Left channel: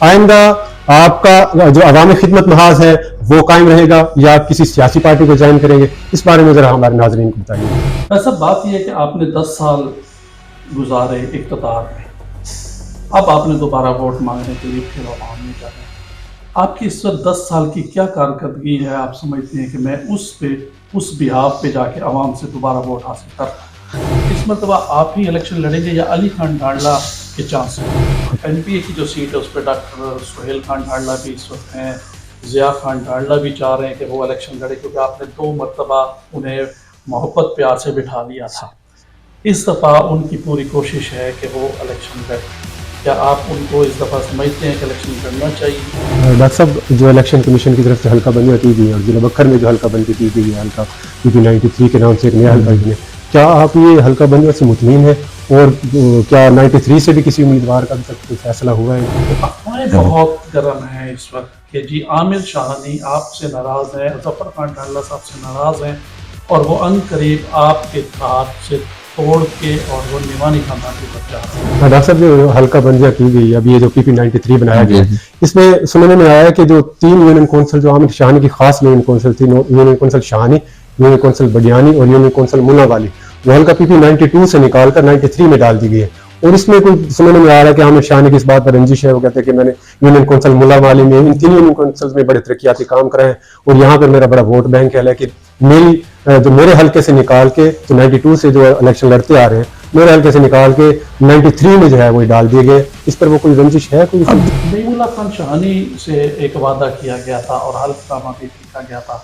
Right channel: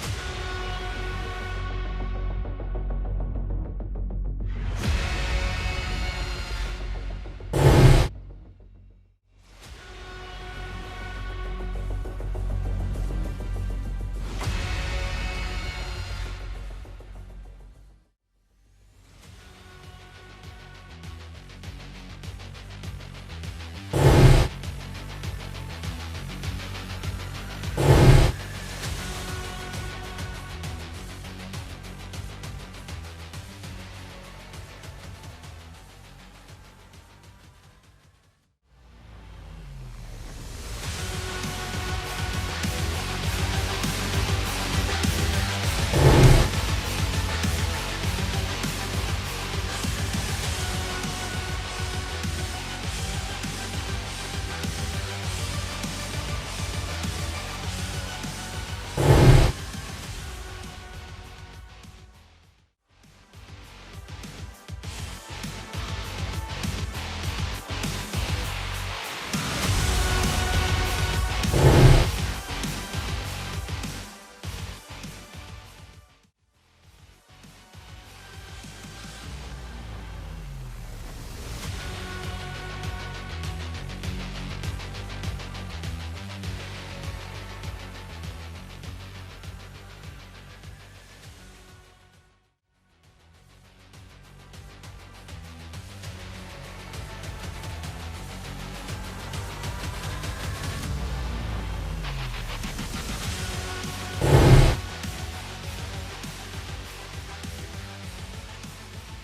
آئندہ آپ کا جو عوامی خدمت محاذ ہے وہ قائم رہے گا یا آپ کسی سیاسی پارٹی کو جوائن کریں گے؟ اس بارے میں ذرا ہمارے ناظرین کو بتائیے۔ ایسا بات یہ ہے کہ آپ نے 10 سال گزارے اقتدار میں، اب آپ نے دوبارہ ووٹ مانگنے کے لیے پھر عوام میں جانا۔ آپ کی اس وقت 10 سال کی کیا کارکردگی ہے؟ آپ سمجھتے ہیں کہ میں اس بہاف پہ جا کے عوام سے دوبارہ ووٹ حاصل کرتا ہوں؟ اس مرتبہ آپ ہی الیکشن لڑیں گے یا علی خان ڈھاڑلا کے چانس ہیں؟ این پی اے کی جو سیٹ ہے اس پہ ڈاکٹر سہیل خان ڈھاڑلا بھی اس وقت ہیں، ضیاء خان ڈھاڑلا بھی چاہ رہے ہیں کہ وہ الیکشن لڑے، کیونکہ آپ نے 2 مرتبہ انہیں محبت پیار سے بٹھا لیا تھا۔ اس دفعہ ان کی پوری کوشش ہے کہ وہ الیکشن لڑیں۔ کیا آپ ان کو اس دفعہ سمجھتے ہیں کہ الیکشن لڑنا چاہیے؟ ڈاکٹر صاحب، جو الیکشن کمیشن کی طرف سے حلقہ بندیاں کی گئی ہے اور ضلع بکر میں جو حلقہ بندی کی گئی ہے حلقہ PP 93 کے نام سے ایک نیا حلقہ بندی ہے، کیا آپ یہ حلقہ بندیوں سے مطمئن ہیں؟ اور کیا 93 سے بھی کسی امیدوار کا ابھی تک کوئی فیصلہ ہوا ہے؟ افواہیں بہت گرم ہیں اس وقت کہ جی عامر شاہانی آپ سے ناراض ہیں، ظفر خان ڈھاڑلا صاحب سے ناراض ہیں، اور وہ ان قریب آپ کے ہاتھ سے توڑ کے اور وہ نیوانی خاندان کی طرف جا رہے ہیں۔ ڈاکٹر صاحب، جو حلقہ بندیاں کی گئی ہے ابھی یہ جو PP 93 بنایا گیا ہے، اس میں سننے میں آیا ہے کہ جو 3 یونین کونسل جو عامر شاہانی کی خاص یونین کونسل تھی، union council Shahani, union council بگیانی اور یونین کونسل ملا والی، وہ حلقہ PP 92 سے نکال کر 93 میں ڈال دی گئی ہے۔ اور اس میں کوئی سننے میں آ رہا ہے کہ عامر شاہانی کی اس بات پر رنجش ہے، وہ کہتے ہیں کہ میں نے یونین کونسل ملا والی میں ان 3 یونین کونسل میں بڑے ترقیاتی کام کرائے ہیں اور یہاں پر میرا بڑا ووٹ بینک ہے، لیکن جو میرے حلقے سے نکال کے جو 92 سے جو الیکشن لڑتے آ رہے ہیں، میرے حلقے سے نکال کے 93 میں جو ہے وہ ڈال دیے گئے۔ اس پر وہ کوئی رنجش ہے کوئی؟ نعیم اللہ خان شاہانی سے ایک وعدہ کیا گیا تھا اور حلف نامہ بھی لکھا گیا تھا،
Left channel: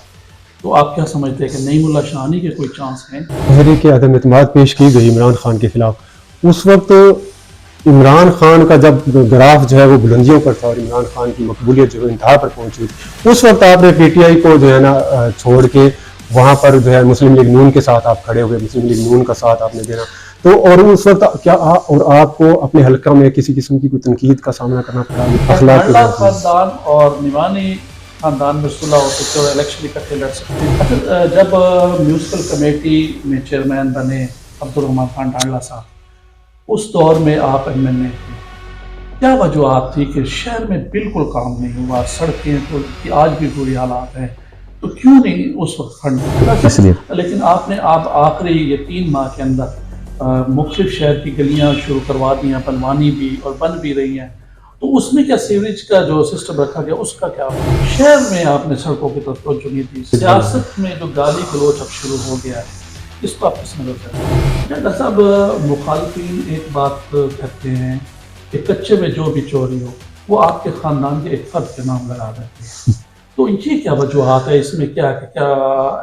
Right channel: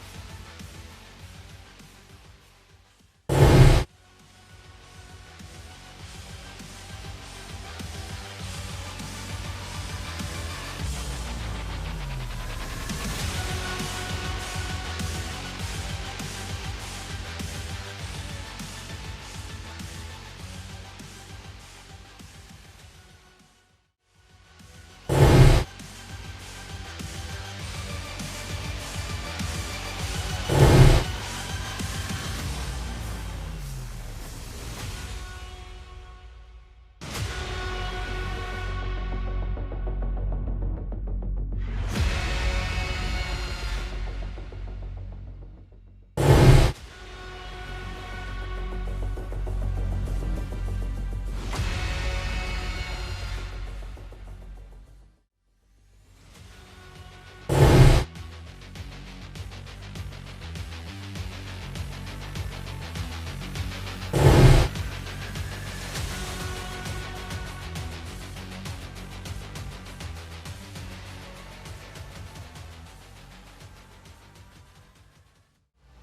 تو آپ کیا سمجھتے ہیں کہ نعیم اللہ شاہانی کے کوئی چانس ہیں؟ تحریک عدم اعتماد پیش کی گئی عمران خان کے خلاف، اس وقت عمران خان کا جب گراف جو ہے وہ بلندیوں پر تھا اور عمران خان کی مقبولیت جو ہے انتہا پر پہنچی، اس وقت آپ نے PTI کو جو ہے نا چھوڑ کے وہاں پر جو ہے مسلم لیگ نون کے ساتھ آپ کھڑے ہوئے، مسلم لیگ نون کا ساتھ آپ نے دینا، تو اور اس وقت کیا اور آپ کو اپنے حلقہ میں کسی قسم کی کوئی تنقید کا سامنا کرنا پڑا؟ ڈھاڑلا خاندان اور نیوانی خاندان میں صلح ہو سکتے اور الیکشن اکٹھے لڑ سکتے۔ جب میونسپل کمیٹی میں چیئرمین بنے عبدالرحمان خان ڈھاڑلا صاحب، اس دور میں آپ MLA تھے، کیا وجوہات تھی کہ شہر میں بالکل کام نہیں ہوا، سڑکیں کی آج بھی بری حالات ہیں، تو کیوں نہیں اس وقت فنڈ دیا؟ لیکن آپ نے آخری یہ 3 ماہ کے اندر مختلف شہر کی گلیاں شروع کروا دی ہیں، بنوانی بھی اور بن بھی رہی ہیں، تو اس میں کیا سیوریج کا جو سسٹم رکھا گیا اس کا کیا؟ شہر میں آپ نے سڑکوں کی طرف توجہ نہیں دی۔ سیاست میں جو گالی گلوچ اب شروع ہو گیا ہے، اس کو آپ کس نظر کریں؟ ڈاکٹر صاحب، مخالفین ایک بات کہتے ہیں کہ کچے میں جو بھی چوری ہو وہ آپ کے خاندان کے ایک فرد کے نام لگا دیتے ہیں، تو یہ کیا وجوہات ہے؟ اس میں کیا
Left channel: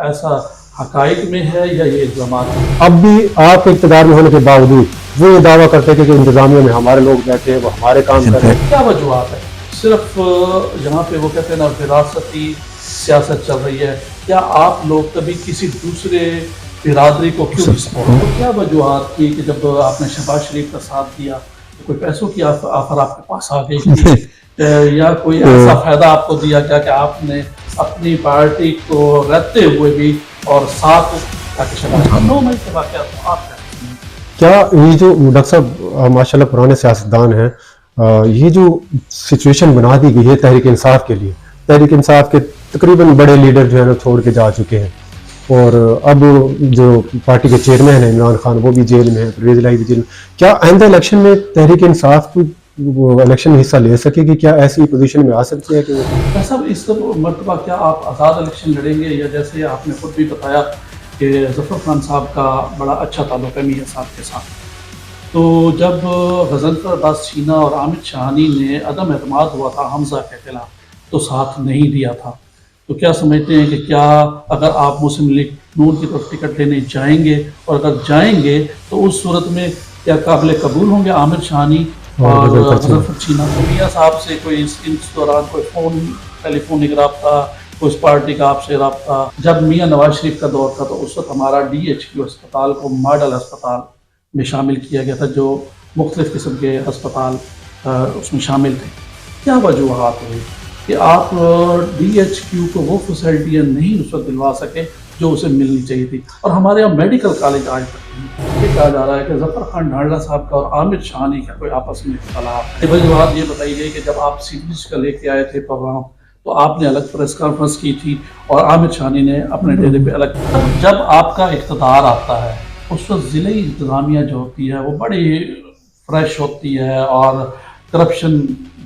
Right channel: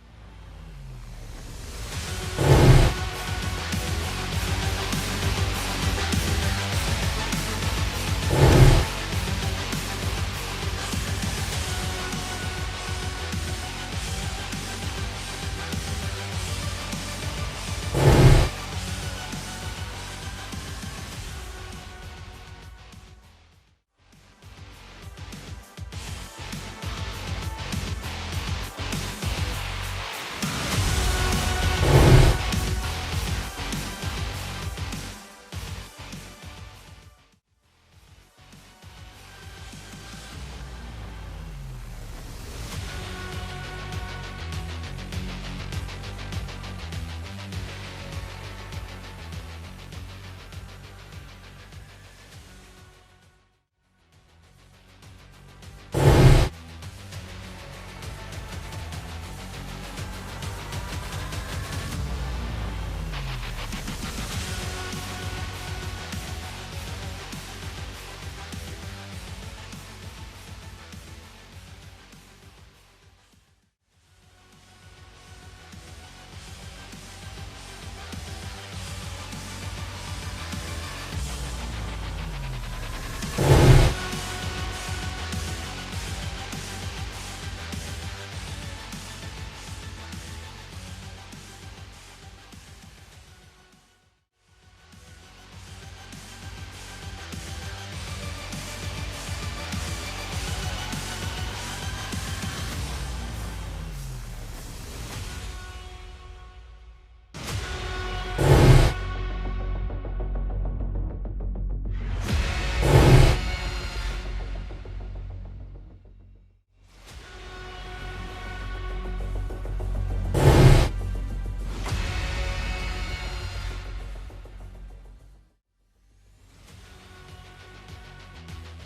ایسا حقائق میں ہے یا یہ الزامات ہے؟ اب بھی آپ اقتدار میں ہونے کے باوجود وہ یہ دعویٰ کرتے تھے کہ انتظامیہ میں ہمارے لوگ بیٹھے ہیں، وہ ہمارے کام کر رہے ہیں۔ کیا وجوہات ہے؟ صرف یہاں پہ وہ کہتے ہیں نا وراثتی سیاست چل رہی ہے، کیا آپ لوگ کبھی کسی دوسرے برادری کو کیوں سپورٹ؟ کیا وجوہات تھی کہ جب آپ نے شہباز شریف کا ساتھ دیا تو کوئی پیسوں کی آفر آپ کے پاس آ گئی تھی یا کوئی ایسا فائدہ آپ کو دیا کیا کہ آپ نے اپنی پارٹی کو رہتے ہوئے بھی اور ساتھ کیا یہ جو ڈاکٹر صاحب ماشاء اللہ پرانے سیاستدان ہیں، یہ جو سچویشن بنا دی گئی ہے تحریک انصاف کے لیے، تحریک انصاف کے تقریباً بڑے لیڈر جو ہے نا چھوڑ کے جا چکے ہیں، اور اب جو پارٹی کے چیئرمین ہیں عمران خان وہ بھی جیل میں ہے، پرویز الہی بھی جیل میں، کیا آئندہ الیکشن میں تحریک انصاف کو الیکشن میں حصہ لے سکے گی؟ کیا ایسی پوزیشن میں آ سکتی ہے کہ صاحب اس مرتبہ کیا آپ آزاد الیکشن لڑیں گے، یا جیسے آپ نے خود بھی بتایا کہ ظفر خان صاحب کا بڑا اچھا تعلق ہے میاں صاحب کے ساتھ، تو جب غضنفر عباس چینا اور عامر شاہانی نے عدم اعتماد ہوا تھا حمزہ کے خلاف تو ساتھ نہیں دیا تھا، تو کیا سمجھتے ہیں کہ کیا اگر آپ مسلم لیگ نون کی طرف ٹکٹ لینے جائیں گے، اور اگر جائیں گے تو اس صورت میں کیا قابل قبول ہوں گے عامر شاہانی اور غضنفر چینا؟ میاں صاحب سے کوئی اس دوران کوئی ٹیلی فونک رابطہ، کوئی اس پارٹی کا آپ سے رابطہ؟ جب میاں نواز شریف کا دور تھا تو اس وقت ہمارا DHQ اسپتال کو ماڈل اسپتال میں شامل کیا گیا تھا، جو مختلف قسم کے اسپتال اس میں شامل تھے، کیا وجوہات ہوئی کہ آپ DHQ کو وہ فیسلٹیاں نہیں اس وقت دلوا سکے جو اسے ملنی چاہیے تھی؟ اور ہمارے یہاں میڈیکل کالج آج تک نہیں یہ کہا جا رہا ہے کہ ظفر خان ڈھانڈلا صاحب کا اور عامر شہانی کا کوئی آپس میں اختلاف. بات یہ بتائیے کہ جب آپ سیریز کا لے کے آئے تھے پروگرام تو آپ نے الگ پریس کانفرنس کی تھی اور عامر شہانی نے اپنے ڈیرے پہ الگ. جب آپ کا اقتدار آتا ہے اس وقت ضلعی انتظامیہ جو ہوتی ہے وہ بڑی فریش ہوتی ہے اور کرپشن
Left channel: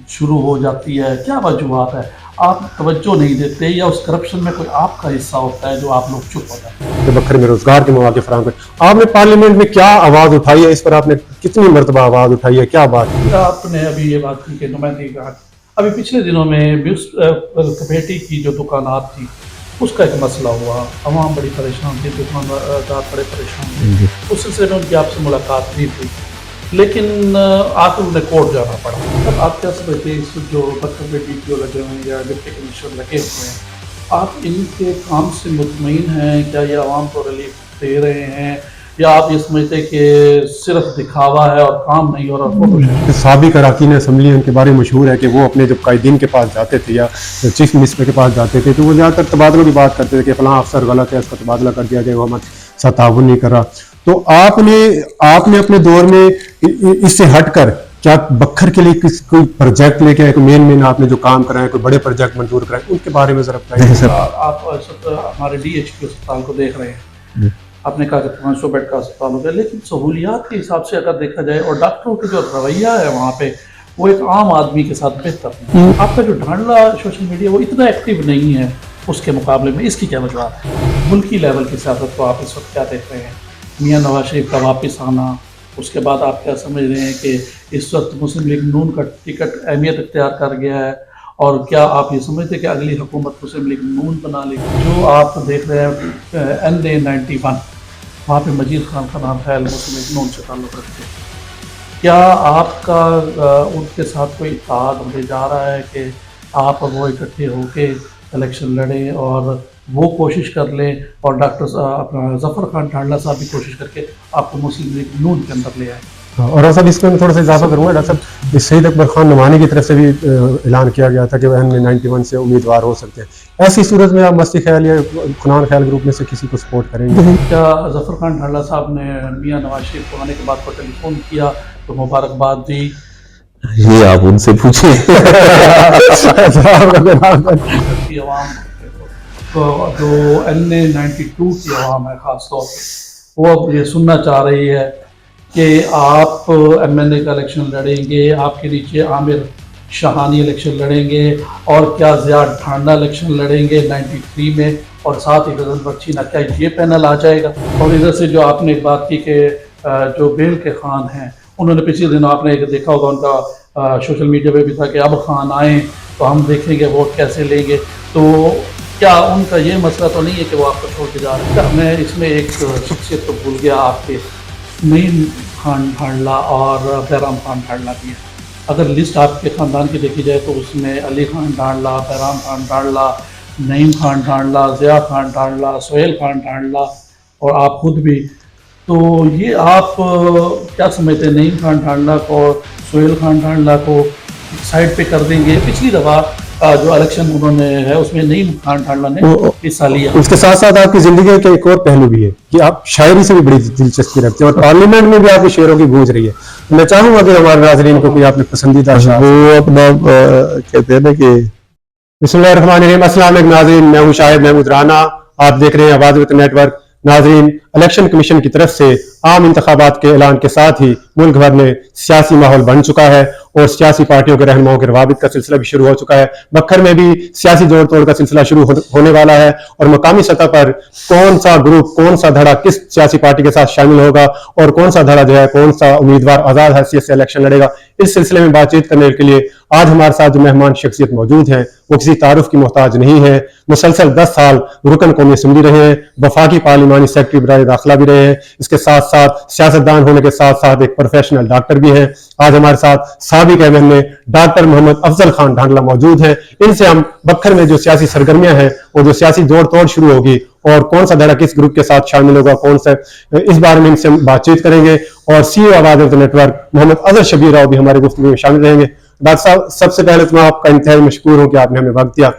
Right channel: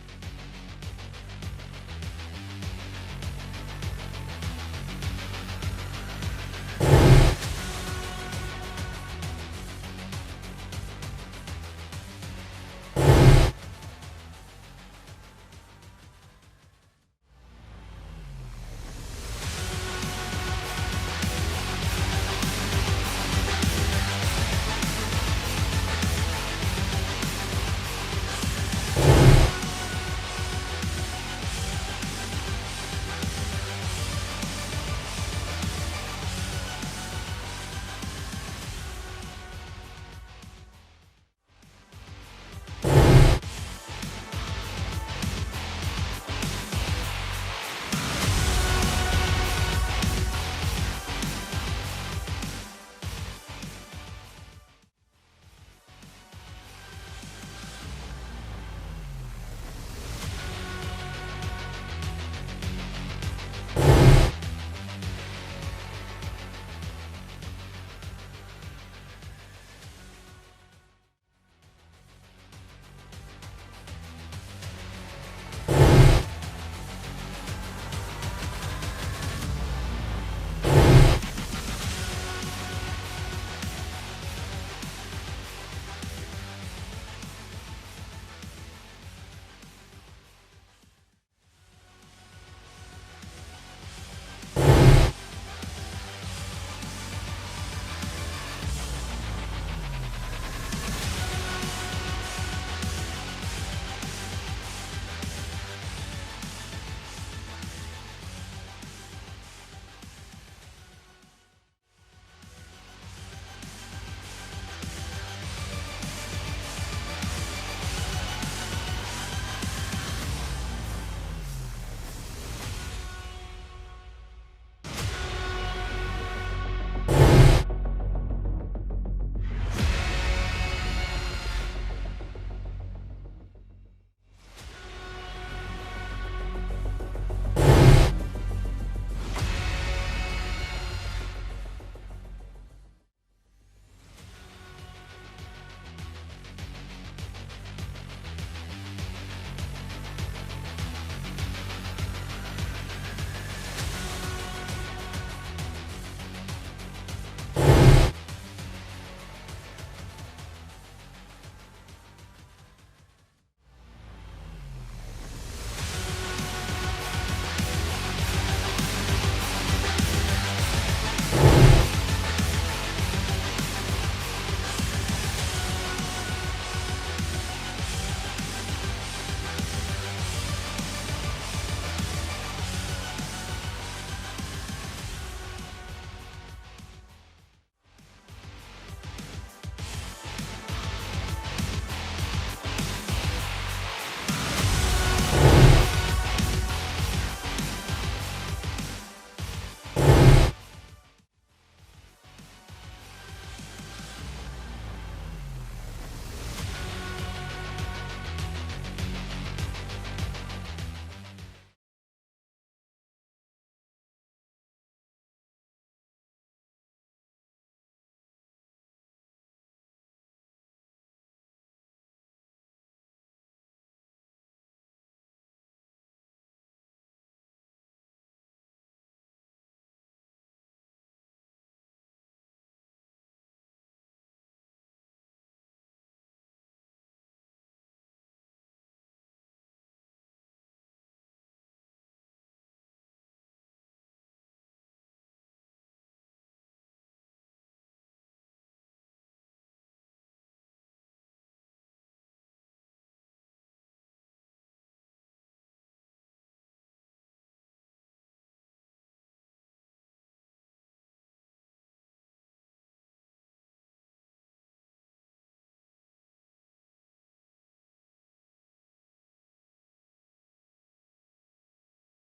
شروع ہو جاتی ہے. کیا وجوہات ہے؟ آپ توجہ نہیں دیتے یا اس کرپشن میں کوئی آپ کا حصہ ہوتا ہے جو آپ لوگ چپ ہو جاتے ہیں؟ بکر میں روزگار کے مواقع فراہم کریں. آپ نے پارلیمنٹ میں کیا آواز اٹھائی ہے؟ اس پر آپ نے کتنی مرتبہ آواز اٹھائی ہے؟ کیا بات کی؟ آپ نے ابھی یہ بات کی کہ نمائندگی کا ابھی پچھلے دنوں میں کمیٹی کی جو دکانات تھی اس کا ایک مسئلہ ہوا. عوام بڑی پریشان تھی, دکاندار بڑے پریشان تھے. اس سلسلے میں ان کی آپ سے ملاقات بھی تھی لیکن آخر انہیں کورٹ جانا پڑا. آپ کیا سمجھتے ہیں جو بچوں کے ڈی لگے ہوئے ہیں یا ڈپٹی کمشنر لگے ہوئے ہیں, آپ ان کے کام سے مطمئن ہیں؟ کیا یہ عوام کو ریلیف دے رہے ہیں یا آپ یہ سمجھتے کہ صرف دکھاوا ہے اور کام نہیں ہو رہا؟ سابق اراکین اسمبلی ان کے بارے میں مشہور ہے کہ وہ اپنے جب قائدین کے پاس جاتے تھے یا چیف منسٹر کے پاس جاتے تھے تو وہ زیادہ تر تبادلوں کی بات کرتے تھے کہ فلاں افسر غلط ہے, اس کا تبادلہ کر دیا جائے, وہ ہمارے ساتھ تعاون نہیں کر رہا. تو آپ نے اپنے دور میں اس سے ہٹ کر کیا بکھر کے لیے کوئی پروجیکٹ لے کے آئے, کوئی مین آپ نے جو کام کرائے, کوئی بڑے پروجیکٹ منظور کرائے, ان کے بارے میں ذرا بتائیے. آپ ہمارے ڈی ایچ کے اسپتال کو دیکھ رہے ہیں, آپ نے کہا کہ 500 بیڈ کا اسپتال ہو گیا, لیکن سہولیات کے حساب سے اگر دیکھا جائے اور ڈاکٹروں کا جو رویہ ہے وہاں پہ وہ ایک عام آدمی کے ساتھ بہتر ہے. آپ کا جو ڈھانڈلا سوشل میڈیا وہ اتنا ایکٹیو نہیں ہے اس کے مقابلے میں, اس کی کیا وجوہات ہے؟ ملکی لیول کی سیاست کو آپ اس وقت کیا دیکھ رہے ہیں؟ میاں نواز شریف کا واپس آنا, اس کے بعد آپ کیا سمجھ رہے ہیں کہ اس وقت مسلم لیگ نون کا ٹکٹ اہمیت اختیار کر گیا ہے, اور کیا آپ یہ سمجھتے ہیں کہ اگلی حکومت مسلم لیگ نون بنا لے گی؟ جو آپ دیکھ رہے ہیں NA91 وہاں پہ مجید خان کا نام خیال مسلم لیگ نون سے تعلق رکھتے ہیں. کیا آپ کا ان کے ساتھ کوئی اتحاد ہونے جا رہا ہے کہ آپ وہ اکٹھے ہو کے الیکشن لڑیں اور وہ کوشش کر لیں اور ڈاکٹر اپنا ظفر خان ڈھانڈلا صاحب بھی کوشش کر کے آپ کو مسلم لیگ نون کے اندر لے آئیں؟ اور صاحب اس میں تھوڑا سا اضافہ کروں گا. ڈاکٹر صاحب شہید اکبر خان نعمانی کی طرف سے بھی اعلان کیا گیا تھا کہ وہ NA91 سے امیدوار ہو سکتے ہیں. ایسی صورت میں آپ مستی خیال یا کنان خیال گروپ میں سے کسی کو سپورٹ کریں گے؟ کیا ظفر خان ڈھانڈلا صاحب نے میاں نواز شریف کو آنے کے بعد کو ٹیلی فون کیا تو مبارکباد دی؟ یہ آپ ان سے پوچھیں. عوام جو NA92 کی عوام ہے خاص طور پہ وہ اب یہ سننا چاہ رہی ہے کہ آپ MNA کا الیکشن لڑیں گے, آپ کے نیچے عامر شہانی الیکشن لڑیں گے, اور کیا ضیاء ڈھانڈلا الیکشن لڑیں گے 93 میں, اور ساتھ ہی غزل بخشی نہ, کیا یہ پینل آ جائے گا؟ اور ادھر سے جو آپ نے بات کی کہ جو بیل کے خان ہیں انہوں نے پچھلے دنوں آپ نے دیکھا ہوگا ان کا سوشل میڈیا پہ بھی تھا کہ اب خان آئیں تو ہم دیکھیں گے ووٹ کیسے لیں گے. تو کیا ان کا یہ مسئلہ تو نہیں ہے کہ وہ آپ کو چھوڑ کے جا رہے ہیں؟ میں اس میں ایک شخصیت تو بھول گیا آپ کے, نعیم خان ڈھانڈلا اور بہرام خان ڈھانڈلا بھی ہے. اگر لسٹ آپ کے خاندان کی دیکھی جائے تو اس میں علی خان ڈھانڈلا, بہرام خان ڈھانڈلا, نعیم خان ڈھانڈلا, ضیاء خان ڈھانڈلا, سہیل خان ڈھانڈلا اور آپ خود بھی. تو یہ آپ کیا سمجھتے ہیں, نعیم خان ڈھانڈلا کو, سہیل خان ڈھانڈلا کو سائڈ پہ کر دیں گے؟ پچھلی دفعہ جو الیکشن انہوں نے ہے اس میں نعیم خان ڈھانڈلا نے حصہ لیا. اس کے ساتھ ساتھ آپ کی زندگی کا ایک اور پہلو بھی ہے کہ آپ شاعری سے بھی بڑی دلچسپی رکھتے ہیں اور پارلیمنٹ میں بھی آپ کی شعروں کی گونج رہی ہے. میں چاہوں گا کہ ہمارے ناظرین کو کوئی آپ نے پسندیدہ اشعار وہ اپنا کہتے ہیں نا کہ بسم اللہ الرحمن الرحیم. السلام علیکم ناظرین, میں ہوں شاہد محمود رانا, آپ دیکھ رہے ہیں آواز وطن نیٹ ورک. ناظرین, الیکشن کمیشن کی طرف سے عام انتخابات کے اعلان کے ساتھ ہی ملک بھر میں سیاسی ماحول بن چکا ہے اور سیاسی پارٹیوں کے رہنماؤں کے روابط کا سلسلہ بھی شروع ہو چکا ہے. بکھر میں بھی سیاسی جوڑ توڑ کا سلسلہ شروع ہونے والا ہے اور مقامی سطح پر کون سا گروپ, کون سا دھڑا کس سیاسی پارٹی کے ساتھ شامل ہوگا اور کون سا دھڑا جو ہے کون سا امیدوار آزاد حیثیت سے الیکشن لڑے گا, اس سلسلے میں بات چیت کرنے کے لیے آج ہمارے ساتھ جو مہمان شخصیت موجود ہیں وہ کسی تعارف کی محتاج نہیں ہے. مسلسل 10 سال رکن قومی اسمبلی رہے ہیں, وفاقی پارلیمانی سیکرٹری برائے داخلہ بھی رہے ہیں, اس کے ساتھ ساتھ سیاستدان ہونے کے ساتھ ساتھ ایک پروفیشنل ڈاکٹر بھی ہیں. آج ہمارے ساتھ سابق MNA ڈاکٹر محمد افضل خان ڈھانڈلا موجود ہیں. ان سے ہم بکھر میں جو سیاسی سرگرمیاں ہیں وہ جو سیاسی جوڑ توڑ شروع ہوگی اور کون سا دھڑا کس گروپ کے ساتھ شامل ہوگا, کون سا, اس بارے میں ان سے بات چیت کریں گے. اور CEO آواز وطن نیٹ ورک محمد اظہر شبیر راؤ بھی ہمارے گفتگو میں شامل رہیں گے. ڈاکٹر صاحب, سب سے پہلے تو میں آپ کا انتہائی مشکور ہوں کہ آپ نے ہمیں وقت دیا.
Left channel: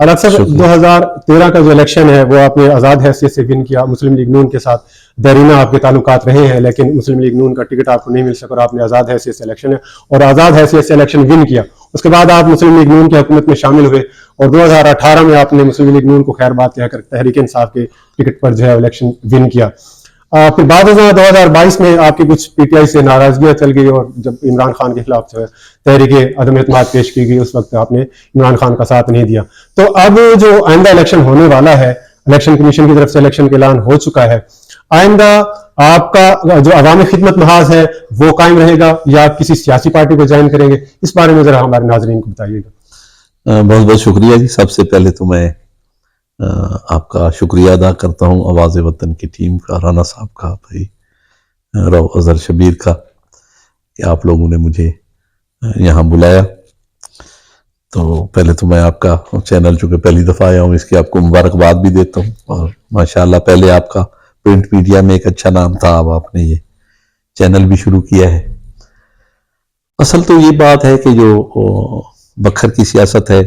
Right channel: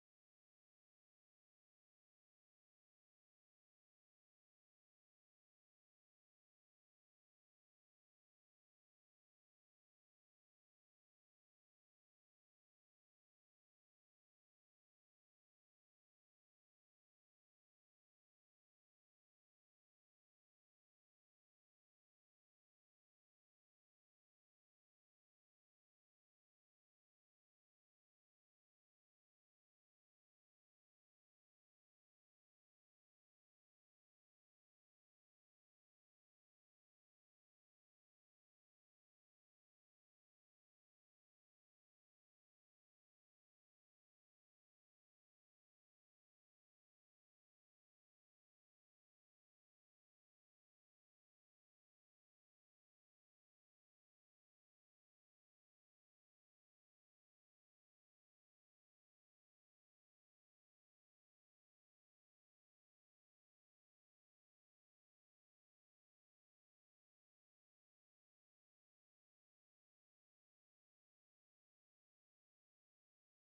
اور اکثر شکریہ۔ 2013 کا جو الیکشن ہے وہ آپ نے آزاد حیثیت سے ون کیا، مسلم لیگ نون کے ساتھ دیرینہ آپ کے تعلقات رہے ہیں، لیکن مسلم لیگ نون کا ٹکٹ آپ کو نہیں مل سکا اور آپ نے آزاد حیثیت سے الیکشن ہے اور آزاد حیثیت سے الیکشن ون کیا۔ اس کے بعد آپ مسلم لیگ نون کی حکومت میں شامل ہوئے اور 2018 میں آپ نے مسلم لیگ نون کو خیر بات کہہ کر تحریک انصاف کے ٹکٹ پر جو ہے الیکشن ون کیا۔ پھر بعد 2022 میں آپ کی کچھ پی ٹی آئی سے ناراضگیاں چل گئی اور جب عمران خان کے خلاف جو ہے تحریک عدم اعتماد پیش کی گئی اس وقت آپ نے عمران خان کا ساتھ نہیں دیا۔ تو اب جو آئندہ الیکشن ہونے والا ہے، الیکشن کمیشن کی طرف سے الیکشن کا اعلان ہو چکا ہے، آئندہ آپ کا جو عوامی خدمت محاذ ہے وہ قائم رہے گا یا آپ کسی سیاسی پارٹی کو جوائن کریں گے؟ اس بارے میں ذرا ہمارے ناظرین کو بتائیے گا۔ بہت بہت شکریہ جی۔ سب سے پہلے تو میں آپ کا شکریہ ادا کرتا ہوں آواز وطن کی ٹیم کا، رانا صاحب کا، بھائی رو اظہر شبیر کا، کہ آپ لوگوں نے مجھے یہاں بلایا۔ تو پہلے تو میں آپ کا چینل چونکہ پہلی دفعہ آیا ہوں اس کی آپ کو مبارکباد بھی دیتا ہوں، اور ماشاءاللہ پہلے آپ کا پرنٹ میڈیا میں ایک اچھا نام تھا، اب آپ نے یہ چینل بھی شروع کیا ہے۔ اصل تو یہ بات ہے کہ جو بکھر کی سیاست ہے،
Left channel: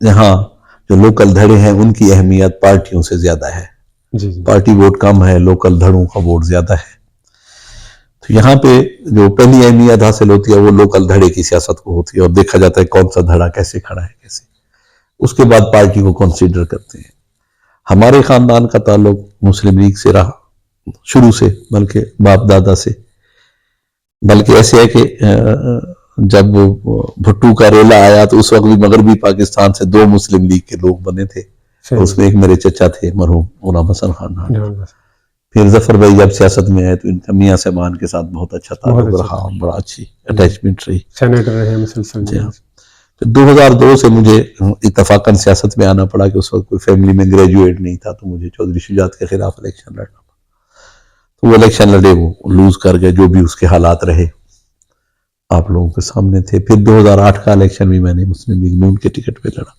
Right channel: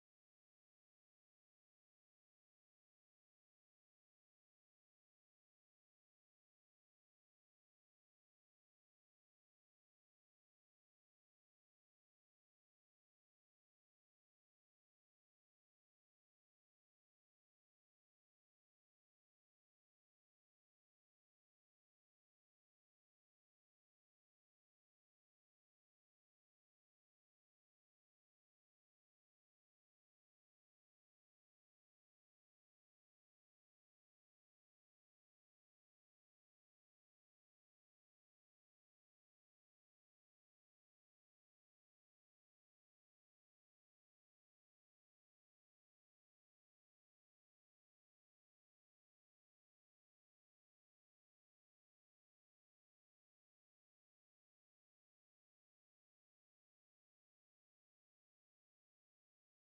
یہاں جو لوکل دھڑے ہیں ان کی اہمیت پارٹیوں سے زیادہ ہے۔ جی جی پارٹی ووٹ کم ہے، لوکل دھڑوں کا ووٹ زیادہ ہے۔ تو یہاں پہ جو پہلی اہمیت حاصل ہوتی ہے وہ لوکل دھڑے کی سیاست کو ہوتی ہے، اور دیکھا جاتا ہے کون سا دھڑا کیسے کھڑا ہے کیسے، اس کے بعد پارٹی کو کنسیڈر کرتے ہیں۔ ہمارے خاندان کا تعلق مسلم لیگ سے رہا شروع سے، بلکہ باپ دادا سے، بلکہ ایسے ہے کہ جب بھٹو کا رولا آیا تو اس وقت بھی مغربی پاکستان سے 2 مسلم لیگ کے لوگ بنے تھے، اس میں ایک میرے چچا تھے مرحوم غلام حسن خان نان۔ پھر ظفر بھائی جب سیاست میں آئے تو ان کا میاں صاحبان کے ساتھ بہت اچھا تعلق رہا، بڑا اچھی اٹیچمنٹ رہی۔ سینیٹر رہے مسلسل۔ جی ہاں۔ پھر 2002 سے مجھے اتفاقاً سیاست میں آنا پڑا کہ اس وقت کوئی فیملی میں گریجویٹ نہیں تھا، تو مجھے چودھری شجاعت کے خلاف الیکشن لڑنا پڑا۔ تو وہ الیکشن لڑے، وہ لوز کر گئے، جو بھی اس کے حالات رہے آپ لوگوں کے سامنے تھے۔ پھر 2008 کا الیکشن بھی میں نے مسلم لیگ نون کے ٹکٹ پہ لڑا۔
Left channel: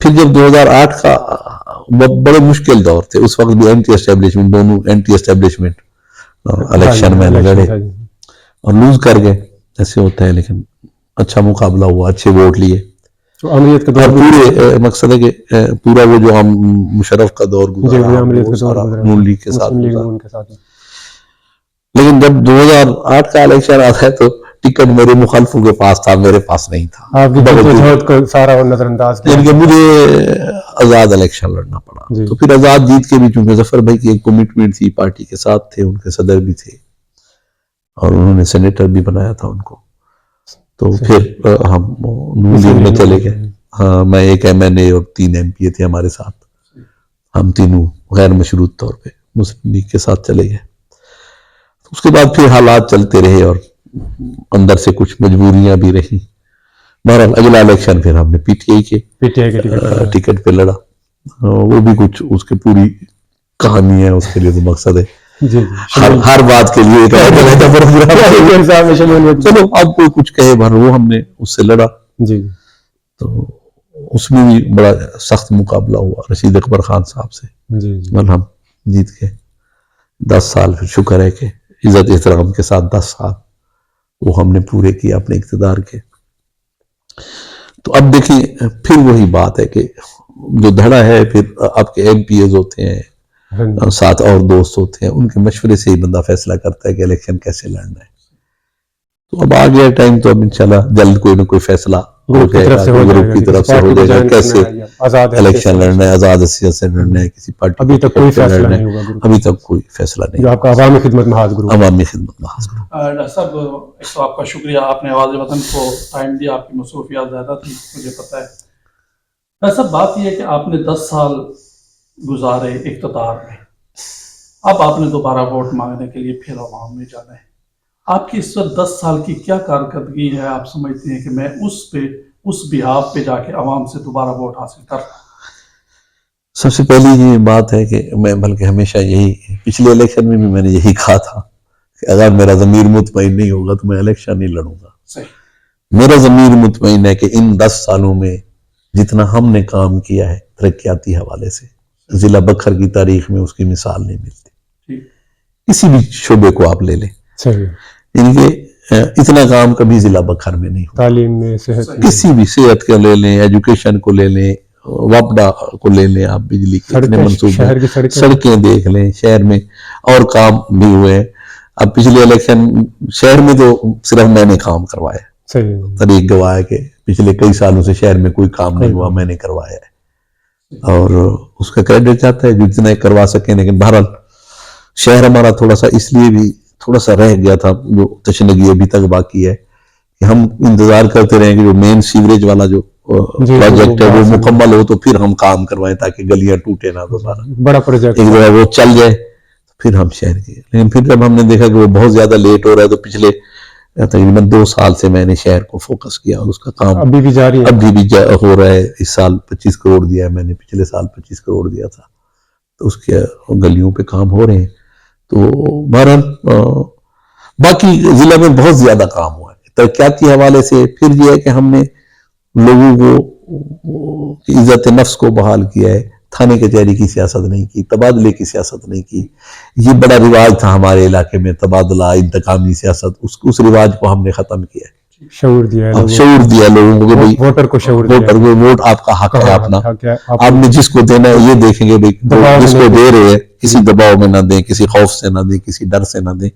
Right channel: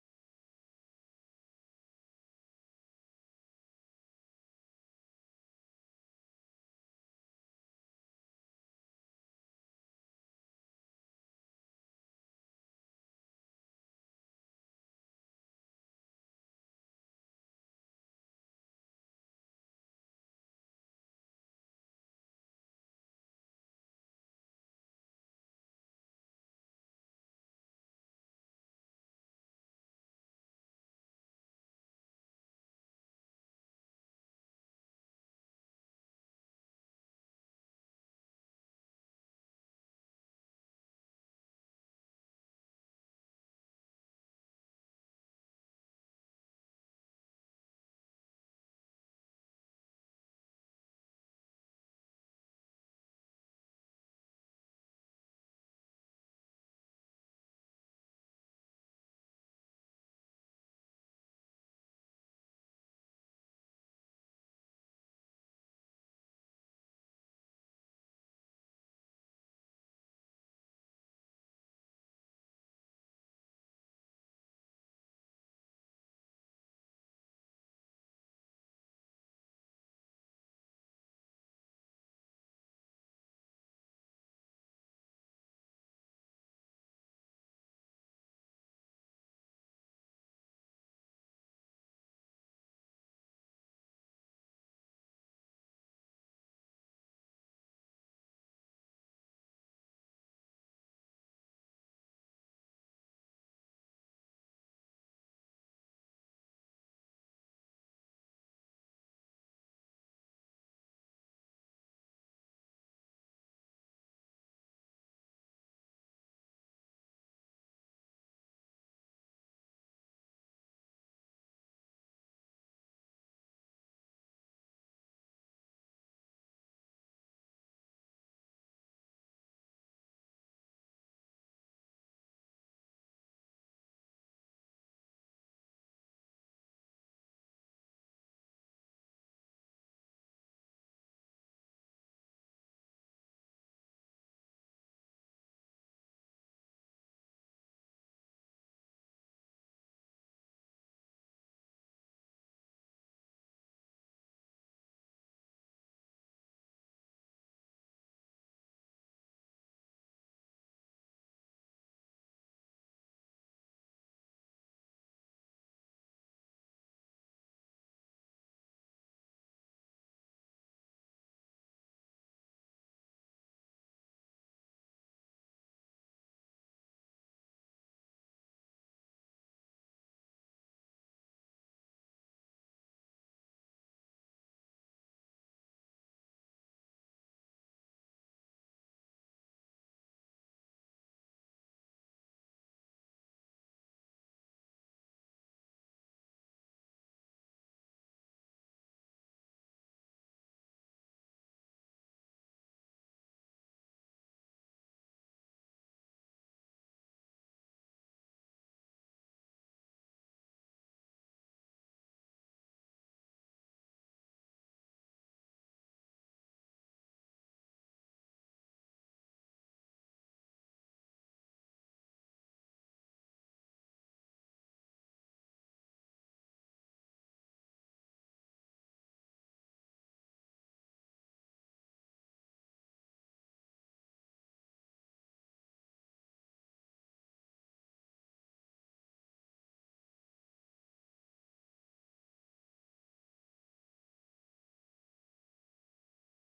پھر جب 2008 کا بڑے مشکل دور تھے، اس وقت بھی اینٹی اسٹیبلشمنٹ، دونوں اینٹی اسٹیبلشمنٹ الیکشن میں لڑے اور لوز کر گئے، ایسے ہوتا ہے، لیکن اچھا مقابلہ ہوا، اچھے ووٹ لیے۔ عملیت کا اور دور پورے مقصد ہے کہ پورا وہ جو ہم مشرف کا دور گزارا وہ سارا نون لیگ کے ساتھ گزارا۔ لیکن جب 2008 کا الیکشن آتا ہے تو ٹکٹ میرے مخالفوں کے پاس تھا، میرے پاس نہیں تھا۔ آپ کی جدوجہد کو سارا نظر انداز کیا، یعنی کہ مجھے آزاد الیکشن لڑنا پڑا۔ تو پھر آزاد جیت کے بھی چونکہ ظفر بھائی کی ایک کمٹمنٹ تھی، پارٹی کے ساتھ تھے، ان کے صدر بھی تھے اور انہوں نے سینیٹر بھی بنایا تھا ان کو، تو پھر ہم نون لیگ میں چلے گئے۔ ہاں، میں ایک ایم این اے اور 3 ایم پی اے تھے ہمارے ساتھ، ہم تینوں غیر مشروط طور پہ مسلم لیگ کے ساتھ چلے گئے۔ اس کے بعد پھر حالات چلتے رہے اور اندر سے کچھ مجبوریاں بھی رہی۔ بہرحال اگلا الیکشن پھر ہم نے پی ٹی آئی کے ٹکٹ پہ لڑا، وہ بھی کچھ اس کی پوری کہانی ہے، اس کے لیے تو مقصد ہے ہر بات کے لیے چلو اب کوئی کچھ کہے بھر، وہ ہم نے اس سے لڑا۔ تو اس میں بھی بڑا سخت مقابلہ ہوا رشید اکبر خان صاحب سے، مگر ہم جیت گئے۔ 10 سال پھر شکر ہے کہ عزت احترام کے ساتھ 10 سال وہ ہم نے پورے کیے اپنے اقتدار کے۔ تو اب دیکھیں پھر وہی بات ہے کہ جو دھڑا ہے، پھر آپ کے ایم پی ایز ہوتے ہیں، ساتھ اور دوست ہوتے ہیں، ان کے مشورے سے ہی بندہ فیصلہ کرتا ہے کہ الیکشن کیسے لڑنا ہے۔ تو اب آ گیا ٹائم، تو اب انشاءاللہ جلد کوئی نہ کوئی فیصلہ ہو جائے گا، گروپ کی طرف سے ہو جائے گا کیسے الیکشن لڑنا ہے، آزاد حیثیت سے لڑنا ہے، کسی پارٹی ابھی تک کوئی فیصلہ نہیں ہوا، ابھی تک کوئی فیصلہ نہیں، آپ کا عوامی خدمت محاذ گروپ۔ عوامی خدمت محاذ گروپ۔ ڈاکٹر صاحب، ایک تو آپ کا شکریہ، آپ نے آواز وطن کو ٹائم دیا، آپ کی مصروفیات زیادہ تھی مجھے پتہ ہے۔ ڈاکٹر صاحب، بات یہ ہے کہ آپ نے 10 سال گزارے اقتدار میں، اب آپ نے دوبارہ ووٹ مانگنے کے لیے پھر عوام میں جانا ہے۔ آپ کی اس وقت 10 سال کی کیا کارکردگی ہے؟ آپ سمجھتے ہیں کہ میں اس بہاف پہ جا کے عوام سے دوبارہ ووٹ حاصل کر رہا ہوں؟ سب سے پہلی یہ بات ہے کہ میں بلکہ ہمیشہ یہی، پچھلے الیکشن میں بھی میں نے یہی کہا تھا کہ اگر میرا ضمیر مطمئن نہیں ہوگا تو میں الیکشن نہیں لڑوں گا۔ صحیح۔ میرا ضمیر مطمئن ہے کہ ان 10 سالوں میں جتنا ہم نے کام کیا ہے ترقیاتی حوالے سے، ضلع بکھر کی تاریخ میں اس کی مثال نہیں ملتی، کسی بھی شعبے کو آپ لے لیں۔ یعنی کہ اتنا کام کبھی ضلع بکھر میں نہیں ہوا. تعلیم میں، صحت میں، کسی بھی صحت کو لے لیں، ایجوکیشن کو لے لیں، وابڈا کو لے لیں، آپ بجلی کے اتنے منصوبے، شہر کی سڑکیں دیکھ لیں شہر میں، اور کام بھی ہوئے. اب پچھلے الیکشن شہر میں تو صرف میں نے کام کروایا، صحیح، طریق گواہ ہے کہ پچھلے کئی سالوں سے شہر میں کوئی کام نہیں ہوا، میں نے کروایا ہے، اور اس کا کریڈٹ چاہتا ہے جو اتنا کروا سکیں. لیکن بہرحال شہر ہمارا تھوڑا سا اس لیے بھی تھوڑا سا رہ گیا تھا، جو تشنگی ابھی تک باقی ہے، کہ ہم انتظار کرتے رہیں کہ جو مین سیوریج والا جو پروجیکٹ ہے وہ مکمل ہو تو پھر ہم کام کروائیں، تاکہ گلیاں ٹوٹے نہ دوبارہ. بڑا پروجیکٹ ایک دفعہ وہ چل جائے پھر ہم شہر کے. لیکن پھر جب ہم نے دیکھا کہ وہ بہت زیادہ لیٹ ہو رہا ہے تو پچھلے تقریباً 2 سال سے میں نے شہر کو فوکس کیا، اور اس کا کام ابھی بھی جاری ہے. ابھی بھی ہو رہا ہے. اس سال 25 کروڑ دیا ہے میں نے، پچھلے سال 25 کروڑ دیا تھا، تو اس کے گلیوں پہ کام ہو رہے ہیں. تو بہرحال باقی ضلع میں بہت زیادہ کام ہوا ہے ترقیاتی حوالے سے. پھر یہ ہے کہ ہم نے لوگوں کو عزت نفس کو بحال کیا ہے، تھانے کچہری کی سیاست نہیں کی، تبادلے کی سیاست نہیں کی. یہ بڑا رواج تھا ہمارے علاقے میں، تبادلہ، انتقامی سیاست، اس رواج کو ہم نے ختم کیا ہے. شعور دیا ہے، شعور دیا لوگوں کو کہ بھئی ووٹر کو شعور دیا، ووٹر کو ووٹ آپ کا حق ہے اپنا، آپ نے جس کو دینا ہے یہ دیکھیں گے جس کو دے رہے ہیں کسی دباؤ میں نہ دیں، کسی خوف سے نہ دیں، کسی ڈر سے نہ دیں.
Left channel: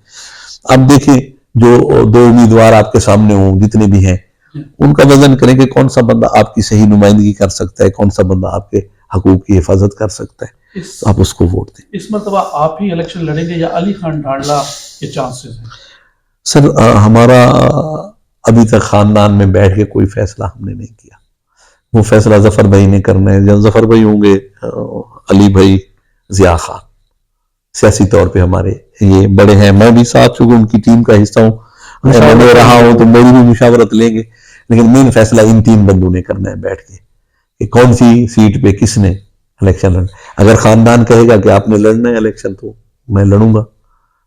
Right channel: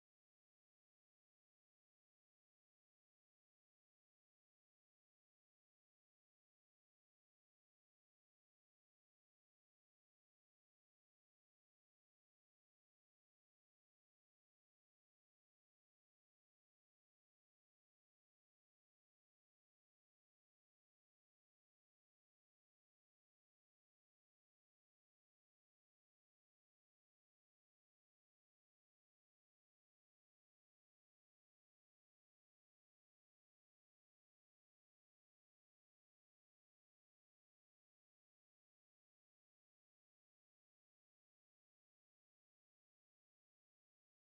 اب دیکھیں جو 2 امیدوار آپ کے سامنے ہوں جتنے بھی ہیں، ان کا وزن کریں کہ کون سا بندہ آپ کی صحیح نمائندگی کر سکتا ہے، کون سا بندہ آپ کے حقوق کی حفاظت کر سکتا ہے، تو آپ اس کو ووٹ دیں. اس مرتبہ آپ ہی الیکشن لڑیں گے یا علی خان ڈھانڈلا کے چانسز ہیں؟ سر ہمارا ابھی تک خاندان میں بیٹھ کے کوئی فیصلہ ہم نے نہیں کیا. وہ فیصلہ ظفر بھائی نے کرنا ہے. جب ظفر بھائی ہوں گے، علی بھائی، ضیاء خان، سیاسی طور پہ ہمارے یہ بڑے ہیں. میں بھی ساتھ چونکہ ان کی ٹیم کا حصہ ہوں، میں رہا ہوں، تو میری بھی مشاورت لیں گے. لیکن مین فیصلہ ان 3 بندوں نے کرنا ہے بیٹھ کے، کہ کون سی سیٹ پہ کس نے الیکشن لڑنا. اگر خاندان کہے گا کہ آپ نے لڑنا ہے الیکشن تو میں لڑوں گا.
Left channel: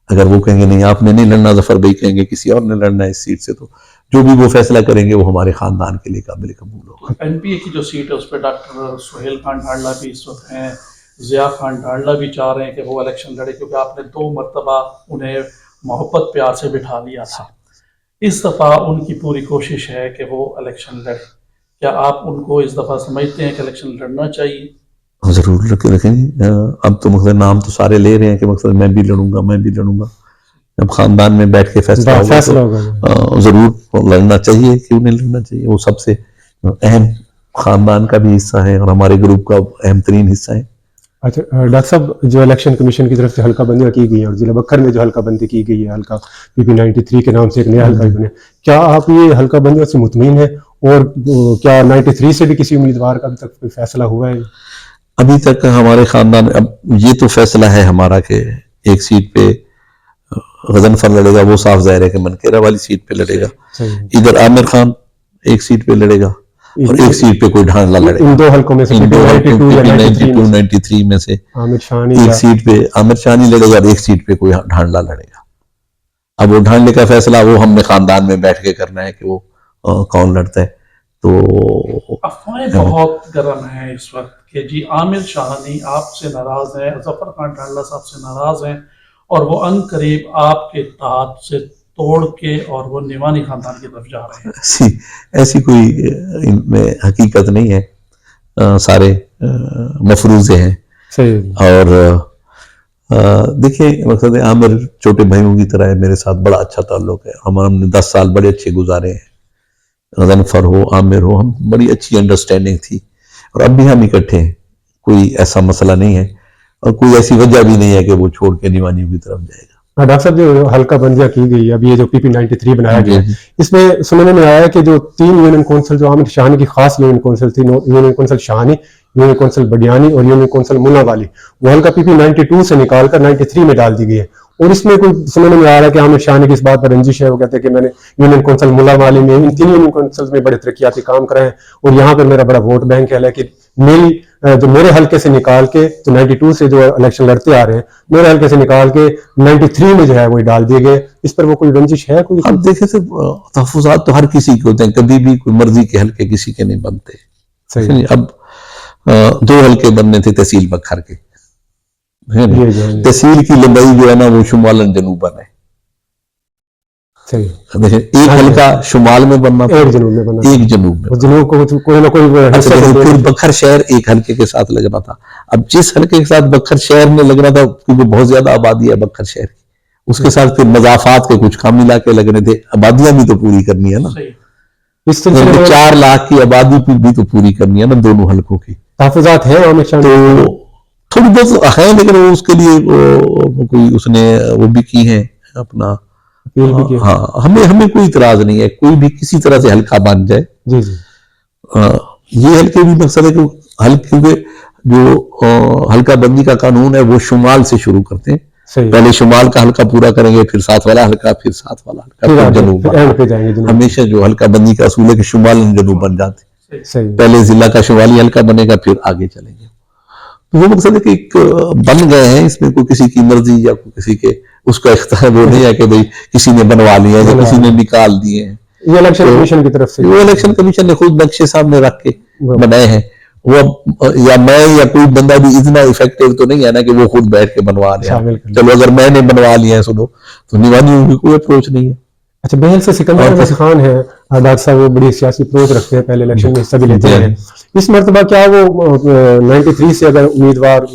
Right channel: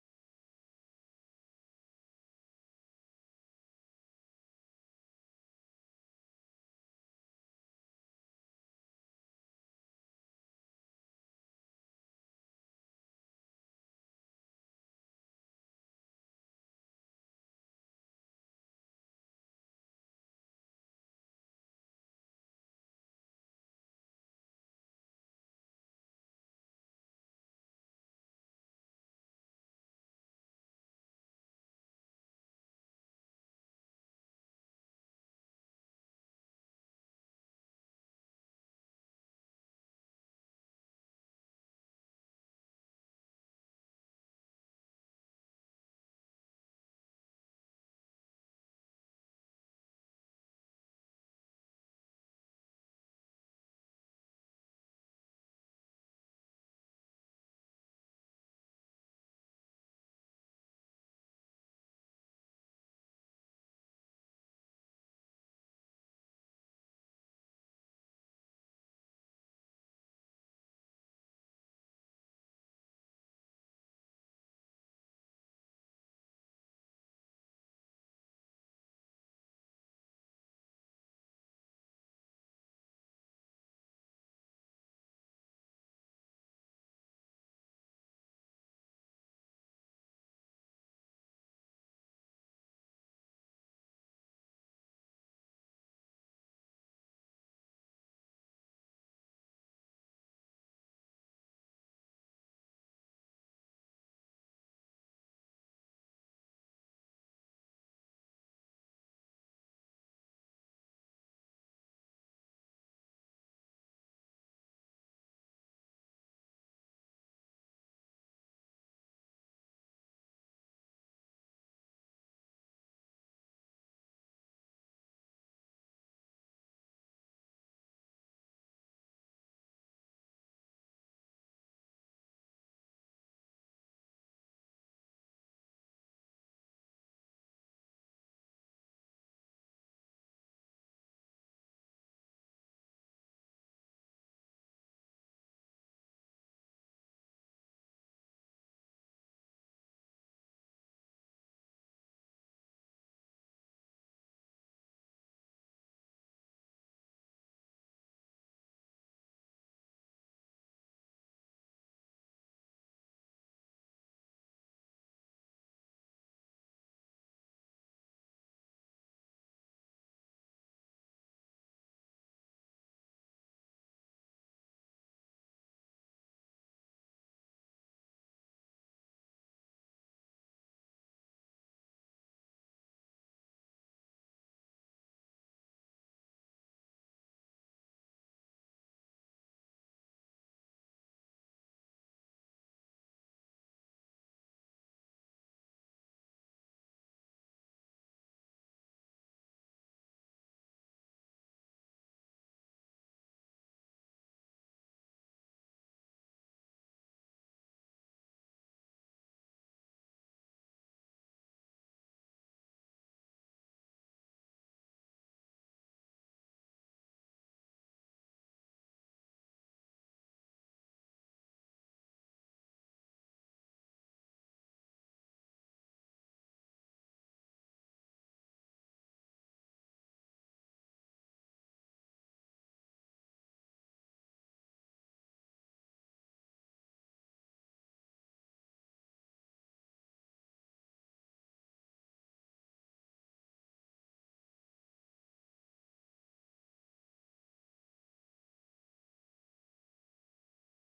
اگر وہ کہیں گے نہیں آپ نے نہیں لڑنا، ظفر بھائی کہیں گے کسی اور نے لڑنا ہے اس سیٹ سے، تو جو بھی وہ فیصلہ کریں گے وہ ہمارے خاندان کے لیے قابل قبول ہوگا. این پی اے کی جو سیٹ ہے اس پہ ڈاکٹر سہیل خان ڈھانڈلا بھی اس وقت ہیں، ضیاء خان ڈھانڈلا بھی چاہ رہے ہیں کہ وہ الیکشن لڑے، کیونکہ آپ نے 2 مرتبہ انہیں محبت پیار سے بٹھا لیا تھا. اس دفعہ ان کی پوری کوشش ہے کہ وہ الیکشن لڑے. کیا آپ ان کو اس دفعہ سمجھتے ہیں کہ الیکشن لڑنا چاہیے؟ ضرور رکھیں. اب تو مقصد نام تو سارے لے رہے ہیں کہ مقصد میں بھی لڑوں گا، میں بھی لڑوں گا. جب خاندان میں بیٹھ کے فیصلہ ہوگا تو ضرور لڑنا چاہیے. کیوں نہیں لڑنا چاہیے؟ وہ سب سے اہم خاندان کا بھی حصہ ہے اور ہمارے گروپ کا اہم ترین حصہ ہے. اچھا ڈاکٹر صاحب، جو الیکشن کمیشن کی طرف سے حلقہ بندیاں کی گئی ہیں اور ضلع بکھر میں جو حلقہ بندی کی گئی ہے، حلقہ PP 93 کے نام سے ایک نیا حلقہ بنے، کیا آپ یہ حلقہ بندیوں سے مطمئن ہیں؟ اور کیا 93 سے بھی کسی امیدوار کا ابھی تک کوئی فیصلہ ہوا ہے؟ ابھی تک ہمارے خاندان میں اب یہ تو فیصلہ ہے ہمارا کہ ایک سیٹ پہ غضنفر لڑے گا، وہ صاف ظاہر ہے کہ منکیرہ والی سیٹ پہ لڑے گا. ادھر عامر خان ایک سیٹ پہ لڑے گا اور ایک سیٹ پہ کوئی ڈھانڈلا لڑے گا. ان 2 حلقوں میں سے PP 92-93 میں سے ایک سیٹ پہ عامر شانی لڑے گا اور ایک سیٹ پہ کوئی ڈھانڈلا لڑے گا. اب وہ ڈھانڈلے کا فیصلہ وہ ہم نے خاندان میں بیٹھ کے کرنا ہے کہ وہ کون لڑتا ہے. تو افواہیں بہت گرم ہیں اس وقت کہ جی عامر شاہانی آپ سے ناراض ہیں، ظفر خان ڈھانڈلا صاحب سے ناراض ہیں، اور وہ ان قریب آپ کے اتحاد سے توڑ کے اور وہ نیوانی خاندان کی طرف جا رہے ہیں. ایسی کوئی ان میں حقیقت نہیں ہے. سارے مفروضے ہیں. اور دیکھیں مقصد ہے عامر چھوٹے بھائیوں کی طرح ہے، میرے ساتھ بڑا اچھا تعلق ہے. ہم نے 10 سال بڑے اچھے گزارے ہیں. غضنفر ہو، عامر ہو، ہم بڑی اچھی انڈرسٹینڈنگ تھی اور اب بھی ہم اکٹھے ہیں. کوئی ایسا مسئلہ نہیں ہے اور کوئی ایسی وجہ بھی نہیں ہے کہ وہ چھوڑ کے نیوانیوں کی طرف جائے گا. ڈاکٹر صاحب، جو حلقہ بندیاں کی گئی ہے، اب یہ جو PP 93 بنایا گیا ہے، اس میں سننے میں آیا ہے کہ جو 3 یونین کونسل جو عامر شاہانی کی خاص یونین کونسل تھی، union council Shahani, union council بڈیانی اور یونین کونسل منا والی، وہ حلقہ PP 92 سے نکال کر 93 میں ڈال دی گئی ہے. اور اس میں کوئی سننے میں آ رہا ہے کہ عامر شاہانی کی اس بات پر رنجش ہے. وہ کہتے ہیں کہ میں نے یونین کونسل ملا والی میں ان 3 یونین کونسل میں بڑے ترقیاتی کام کرائے ہیں اور یہاں پر میرا بڑا ووٹ بینک ہے، لیکن جو میرے حلقے سے نکال کے جو 92 سے جو الیکشن لڑتے آ رہے ہیں، میرے حلقے سے نکال کے 93 میں جو ہے وہ ڈال دیے گئے. اس پر وہ کوئی رنجش ہے کوئی؟ اب دیکھیں تو تحفظات تو ہر کسی کے ہوتے ہیں، کبھی بھی کوئی مرضی کے حلقے کسی کے نہیں بنتے. اب 2 حلقے بننے تھے تحصیل بکھر کے. تحصیل کی لمبائی جو ہے نا وہ شمالن جنوباً ہے. صحیح دیکھیں ایک حلقہ شمال میں بننا تھا، ایک جنوب میں بنا، ایک جنوب میں، اور جنوب کو کوئی نہ کوئی اچھا پھر بکھر شہر ایک حلقے کے ساتھ لگنا تھا. اب جس حلقے کے ساتھ بکھر شہر میں لگنا تھا کیونکہ بہت زیادہ آبادی ہے بکھر شہر کی، اس کے ساتھ پھر مضافات کے کچھ کام ملا کے لگنے تھے، آبادیاں بھی تو پوری کرنی ہے نا، اس سلسلے میں 4 لاکھ کی آبادی بھی تو پوری کرنی ہے نا دونوں حلقوں کی. تحفظات ہیں عامر شاہ تو تھوڑی بہت ہیں لیکن وہ اس کے لیے کوئی اس نے وہ بھی کی ہیں اپنا، ہاں ہمیں کوئی اعتراض نہیں ہے، کوئی بھی کسی طرح سے حلقہ بن جائے. جی جی یہ حلقے بھی مقصد ہے کہ کیونکہ جو حلقہ بندی کا قانون ہے وہ شمال سے شروع کرتے ہیں، پہلے شمال کا حلقہ پورا کریں گے، پھر ساتھ والا حلقہ، پھر ساتھ والا حلقہ، پھر جنوب والا. ہمیشہ جو حلقہ بندی کا اصول ہے کہ شمال جنوب بن جاتے ہیں، پہلے ضلع کا شمالی حلقہ بنے گا پھر آگے چلیں گے. تو وہ مقصد ہے کہ ایک بن گئے ہیں، اس میں کوئی کسی کی مرضی یا کوئی کسی کے اس کا اختیار وہ نہیں ہے کہ بھئی کسی نے بنوا لیا یا کسی نے نکال دیے ہیں. یہ الیکشن کمیشن کی طرف سے، وہ الیکشن کمیشن نے خود نقشے سامنے رکھ کے بنائے ہیں. وہ یا میں یا کوئی بندہ بھی اتنا افیکٹو تو نہیں ہے نا کہ وہ خود بیٹھ کے بنوا لیا. چلو اگر میں نے بنوا لیا ہے سنو تو نیوانیوں کی کوئی اپروچ نہیں ہے. اچھا بہل سے سکندر احمد خان ہے ڈاکٹر صاحب، وہ بڑی سیاسی اپروچ رکھتے ہیں، پہلے الیکشن میں حصہ بھی لیتے ہیں. اس مرتبہ کیا وہ 93 سے اگر امیدوار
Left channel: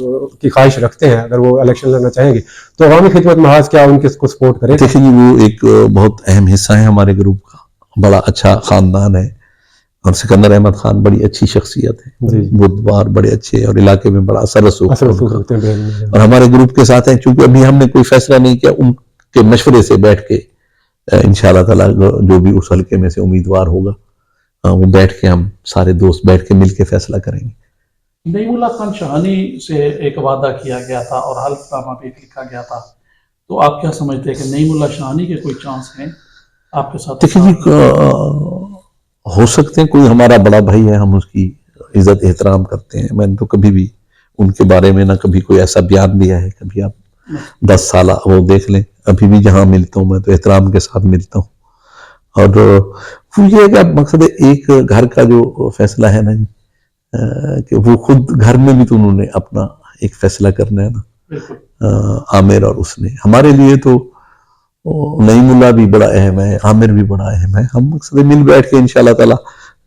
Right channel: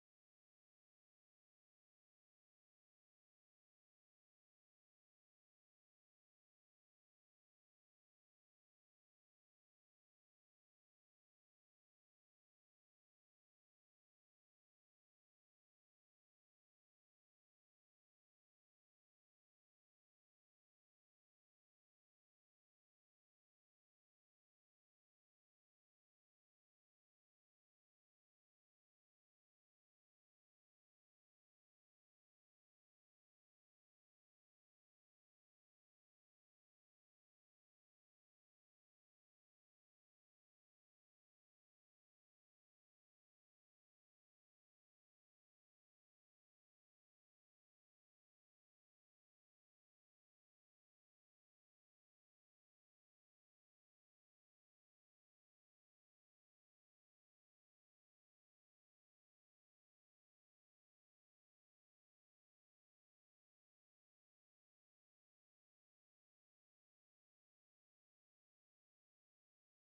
کی خواہش رکھتے ہیں، اگر وہ الیکشن لڑنا چاہیں گے تو عوامی خدمت محاذ کیا ان کو سپورٹ کرے؟ دیکھیں جی وہ ایک بہت اہم حصہ ہے ہمارے گروپ کا، بڑا اچھا خاندان ہے، اور سکندر احمد خان بڑی اچھی شخصیت ہے، بودوار بڑے اچھے اور علاقے میں بڑا اثر رسوخ رکھتے ہیں اور ہمارے گروپ کے ساتھ ہیں. چونکہ ابھی ہم نے کوئی فیصلہ نہیں کیا، ان کے مشورے سے بیٹھ کے انشاءاللہ تعالیٰ جو بھی اس حلقے میں سے امیدوار ہوگا وہ بیٹھ کے ہم سارے دوست بیٹھ کے مل کے فیصلہ کریں گے. نعیم اللہ خان شاہانی سے ایک وعدہ کیا گیا تھا اور حلف نامہ بھی لکھا گیا تھا، تو آپ کیا سمجھتے ہیں کہ نعیم اللہ شاہانی کے کوئی چانس ہیں آپ کے ساتھ؟ دیکھیں جی ہو سکتے ہیں، کوئی ہمارا بڑا بھائی ہے، ہم اس کی عزت احترام کرتے ہیں. میں نے تو کبھی بھی ان کے بارے میں نہ کبھی کوئی ایسا بیان دیا ہے. کبھی آپ 10 سالہ وہ دیکھ لیں، ابھی بھی جہاں ملتا ہوں میں تو احترام کے ساتھ ملتا ہوں. اور وہ یہ ہے کہ اب مقصد ہے ایک گھر کا جو فیصلہ ہے نا جی، کہ وہ خود گھر میں بھی تو انہوں نے اپنا ایک فیصلہ کرنا ہے نا. عامر اور اس نے ہمارے لیے تو نعیم اللہ بھی بڑا اہم ہے، عامر بھی بڑا اہم ہے. ہم مقصد مل بیٹھ کے انشاءاللہ تعالی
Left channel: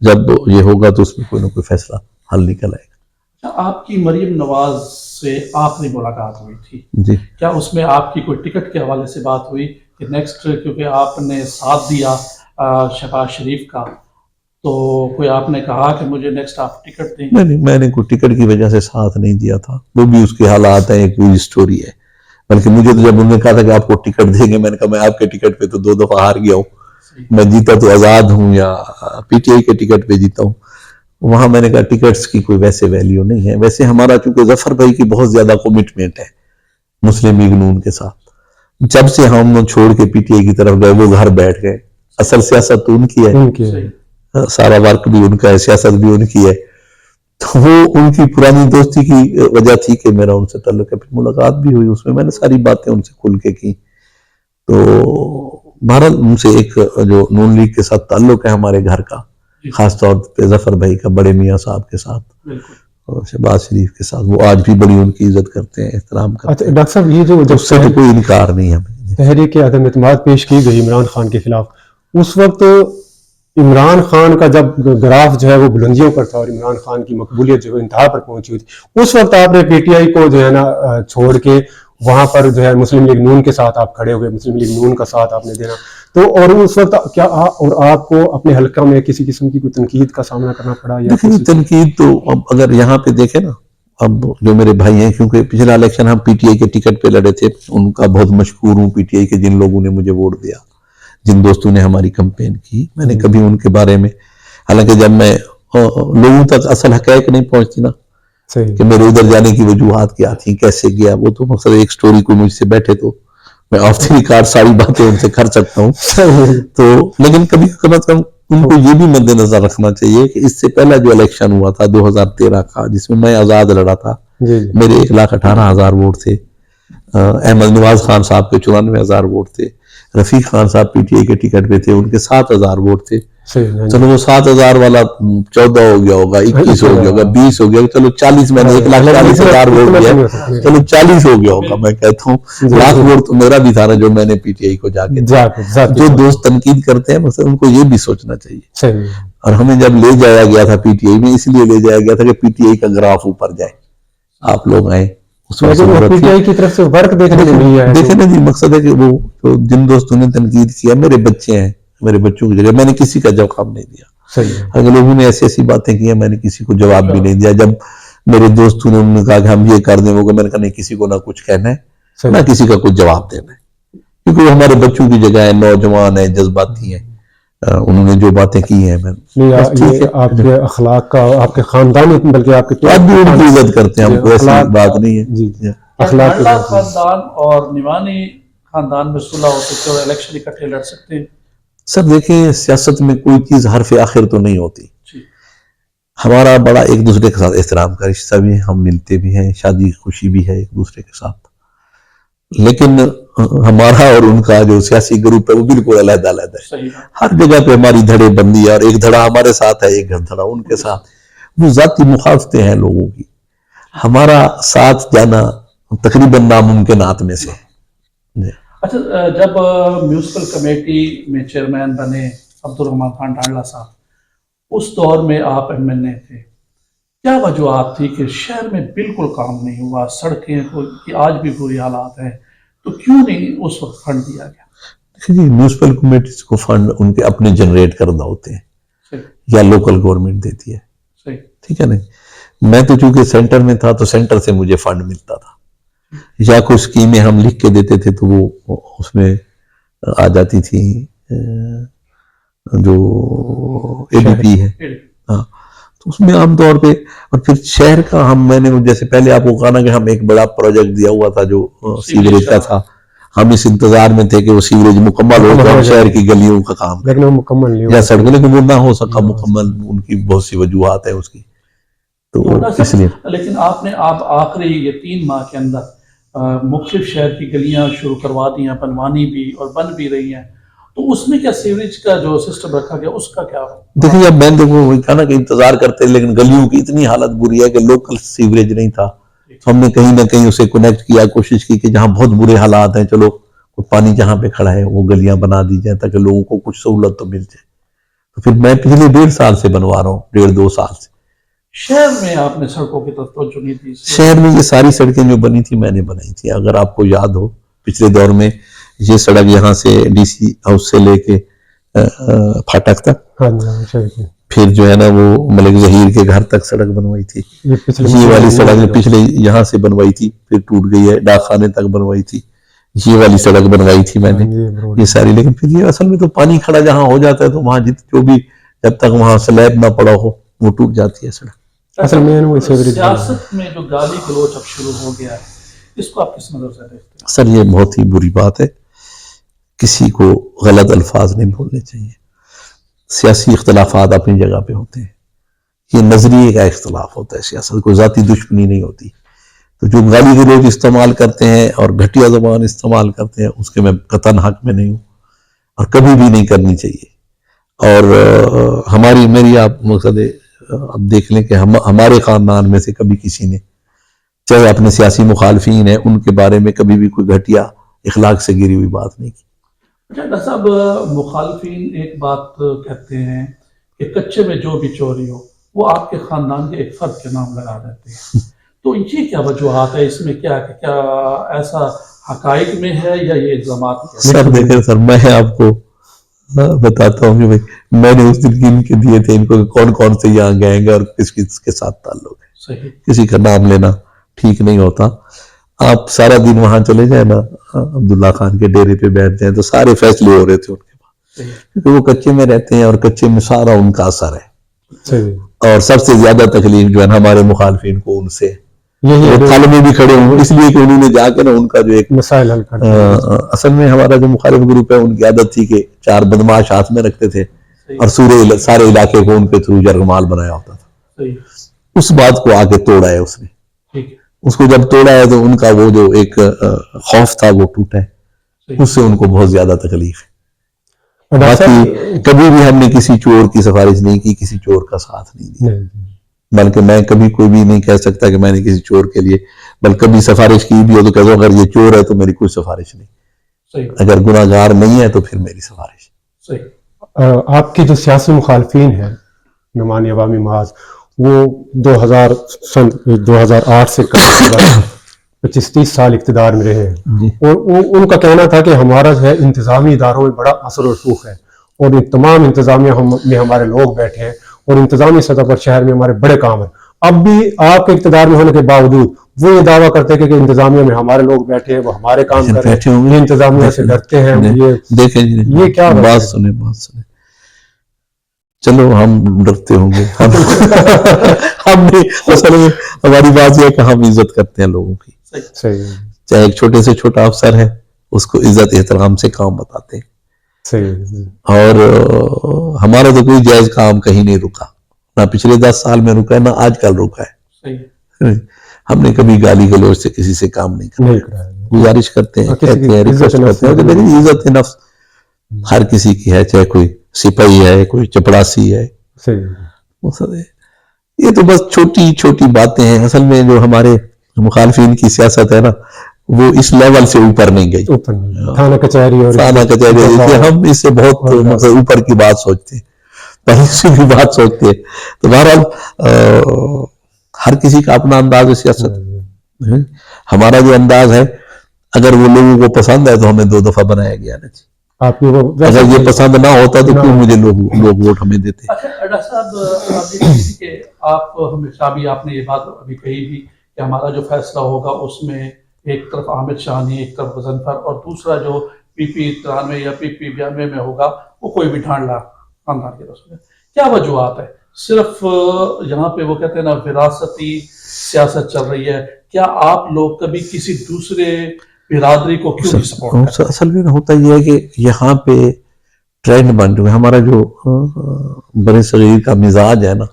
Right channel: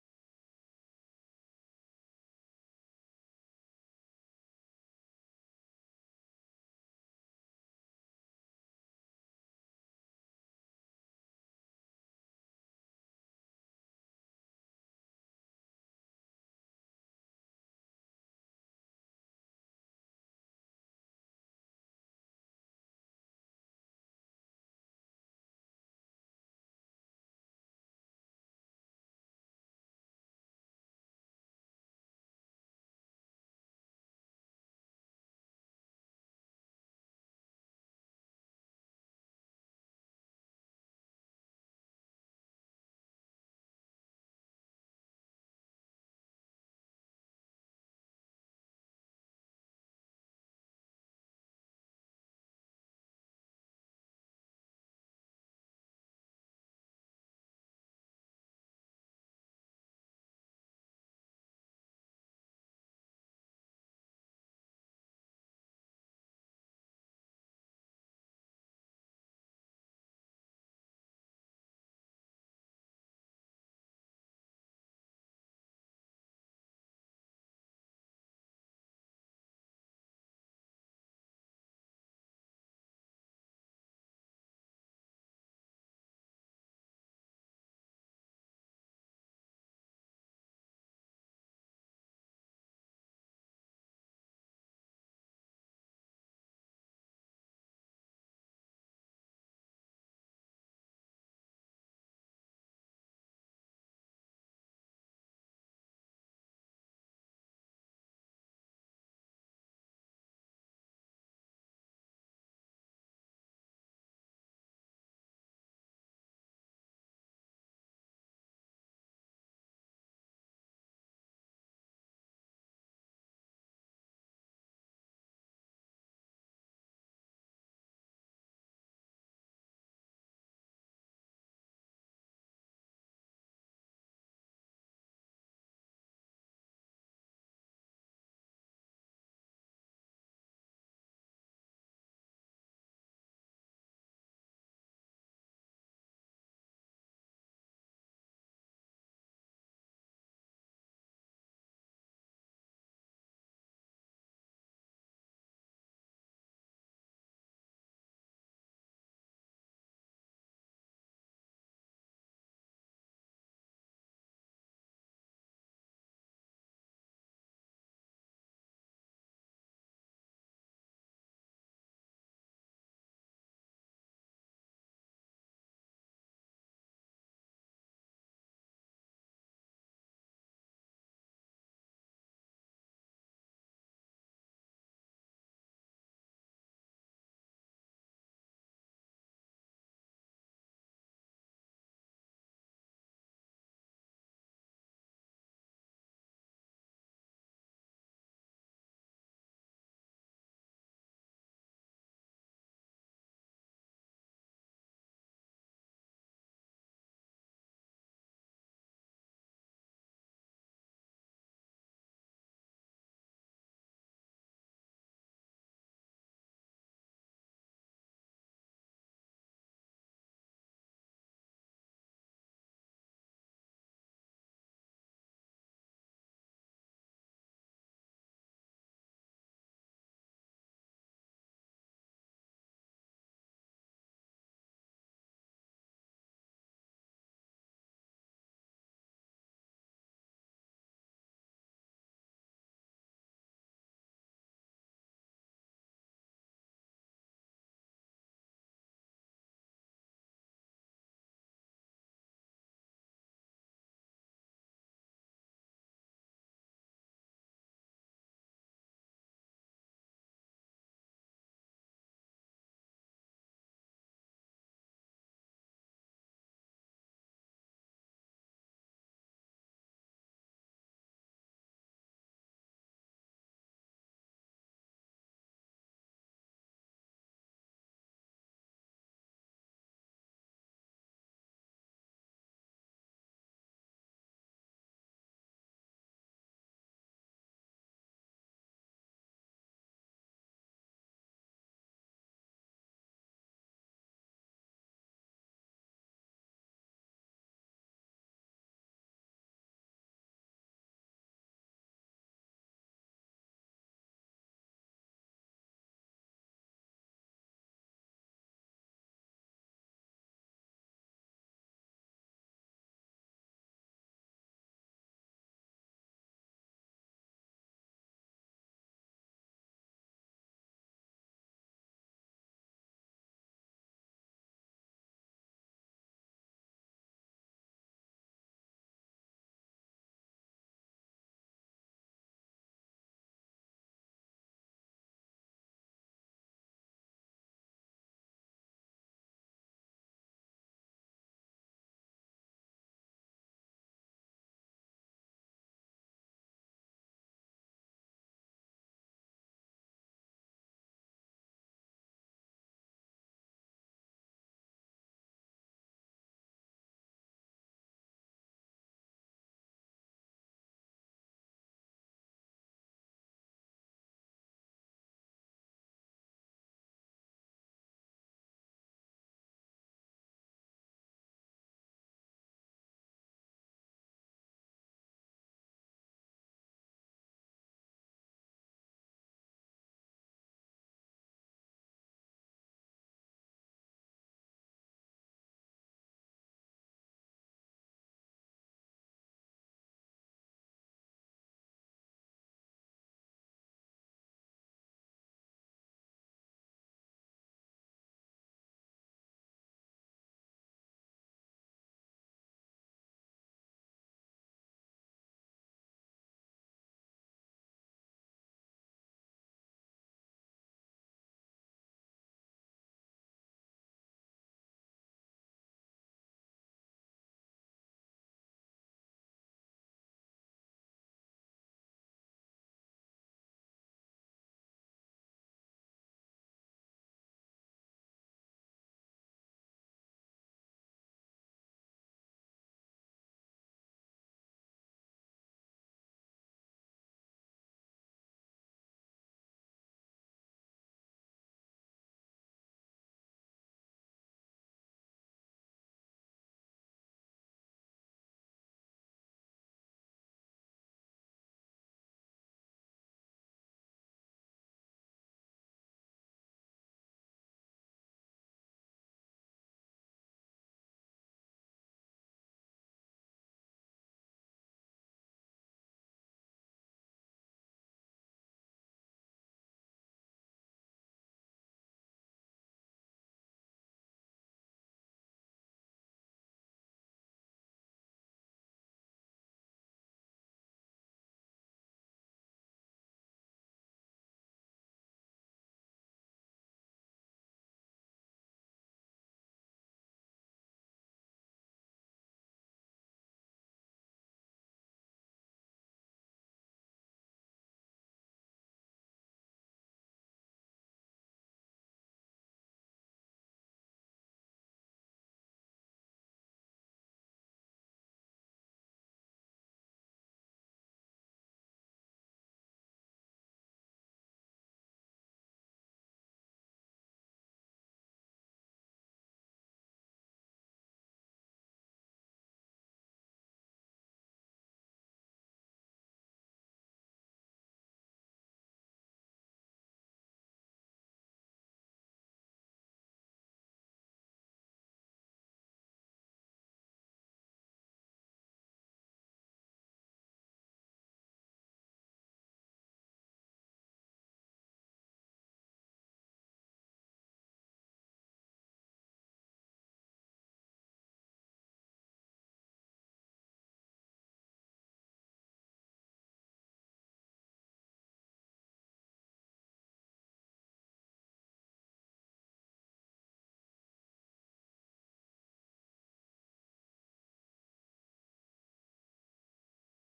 جب یہ ہوگا تو اس میں کوئی نہ کوئی فیصلہ حل نکل آئے گا. آپ کی مریم نواز سے آخری ملاقات ہوئی تھی جی، کیا اس میں آپ کی کوئی ٹکٹ کے حوالے سے بات ہوئی کہ نیکسٹ، کیونکہ آپ نے ساتھ دیا شہباز شریف کا، تو کوئی آپ نے کہا کہ مجھے نیکسٹ آپ ٹکٹ دیں؟ نہیں، میں نے کوئی ٹکٹ کی وجہ سے ساتھ نہیں دیا تھا، وہ بھی اس کے حالات ہیں، ایک پوری سٹوری ہے. بلکہ مجھے تو جب انہوں نے کہا تھا کہ آپ کو ٹکٹ دیں گے، میں نے کہا میں آپ کے ٹکٹ پہ تو 2 دفعہ ہار گیا ہوں، میں جیتا تو آزاد ہوں یا پی ٹی آئی کے ٹکٹ پہ جیتا ہوں. وہاں میں نے کہا ٹکٹس کی کوئی ویسے ویلیو نہیں ہے. ویسے ہمارا چونکہ ظفر بھائی کی بہت زیادہ کمٹمنٹ ہے مسلم لیگ نون کے ساتھ، جب سے ہم چھوڑ کے پی ٹی آئی کی طرف گئے وہ گھر بیٹھ گئے. اصل سیاست تو ان کی ہے، سارا ورک بھی ان کا ہے، سیاست بھی ان کی ہے. تو وہ ان کی پرانی دوستی کی وجہ تھی کہ میرا ان سے تعلق ہے. پھر ملاقات بھی ہوئی، اس میں میں نے ساری باتیں ان سے کھل کے کی. تو بہرحال ان سے ایک جو نون لیگ کے ساتھ تعلق ہے ہمارے گھر کا، خاص طور پہ ظفر بھائی کا بڑے میاں صاحب کے ساتھ اور شہباز شریف کے ساتھ، وہ آج بھی بڑی ان کی عزت کرتے ہیں، احترام کرتے ہیں. ڈاکٹر صاحب یہ جو اس سے تو کوئی انکار نہیں ہے. تحریک عدم اعتماد پیش کی گئی عمران خان کے خلاف، اس وقت عمران خان کا جب گراف جو ہے وہ بلندیوں پر تھا اور عمران خان کی مقبولیت جو ہے انتہا پر پہنچی ہوئی تھی، اس وقت آپ نے پی ٹی آئی کو جو ہے نا چھوڑ کے وہاں پر جو ہے مسلم لیگ نون کے ساتھ آپ کھڑے ہوئے، مسلم لیگ نون کا ساتھ آپ نے دینا. تو اور اس وقت کیا اور آپ کو اپنے حلقہ میں کسی قسم کی کوئی تنقید کا سامنا کرنا پڑا؟ یا تنقید تو اب اگر یہاں پہ دیکھیں نا، اب جو میرے بھائی ہیں، کیونکہ پچھلا الیکشن ہم پی ٹی آئی کے ٹکٹ پہ لڑے تھے، ان کا بہت مشکور ہوں پی ٹی آئی کے جن لوگوں نے مجھے ووٹ دیا، جن دوستوں نے ہماری کمپین کی. میں نے کبھی ان کے بارے میں، حالانکہ جب میں لوگوں تک اصل حقائق نہیں پہنچتی نا کہ میرے ادھر جانے کی وجوہات کیا تھیں، کیسے گیا، وہ تو مقصد ایک سٹوری کو مجھ سے بیٹھے تو میں آف دی ریکارڈ ساری باتیں ان سے کر سکتا ہوں. تو لیکن کبھی کم از کم ان کو یہ بھی مد نظر رکھنا چاہیے کہ اس سے پہلا جو الیکشن ہوا تھا 2013 کا، جس میں آزاد لڑا تھا، میرے 1,18,000 ووٹ تھے، احمد نواز خان صاحب کے 94,000 ووٹ تھے، رفیق خان صاحب پی ٹی آئی کے ٹکٹ پہ تھے، ان کے 7,000 ووٹ تھے. چلو وہ 7,000 والا 14 ہو گیا ہوگا، 21 ہو گیا ہوگا، 20 ہو گیا ہوگا، چلو 40 میں نے 1,40,000 ووٹ دیا، چلو 40 ہو گیا ہوگا. میں کہتا ہوں لاکھ ووٹ تو میرا بھی تھا نا جو میں نے پی ٹی آئی کو جا کے جو دوست تنقید کرتے ہیں مثلا ان کو یہ بھی سوچنا چاہیے. اور ہمیں جب لے جایا گیا تھا پی ٹی آئی میں اس لیے لے جایا گیا تھا کہ پی ٹی آئی کا گراف اوپر جائے، آپ لوگ آئیں اس وقت پی ٹی آئی کی طرف سے ورک دیکھنے کو نہیں آیا. دیکھیں نا جی، مقصد ہے کہ وہ جن دوستوں نے تنقید کیا میرے بچے ہیں، میرے بچوں کی جگہ میں نے کسی کا جواب نہیں دیا. اگر لوگوں نے ایسی ایسی باتیں کی ہیں میں نے کسی کو جواب بھی نہیں دیا. جب میرے دوستوں نے انہوں نے کہا کہ ہم یہ کر دیں وہ، میں نے کہا نہیں کسی کو نہ کچھ کہنا ہے نہ کسی کا کچھ جواب دینا ہے، کیونکہ وہ ہمارے بچوں کی جگہ ہے، نوجوان ہیں، جذباتی ہیں، انہوں نے جو باتیں کی ہیں یہ آپ کے اخلاق کا، آپ کے خاندان بلکہ آپ کے آپ بھی ان کی عزت کرتے ہیں، ہم کو ایسی بات نہیں ہے. اخلاق خاندان اور نیوانی خاندان میں صلح ہو سکتے اور الیکشن اکٹھے لڑ سکتے ہیں. سر دیکھیں سیاست میں کوئی چیز حرف آخر تو نہیں ہوتی. ہمارا بڑا ایک دوسرے کے ساتھ احترام کا رشتہ بھی ہے، ہم ملتے بھی ہیں، شادی خوشی بھی ہے ایک دوسرے کے ساتھ، لیکن ہمارا اور ان کا جو سیاسی گروپ ہے وہ بالکل علیحدہ علیحدہ ہے. ہر جگہ پہ ہماری دھڑے بندی ہے، اور ایک دھڑا ہمارے ساتھ ہے، ایک دھڑا ان کے ساتھ. وہ ذاتی مخالفتیں ہیں لوگوں کی، ہمارا ساتھ جانا تقریباً ناممکنات میں سے. اچھا، جب میونسپل کمیٹی میں چیئرمین بنے عبدالرحمان خان ڈانڈلا صاحب، اس دور میں آپ ایم این اے تھے، کیا وجوہات تھی کہ شہر میں بالکل کام نہیں ہوا، سڑکیں کی آج بھی بری حالات ہیں، تو کیوں نہیں اس وقت فنڈ دیا گیا؟ جی میونسپل کمیٹیز کو فنڈ ان کے اپنے جنریٹ کردہ ہوتے ہیں یا لوکل گورنمنٹ دیتی ہے، ٹھیک ہے نا. میں تو چونکہ سینٹر میں تھا تو سینٹر سے مجھے فنڈ ملتا تھا، یا کوئی اسکیمیں ہم لکھ کے دیتے تھے تو وہ اس میں آ جاتی تھی جو اے ڈی پی ہے، ہاں تو اس میں عام طور پہ. اور پھر شہر کا میں نے جیسے پہلے آپ کو کہا نا کہ ہم ایک بڑا پروجیکٹ دیا ہوا تھا جو سیوریج کا تھا، ہم اس انتظار میں تھے کہ وہ سیوریج مکمل ہو تو ہم شہر کی گلیوں کا کام کریں یا سڑکیں، لیکن وہ نہ ہو سکا مکمل، ان کی بہت سی وجوہات ہیں اس کی. تو اس لیے لیکن آپ نے آخری یہ 3 ماہ کے اندر مختلف شہر کی گلیاں شروع کروا دی ہیں، بنوانی بھی اور بن بھی رہی ہیں، تو اس میں کیا سیوریج کا جو سسٹم رکھا گیا اس کا کیا؟ دیکھیں اب میں نے کہا نا کہ انتظار کرتے، لیکن گلیوں کی اتنی حالت بری ہے کہ لوکل سیوریج نہیں تھا. ہم نے کہیں نہ کہیں اسے کنیکٹ کیا، کوشش کی کہ جہاں بہت برے حالات ہیں چلو پانی جہاں پہ کھڑا ہے وہ گلیاں بنا دی جائیں تاکہ لوگوں کو کچھ سہولت تو مل جائے. تو پھر میں پچھلے 1.5 سال سے بنوا رہا ہوں، 1.5-2 سال سے. شہر میں آپ نے سڑکوں کی طرف توجہ نہیں دی؟ شہر میں یہ ساری سڑکیں جو بنی تھی میں نے بنائی تھی. اگر آپ کو یاد ہو پچھلے دور میں یہ سڑک یہاں سے ڈی سی ہاؤس سے لے کے پھاٹک تک، پھر جو ہے نا وہ ملک ظہیر کے گھر تک سڑک بنوائی تھی. یہ والی سڑک پچھلے یہاں سے بنوائی تھی پھر ٹوٹ گئی ہے، ڈاک خانے تک بنوائی تھی. یہ والی سڑک بنوائی تھی میں نے یہ ساری. لیکن پھر یہ اصل میں تو پانی کھڑا جہاں ہو جاتا ہے تو وہاں جو بھی جب تک وہاں سلیب نہ پڑا ہو وہ ٹوٹ جاتی ہے سڑک. اصل میں سیاست میں جو گالی گلوچ اب شروع ہو گیا ہے، اس کو آپ کس نظر سے دیکھتے ہیں؟ سر یہ بہت ہی بری بات ہے، کسی کو غلط الفاظ نہیں بولنے چاہیے. سیاسی اختلافات اپنی جگہ پہ ہوتے ہیں، یہ نظریے کا اختلاف ہوتا ہے، سیاست کوئی ذاتی دشمنی نہیں ہوتی. تو جو گالی گلوچ استعمال کرتے ہیں اور گھٹیا زبان استعمال کرتے ہیں اس کے میں قطعاً حق میں نہیں ہوں اور کبھی بھی نہیں کرنی چاہیے. اور میری آپ مقصد اب دیکھ لیں کہ ہمارے خاندان میں سے کبھی کسی نے چاہے اپنے سیاسی مخالفین ہیں ان کے بارے میں کبھی بھی کوئی گھٹیا اخلاق سے گری ہوئی بات نہیں کی. ڈاکٹر صاحب، مخالفین ایک بات کہتے ہیں کہ کچے میں جو بھی چوری ہو وہ آپ کے خاندان کے ایک فرد کے نام لگا دیتے ہیں، تو یہ کیا وجوہات ہے اس میں؟ کیا ایسا حقائق میں ہے یا یہ الزامات ہیں؟ سر دیکھیں سر، میں آپ کو بتاتا ہوں کہ بھائی میں نے اس دن گن کے دیے تھے ان کو کون کون سے یہاں گئے اور کس کس کے ساتھ تعلق ہے. کسی کا نام لینا ٹھیک نہیں ہوتا. آپ سارا دن وہاں چلے جائیں نا عبداللہ خان کے ڈیرے پہ بیٹھ جائیں تو سارے فیصلے ہو رہے تھے ان کے پاس، کیونکہ وہ کچے میں رہتے ہیں اور کچے میں سارا ان کا اثر ہے. اور سب سے زیادہ تکلیف جو ہے ہمارے مخالفین کو ان سے تھل میں بھی کھڑے ہوں، اس لیے کہ انہوں نے جا کے نا ان کا جو ایک مسائل حل کر اصل میں ہمارا جو مخالف گروپ ہے ان کی عادت تھی کہ 4 بدماش ہاتھ میں رکھتے تھے اور سارے علاقے کو ان کے تھرو جرگمال بنایا ہوتا تھا. اس بات کو آ کے توڑا ہے اس نے. اس کو جب توڑا ہے تو ان کا وہ جو ایک خوف تھا وہ ٹوٹا ہے، اس سے ان کو بہت زیادہ تکلیف ہے. باقی کبھی بھی ہم نے کسی چور کی سفارش نہیں کی, کسی چور کا ساتھ نہیں دیا, بلکہ میں کبھی کوئی بھی نہیں کہہ سکتا کہ میں نے کسی چور کے لیے, بلکہ کبھی سفارش کی بھی ہو تو کہتا ہوں اگر یہ چور ہے تو میری کوئی سفارش نہیں, اگر گناہ گار نہیں ہے تو پھر میری سفارش. آپ کی جو سیاسی مخالفین ہیں نعمانی عوامی محاذ, وہ 2008 سے 25-30 سال اقتدار میں رہے ہیں, اور ان کا کہنا تھا کہ ہمارا جو ہے انتظامی اداروں میں بڑا اثر و رسوخ ہے, اور ان تمام انتظامیہ میں ہمارے لوگ بیٹھے ہیں, اور انتظامی سطح پر شہر میں ہمارے بڑے کام ہیں. اب بھی آپ کے اقتدار میں ہونے کے باوجود وہ یہ دعویٰ کرتے ہیں کہ انتظامیہ میں ہمارے لوگ بیٹھے ہیں, وہ ہمارے کام کر رہے ہیں, یہ انتظامیہ سے ڈرتے ہیں. یہ کیا بات سنیں, چلو ہم ڈرتے ہوں گے, ہم نے اصل میں ہماری بات یہ ہے کہ ہم عزت کرتے ہیں لوگوں کی, چاہے ایک چھوٹے سے چھوٹا افسر ہے اس کو عزت احترام سے کام بتاتے ہیں, اور ہمارا تو کوئی جائز کام کہیں نہیں رکا, نہ پچھلے 10 سال میں رکا ہے نہ آج کل رکا ہے. ہم نے کبھی گالی گلوچ سے کسی سے کام نہیں کرا, گزارش کرتے ہیں, کہتے ہیں, ریکویسٹ کرتے ہیں کہ میری عزت نفس ہر کسی کی ہے, چاہے کوئی سپاہی ہے, کوئی چپڑاسی ہے. یہ تو بس چھوٹی چھوٹی باتیں ہیں. اصل میں جو ہمارے مخالفین کی سیاست ہے نا, وہ اس لیول سے اوپر نہیں گئی, تھانہ کچہری, ہم اس سے بہت اوپر کی بات سوچتے ہیں, پہلے کی بات سوچتے ہیں. تو بہرحال ہر کسی کا اپنا انداز ہے سیاست. ہمارا جو انداز ہے اگر وہ لوگوں کو پسند ہے تو ہمیں 2 دفعہ بنایا گیا نا, اگر یہ پسند نہ ہوتا تو کیوں مجھے لوگ ووٹ ہمیں دیتے. ڈاکٹر صاحب کہ آپ ہمیشہ بھی آپ نے یہ بات ابھی کہی بھی کہ ہمارا جو فیصلہ ہوگا اس میں ایک طرف حامد شاہانی, ایک طرف غضنفر, اور دوسرا جو PP 93 یا PP 92 میں ہوگا وہ کوئی بھی ڈھانڈلا خاندان کے رسول ہے. کیا وجوہات ہے؟ صرف یہاں پہ وہ کہتے ہیں نا وراثتی سیاست چل رہی ہے, کیا آپ لوگ کبھی کسی دوسرے برادری کو کیوں نہیں سپورٹ کرتے؟ اصل میں ہوتا یہ ہے کہ یہاں پہ ٹرینڈ بن چکا ہے. ہمارا جو بڑے صغیر کا مزاج ہے نا,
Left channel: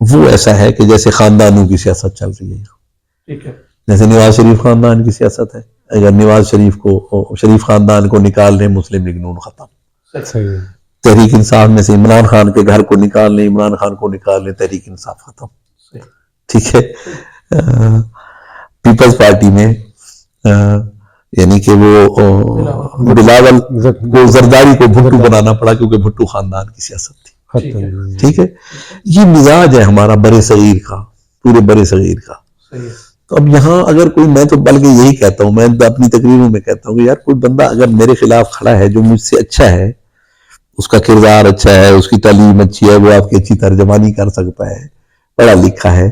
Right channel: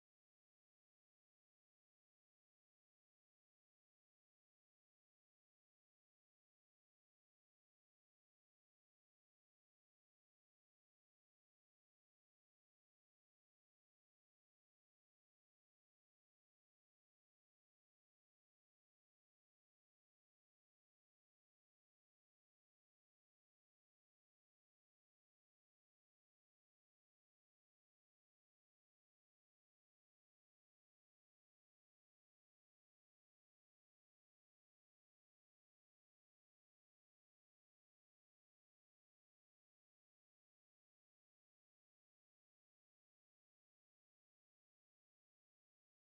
وہ ایسا ہے کہ جیسے خاندانوں کی سیاست چل رہی ہے. ٹھیک ہے, جیسے نواز شریف خاندان کی سیاست ہے, اگر نواز شریف خاندان کو نکال لیں مسلم لیگ نون ختم, تحریک انصاف میں سے عمران خان کے گھر کو نکال لیں, عمران خان کو نکال لیں, تحریک انصاف ختم. ٹھیک ہے, پیپلز پارٹی میں یعنی کہ وہ بلاول کو زرداری کو بھٹو بنانا پڑا کیونکہ بھٹو خاندان کی سیاست تھی. ٹھیک ہے, یہ مزاج ہے ہمارا برے صغیر کا, پورے برے صغیر کا. تو اب یہاں اگر کوئی, میں تو بلکہ یہی کہتا ہوں, میں اپنی تقریروں میں کہتا ہوں کہ یار کوئی بندہ اگر میرے خلاف کھڑا ہے جو مجھ سے اچھا ہے, اس کا کردار اچھا ہے, اس کی تعلیم اچھی ہے, وہ آپ کی اچھی ترجمانی کر سکتا ہے, پڑھا لکھا ہے,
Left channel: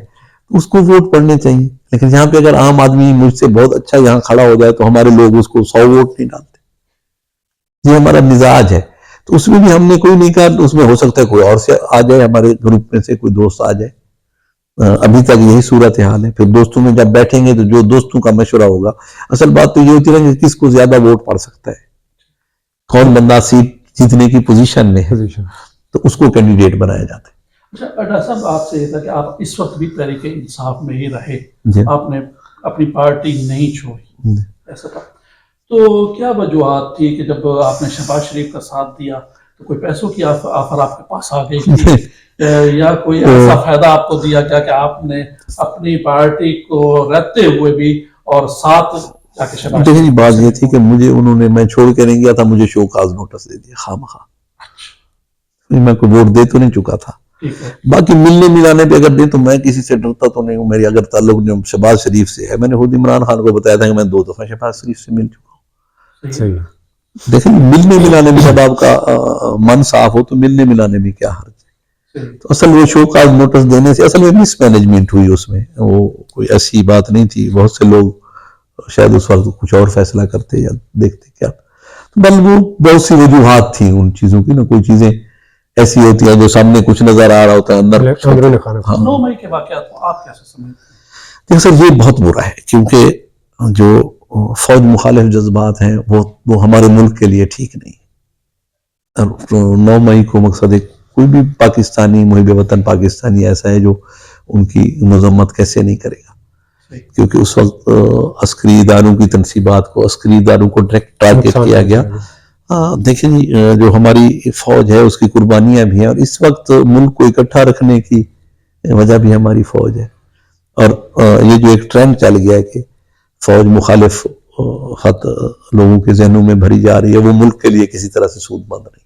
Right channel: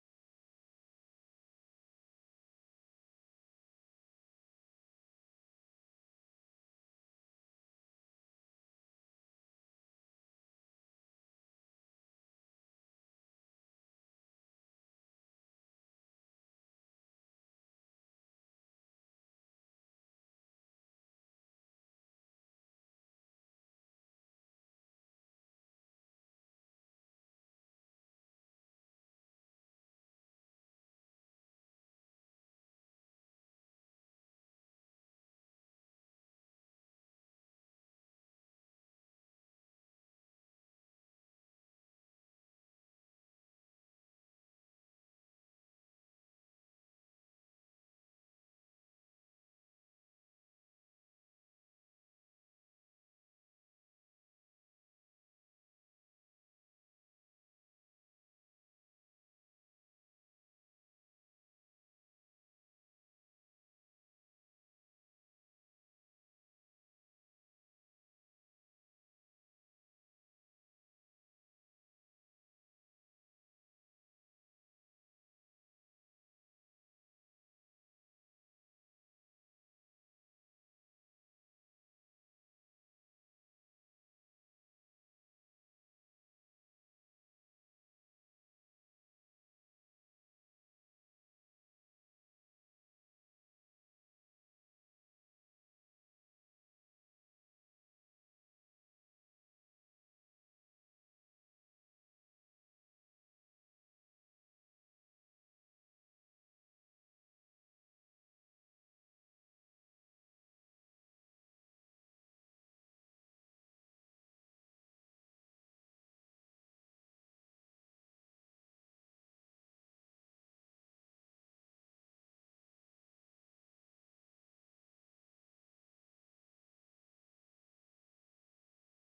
اس کو ووٹ پڑنے چاہیے. لیکن یہاں پہ اگر عام آدمی مجھ سے بہت اچھا یہاں کھڑا ہو جائے تو ہمارے لوگ اس کو 100 ووٹ نہیں ڈالتے. یہ ہمارا مزاج ہے. تو اس میں بھی ہم نے کوئی نہیں کہا, اس میں ہو سکتا ہے کوئی اور سے آ جائے, ہمارے گروپ میں سے کوئی دوست آ جائے. ابھی تک یہی صورتحال ہے. پھر دوستوں میں جب بیٹھیں گے تو جو دوستوں کا مشورہ ہوگا, اصل بات تو یہ ہوتی ہے کہ کس کو زیادہ ووٹ پڑ سکتا ہے, کون بندہ سیٹ جیتنے کی پوزیشن میں ہے, تو اس کو کینڈیڈیٹ بنایا جاتا ہے. اچھا ڈاکٹر صاحب, آپ سے یہ تھا کہ آپ اس وقت بھی تحریک انصاف میں ہی رہے, آپ نے اپنی پارٹی نہیں چھوڑی, ایسا تھا, تو کیا وجوہات تھی کہ جب آپ نے شہباز شریف کا ساتھ دیا تو کوئی پیسوں کی آفر آپ کے پاس آ گئی تھی, یا کوئی ایسا فائدہ آپ کو دیا گیا کہ آپ نے اپنی پارٹی کو رہتے ہوئے بھی اور ساتھ جا کے شہباز شریف؟ بات یہ تھی کہ مجھے انہوں نے, میں چھوڑ کے نہیں گیا تھا, مجھے شو کاز نوٹس دے دیا خواہ میں کوئی ووٹ دے تو نہیں چکا تھا. باقی ملنے ملانے پہ اگر دیں تو میں کسی سے ڈرتا تو نہیں ہوں. میری اگر تعلق جو شہباز شریف سے ہے, میں نے خود عمران خان کو بتایا تھا کہ میں 2 دفعہ شہباز شریف سے مل چکا ہوں. دیکھیں ملنے ملانے میں جب آپ کا من صاف ہو تو ملنے ملانے میں کیا حرج ہے. تو اصل وہ شو کاز نوٹس دینے سے اصل میں مس مینجمنٹ ہوئی, اس میں وہ کوئی ایسی بات نہیں تھی. بہت سے لوگ شاید اس وقت کچھ اور فیصلہ کرتے یا دیکھتے کیا, بل وہ بہت سی وجوہات تھیں ان چیزوں کی نا. کوئی چیزیں ایسی ہوتی ہیں جو سامنے کچھ نظر آ رہا ہوتا ہے, اندر 9 مئی کے واقعات کو آپ کیسے سمجھتے ہیں؟ سر یہ بہت برا ہے, کیونکہ جو فوج مخالف جذبات ہیں وہ ہمارے ملک کے لیے ٹھیک نہیں. 9 مئی کو مقصد ایک کوئی بھی پاکستانی محب وطن پاکستانی ایسا ہے جو ان کی مذمت کیسے نہیں کرے گا, کیونکہ اس وقت عسکری اداروں کی تنصیبات کو, عسکری اداروں کو ڈائریکٹ ٹارگیٹ کیا گیا, دیکھیں جی جو ہماری فوج ہے اس کی قربانیاں بھی ہیں، اور اس وقت ملک کو اکٹھا رکھنے کی وجہ بھی ہماری فوج ہے، اور یہ جو ایک ٹرینڈ چل گیا ہے کہ فوج مخالف خط لوگوں کے ذہنوں میں بھری جا رہی ہے، وہ ملک کے لیے کسی طرح سے سود مند نہیں۔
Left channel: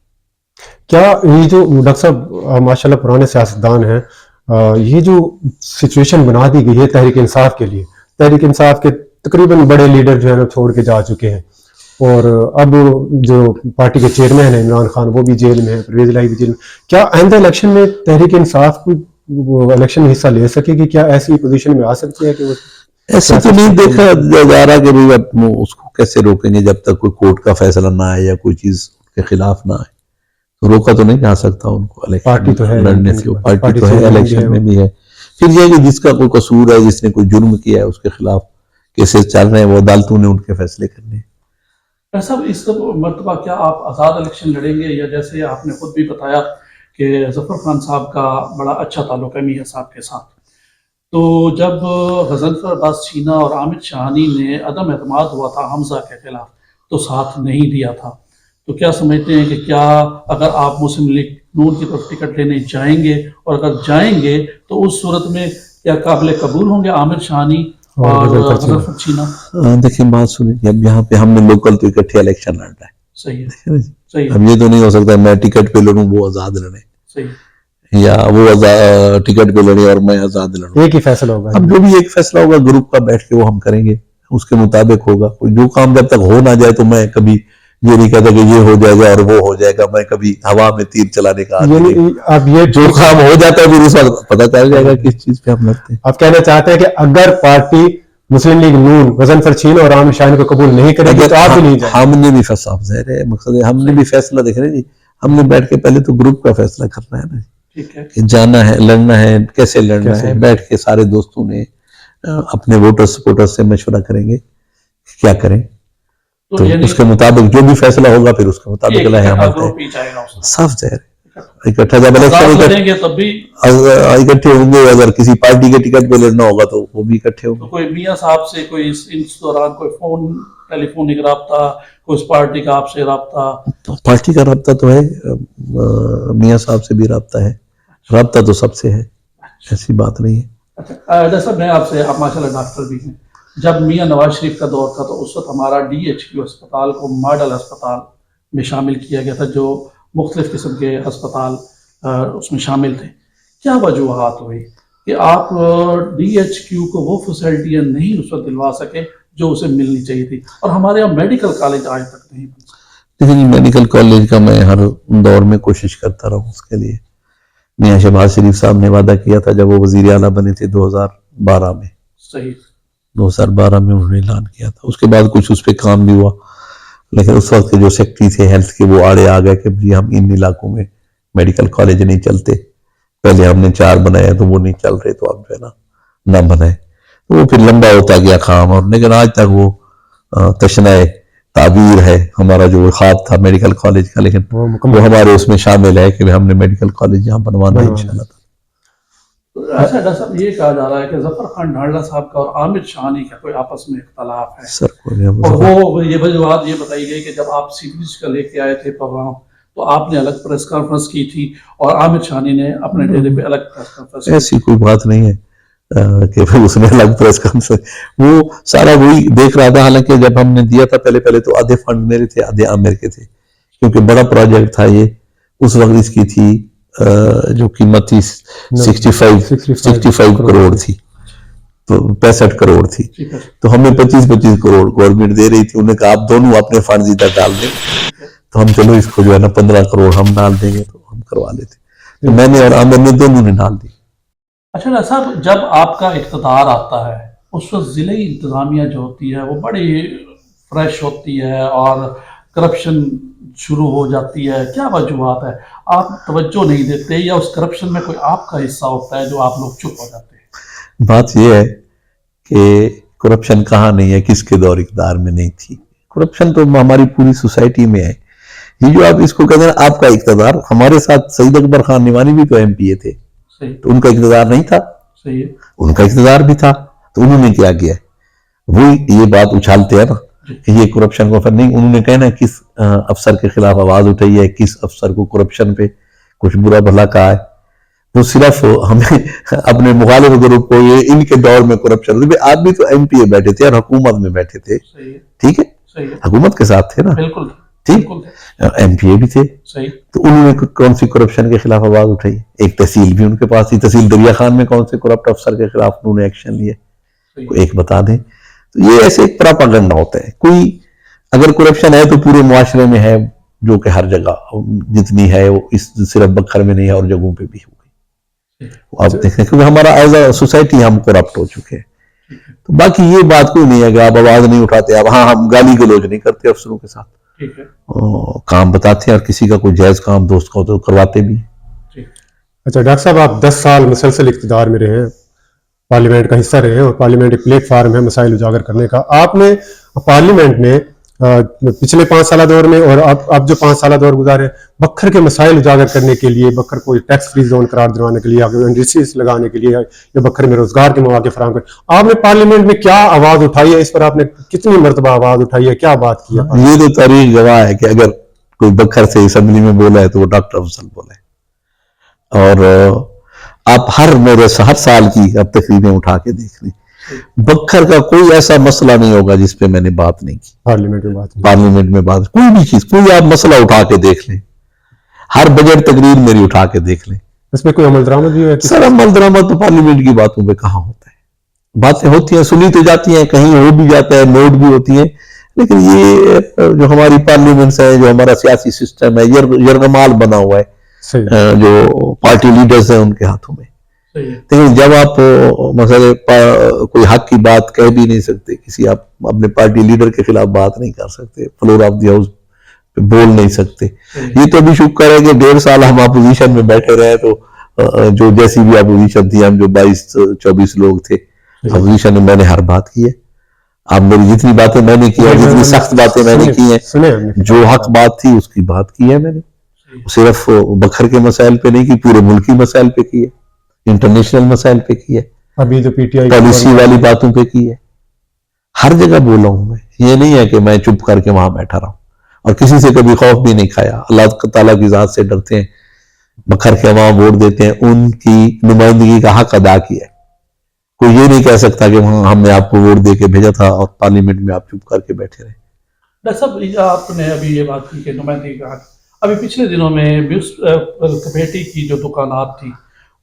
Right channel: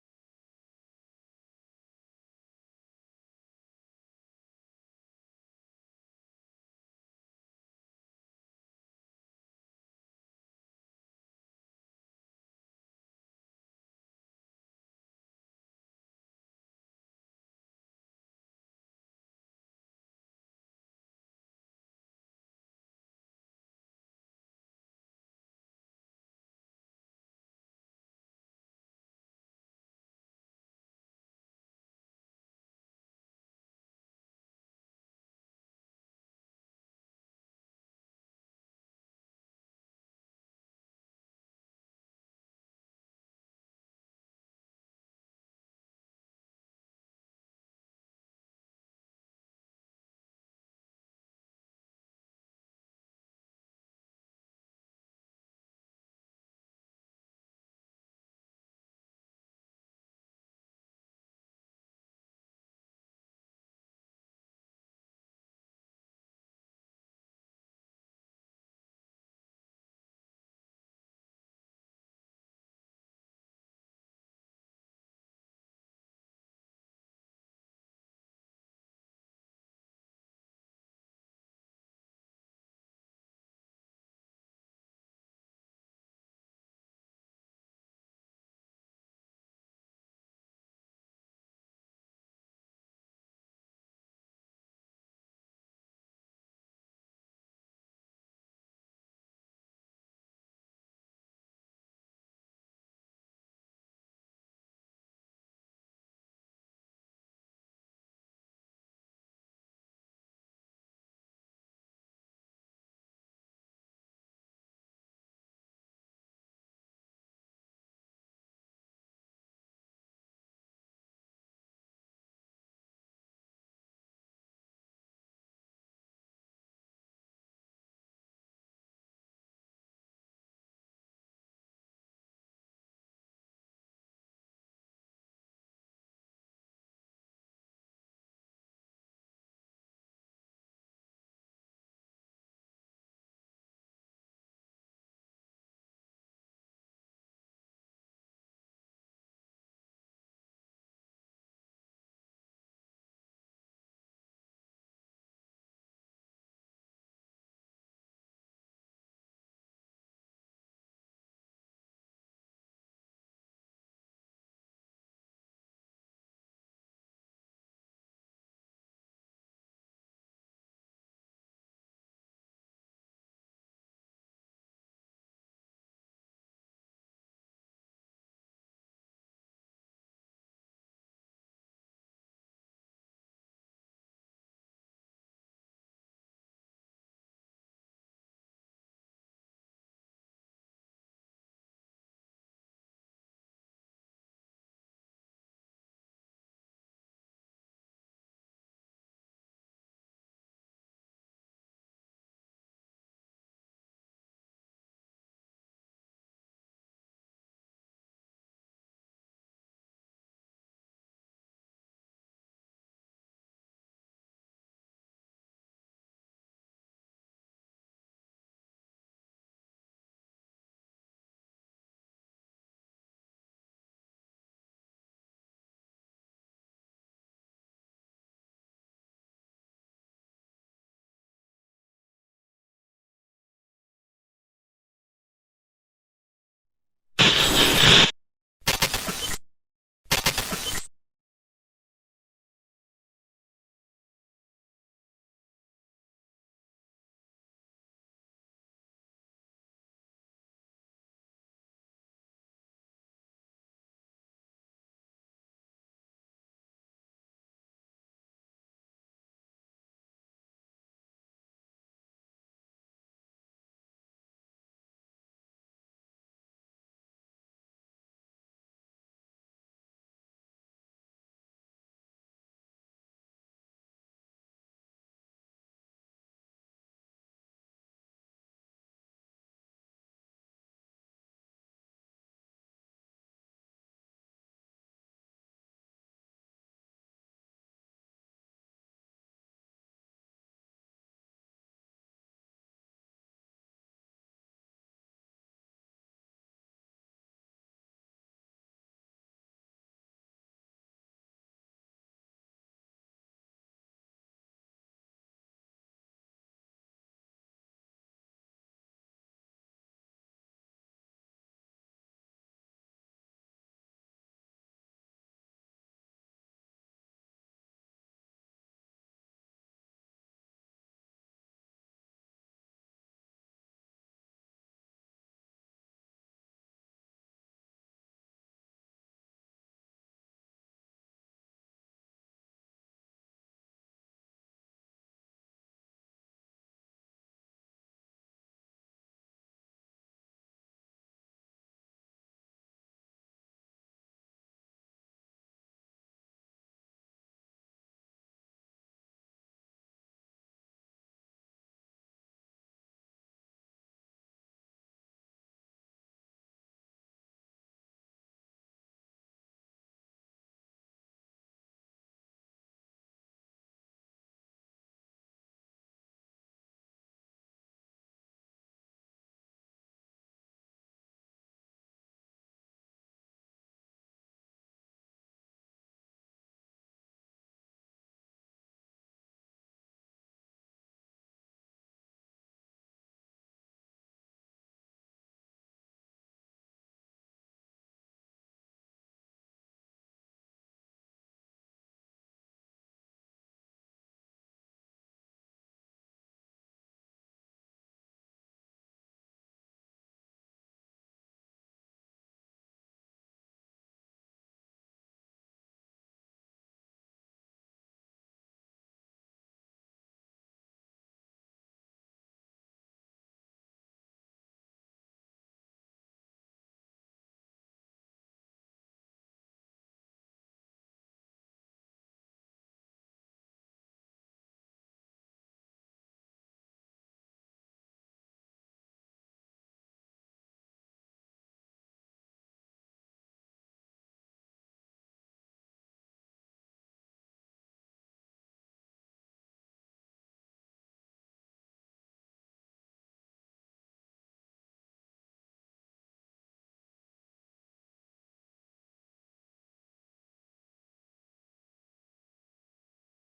کیا یہ جو ڈاکٹر صاحب ماشاءاللہ پرانے سیاستدان ہیں، یہ جو سچویشن بنا دی گئی ہے تحریک انصاف کے لیے، تحریک انصاف کے تقریباً بڑے لیڈر جو ہے نا چھوڑ کے جا چکے ہیں، اور اب جو پارٹی کے چیئرمین ہیں عمران خان وہ بھی جیل میں ہے، پرویز الہی بھی جیل میں، کیا آئندہ الیکشن میں تحریک انصاف کو الیکشن میں حصہ لے سکے گی؟ کیا ایسی پوزیشن میں آ سکتی ہے کہ وہ ایسا تو نہیں دیکھا جا رہا کہ بھئی اب اس کو کیسے روکیں گے جب تک کوئی کورٹ کا فیصلہ نہ آئے یا کوئی چیز کے خلاف نہ آئے، تو روکا تو نہیں جا سکتا ان کو پارٹی تو ہے لڑنے سے، پارٹی تو ہے، الیکشن میں بھی ہے۔ پھر یہ کہ جس کا کوئی قصور ہے، جس نے کوئی جرم کیا ہے، اس کے خلاف کیسز چل رہے ہیں، وہ عدالتوں نے ان کے فیصلے کرنے ہیں۔ صاحب اس مرتبہ کیا آپ آزاد الیکشن لڑیں گے، یا جیسے آپ نے خود بھی بتایا کہ ظفر خان صاحب کا بڑا اچھا تعلق ہے میاں صاحب کے ساتھ، تو جب غضنفر عباس چینا اور عامر شاہانی نے عدم اعتماد ہوا تھا حمزہ کے خلاف تو ساتھ نہیں دیا تھا، تو کیا سمجھتے ہیں کہ کیا اگر آپ مسلم لیگ نون کی طرف ٹکٹ لینے جائیں گے، اور اگر جائیں گے تو اس صورت میں کیا قابل قبول ہوں گے عامر شاہانی اور غضنفر چینا؟ دیکھیں بات سنیں، اب یہاں پہ ہم نے لوکل تو اکٹھے الیکشن لڑنا ہے، صحیح ہے، صحیح اب یہ تو نہیں ہو سکتا میں ٹکٹ پہ لڑوں وہ آزاد لڑیں، صحیح، یا وہ ٹکٹ پہ لڑے اور میں آزاد لڑوں۔ ایک ہی فیصلہ ہوگا؟ اب جو بھی ایک فیصلہ ہوگا گروپ کا بیٹھ کے وہ ہم کریں گے، اس کے مطابق ہوگا۔ کوئی جو کام جب تک ہو نہ جائے تو میں کبھی یہ نہیں کہتا کہ یہ ہو جائے گا اور وہ ہو جائے گا، میں کبھی ہوا میں تیر چلانے کا عادی نہیں۔ اب یہ جو کام ہو جاتا ہے پھر اس وقت پتہ چل جائے گا کس چیز پہ ہم لڑتے ہیں۔ آپ کہنا چاہتے ہیں کہ اگر پارٹی مسلم لیگ نون غضنفر چینا اور عامر شاہانی کو قبول نہیں کرے گی تو آپ بھی نہیں جائیں؟ ہم نے بھی صاحب ظاہر ہے مقصد ہے ہم نے بھی فیصلہ دیکھ رہے جی، ہم نے بیٹھ کے پہلے تو گروپ کا فیصلہ کرنا ہے نا، کہ جانا ہے، لڑنا ہے، کیسے لڑنا ہے، بیٹھ کے سارے دوستوں نے اپنے ووٹر سپورٹر سے مشورہ کریں گے کیا کریں، تو اس کے مطابق جو بھی فیصلہ ہوگا پھر اس کے مطابق صاف ظاہر ہے اکٹھا جب اکٹھے ہوں گے، اگر کسی پارٹی کے ٹکٹ پہ لڑنا ہوگا تو وہ بھی اکٹھے ہوں گے۔ کوئی میاں صاحب سے کوئی اس دوران کوئی فون ٹیلی فونک رابطہ، کوئی اس پارٹی کا آپ سے رابطہ؟ پارٹی کا رابطہ تو ہے، میاں صاحب سے بھی رابطہ ہے، رابطہ تو سب سے ہے، ایسی بات نہیں ہے۔ اچھا صاحب میں آپ سے، آپ ماشاءاللہ ڈاکٹر بھی ہیں، جب میاں نواز شریف کا دور تھا تو اس وقت ہمارا DHQ ہسپتال کو ماڈل ہسپتال میں شامل کیا گیا تھا، جو مختلف قسم کے ہسپتال اس میں شامل تھے۔ کیا وجوہات ہوئی کہ آپ DHQ کو وہ فیسلٹیاں نہیں اس وقت دلوا سکے جو اسے ملنی چاہیے تھی، اور ہمارے یہاں میڈیکل کالج آج تک نہیں بن سکا؟ لیکن میڈیکل کالج کا میں ہر دور میں کوشش کرتا رہا ہوں اس کے لیے۔ میاں شہباز شریف صاحب نے وعدہ کیا تھا جب وہ وزیر اعلیٰ بنے تھے 2012 میں، صحیح 2012 میں انہوں نے اعلان کیا تھا، اس کے بعد کچھ اس پہ کام بھی ہوا، لیکن اس وقت کے جو سیکٹری تھے ہیلتھ کے وہ آڑے آ گئے کہ جی ہم ان علاقوں میں میڈیکل کالج نہیں چلتے، پہلے ہم نے 4 بنایا تو وہ نہیں چل رہے، تو اب جو ہے نا نہ بنائے، تو وہ پھر لمبا ہوتا گیا کام، اور لیکن آج تک وہ تشنہ تعبیر ہے ہمارا جو خواب تھا میڈیکل کالج کا، لیکن وہ ہمارے اس میں شامل ہے کہ ہم نے میڈیکل کالج یہاں بنوانا ہے انشاءاللہ۔ اچھا ڈاکٹر صاحب یہ کہا جا رہا ہے کہ ظفر خان ڈھاڑلہ صاحب کا اور عامر شاہانی کا کوئی آپس میں اختلاف ہے، سر اور وہ یہ وجوہات یہ بتائی گئی کہ جب آپ سیریز کا لے کے آئے تھے پروگرام تو آپ نے الگ پریس کانفرنس کی تھی اور عامر شاہانی نے اپنے ڈیرے پہ الگ پریس کانفرنس کی۔ ایسی کوئی بات نہیں ہے کہ اس میں الگ پریس کانفرنس، وہ سارا وہی دیکھ رہا تھا، حالانکہ جب ہم نے دیا تھا پہلے تو آدھے فنڈ میرے تھے آدھے عامر کے تھے، کیونکہ بڑا پروجیکٹ تھا یہ، اس وقت اس کی تھی جو قیمت تھی 65 کروڑ تھی، تو 65 کروڑ تھی، تو ہمیں 25 کروڑ گورنمنٹ دے رہی تھی، انہوں نے کہا آپ دونوں اپنے فنڈز ادھر ڈال دیں، تو ہم چلو اس کو جو ہے نا 15 کروڑ ہم ڈال دیں گے، تو ہم کروا لیتے، تو میں نے اور عامر نے دونوں نے ڈال دی۔ اچھا ڈاکٹر صاحب جب آپ کا اقتدار آتا ہے اس وقت ضلعی انتظامیہ جو ہوتی ہے وہ بڑی فریش ہوتی ہے اور کرپشن شروع ہو جاتی ہے، کیا وجوہات ہے؟ آپ توجہ نہیں دیتے یا اس کرپشن میں کوئی آپ کا حصہ ہوتا ہے جو آپ لوگ چپ ہو جاتے ہیں؟ بات یہ ہے کہ کرپشن کہاں نہیں ہے، کس کے دور اقتدار میں نہیں تھی، کرپشن تو ہماری پوری سوسائٹی میں ہے، یہ جو آپ اس کو کہتے ہیں آپ کا اقتدار، ہمارے ساتھ سعید اکبر خان نعمانی بھی تو MP تھے، تو ان کا اقتدار نہیں تھا، ان کا اقتدار بھی تھا، تو انہوں نے کیا کیا، وہی یہ بات اچھالتے ہیں نا کہ یہ کرپشن کو نہیں. انہوں نے کہنا کس افسر کے خلاف آواز اٹھائی ہے, کس افسر کو کرپشن پہ کچھ برا بھلا کہا ہے. وہ صرف ہمیں اپنے مخالف گروپ کو یہ ان کے دور میں کرپشن, آپ بھی تو ایم پی اے بیٹھے تھے اور حکومت میں بیٹھے تھے, ٹھیک ہے, حکومت کے ساتھ تھے نا, ٹھیک, ایم پی اے بھی تھے, تو انہوں نے کون سی کرپشن کے خلاف آواز اٹھائی؟ ایک تحصیل بھی ان کے پاس تھی, تحصیل دریا خان میں کون سے کرپٹ افسر کے خلاف انہوں نے ایکشن لیے, ایک بتا دیں. تو یہ ایسے ایک پراپاگنڈا ہوتا ہے. کوئی اگر کرپشن ہے تو پورے معاشرے میں ہے, جو کہ ہر جگہ جتنی ہے وہ اس صرف بکھر میں نہیں ہے, اور جگہوں پہ بھی ہوگی. آپ دیکھیں کیونکہ ہمارا ایز اے سوسائٹی ہم کرپٹ ہو چکے ہیں. تو باقی یہ بات کوئی نہیں ہے کہ آپ آواز نہیں اٹھاتے, اب ہاں ہم گالی گلوچ نہیں کرتے افسروں کے ساتھ, کام بتاتے ہیں, اور کسی کا کوئی جائز کام دوست کا تو کرواتے بھی. اچھا ڈاکٹر صاحب, آپ 10 سال مسلسل اقتدار میں رہے ہیں, پارلیمنٹ کا حصہ رہے ہیں, اور پارلیمنٹ ایک پلیٹ فارم ہے مسائل اجاگر کرنے کا. آپ نے پارلیمنٹ میں پچھلے 5 سالہ دور میں اور اب جو 5 سالہ دور گزارے, بکھر کے مسائل اجاگر کرنے کے لیے, بکھر کو ٹیکس فری زون قرار دلوانے کے لیے, انڈسٹریز لگانے کے لیے, یا بکھر میں روزگار کے مواقع فراہم کرنے, آپ نے پارلیمنٹ میں کیا آواز اٹھائی ہے؟ اس پر آپ نے کتنی مرتبہ آواز اٹھائی ہے, کیا بات کی ہے؟ یہ تو تاریخ گواہ ہے کہ اگر کوئی بکھر سے اسمبلی میں بولا ہے تو وہ ڈاکٹر افضل بولا ہے. اور آپ ہر سال کی اب تقریبیں اٹھا کے دیکھ لیں, بکھر کا کوئی ایسا مسئلہ نہیں ہوگا جس پہ میں نے بات نہیں کی. پارلیمنٹ میں بات کوئی بھی چیز, کوئی آپ مسئلہ اٹھا کے دیکھ لیں, ہر بجٹ تقریر میری اٹھا کے دیکھ لیں, اس میں کوئی عمل درآمد بھی ہے؟ سر عمل درآمد تو پارلیمنٹ کی باتوں پہ کہاں ہوتا ہے. باتیں ہوتی ہیں, سنی تو جاتی ہیں, کہیں ہو بھی جاتا ہے, نوٹ بھی ہوتی ہیں, لیکن یہ جو ہماری پارلیمنٹس ہے, جو ہمارا سیاسی سسٹم ہے, یرغمال بنا ہوا ہے, جو پارٹی لیڈرز ہیں ان کے ہاتھوں میں. لیکن جب آپ مثلا کوئی حق کی بات کہہ بھی نہیں سکتے, کسی آپ اپنے پارٹی لیڈر کے خلاف بات نہیں کر سکتے, فلور آف دی ہاؤس پہ بول نہیں سکتے. یہ تو بھی شکر ہے کہ 1.5 سال ہم اپوزیشن میں بیٹھے رہے, تو جو جیسی بھی اپوزیشن تھی, ہم جو 22-24 لوگ تھے اپوزیشن میں, میں نے ہر بات کی ہے. آپ میری جتنی باتیں میں نے کی ہیں, جتنی سخت باتیں میں نے کی ہیں, جو حق بات تھی اس کی بات کی ہے میں نے. صرف بکھر کے مسائل پہ نہیں کی, پورے ملکی مسائل پہ کی ہے, انٹرنیشنل مسائل پہ کی ہے, ابھی جو پی ٹی آئی پالیسی والی باتوں پہ کی ہے. ہر جگہ بولا ہوں میں, یہ نہیں ہے کہ میں چپ کر کے وہاں بیٹھا رہا ہوں, اور کسی سے کبھی خوف بھی نہیں کھایا. اللہ تعالیٰ کی ذات سے ڈرتے ہیں, بکھر کے عوام ووٹ دیتے ہیں, ان کی نمائندگی کا حق ادا کیا ہے. کوئی یہ نہیں کہہ سکتا کہ ہم نے آپ کو ووٹ دے کے بھیجا تھا اور پارلیمنٹ میں آپ چپ کر کے بیٹھے رہے. ڈاکٹر صاحب, آپ نے ابھی یہ بات کی کہ نمائندگی کا حق, ابھی پچھلے دنوں میں میونسپل کمیٹی کی جو دکانات تھی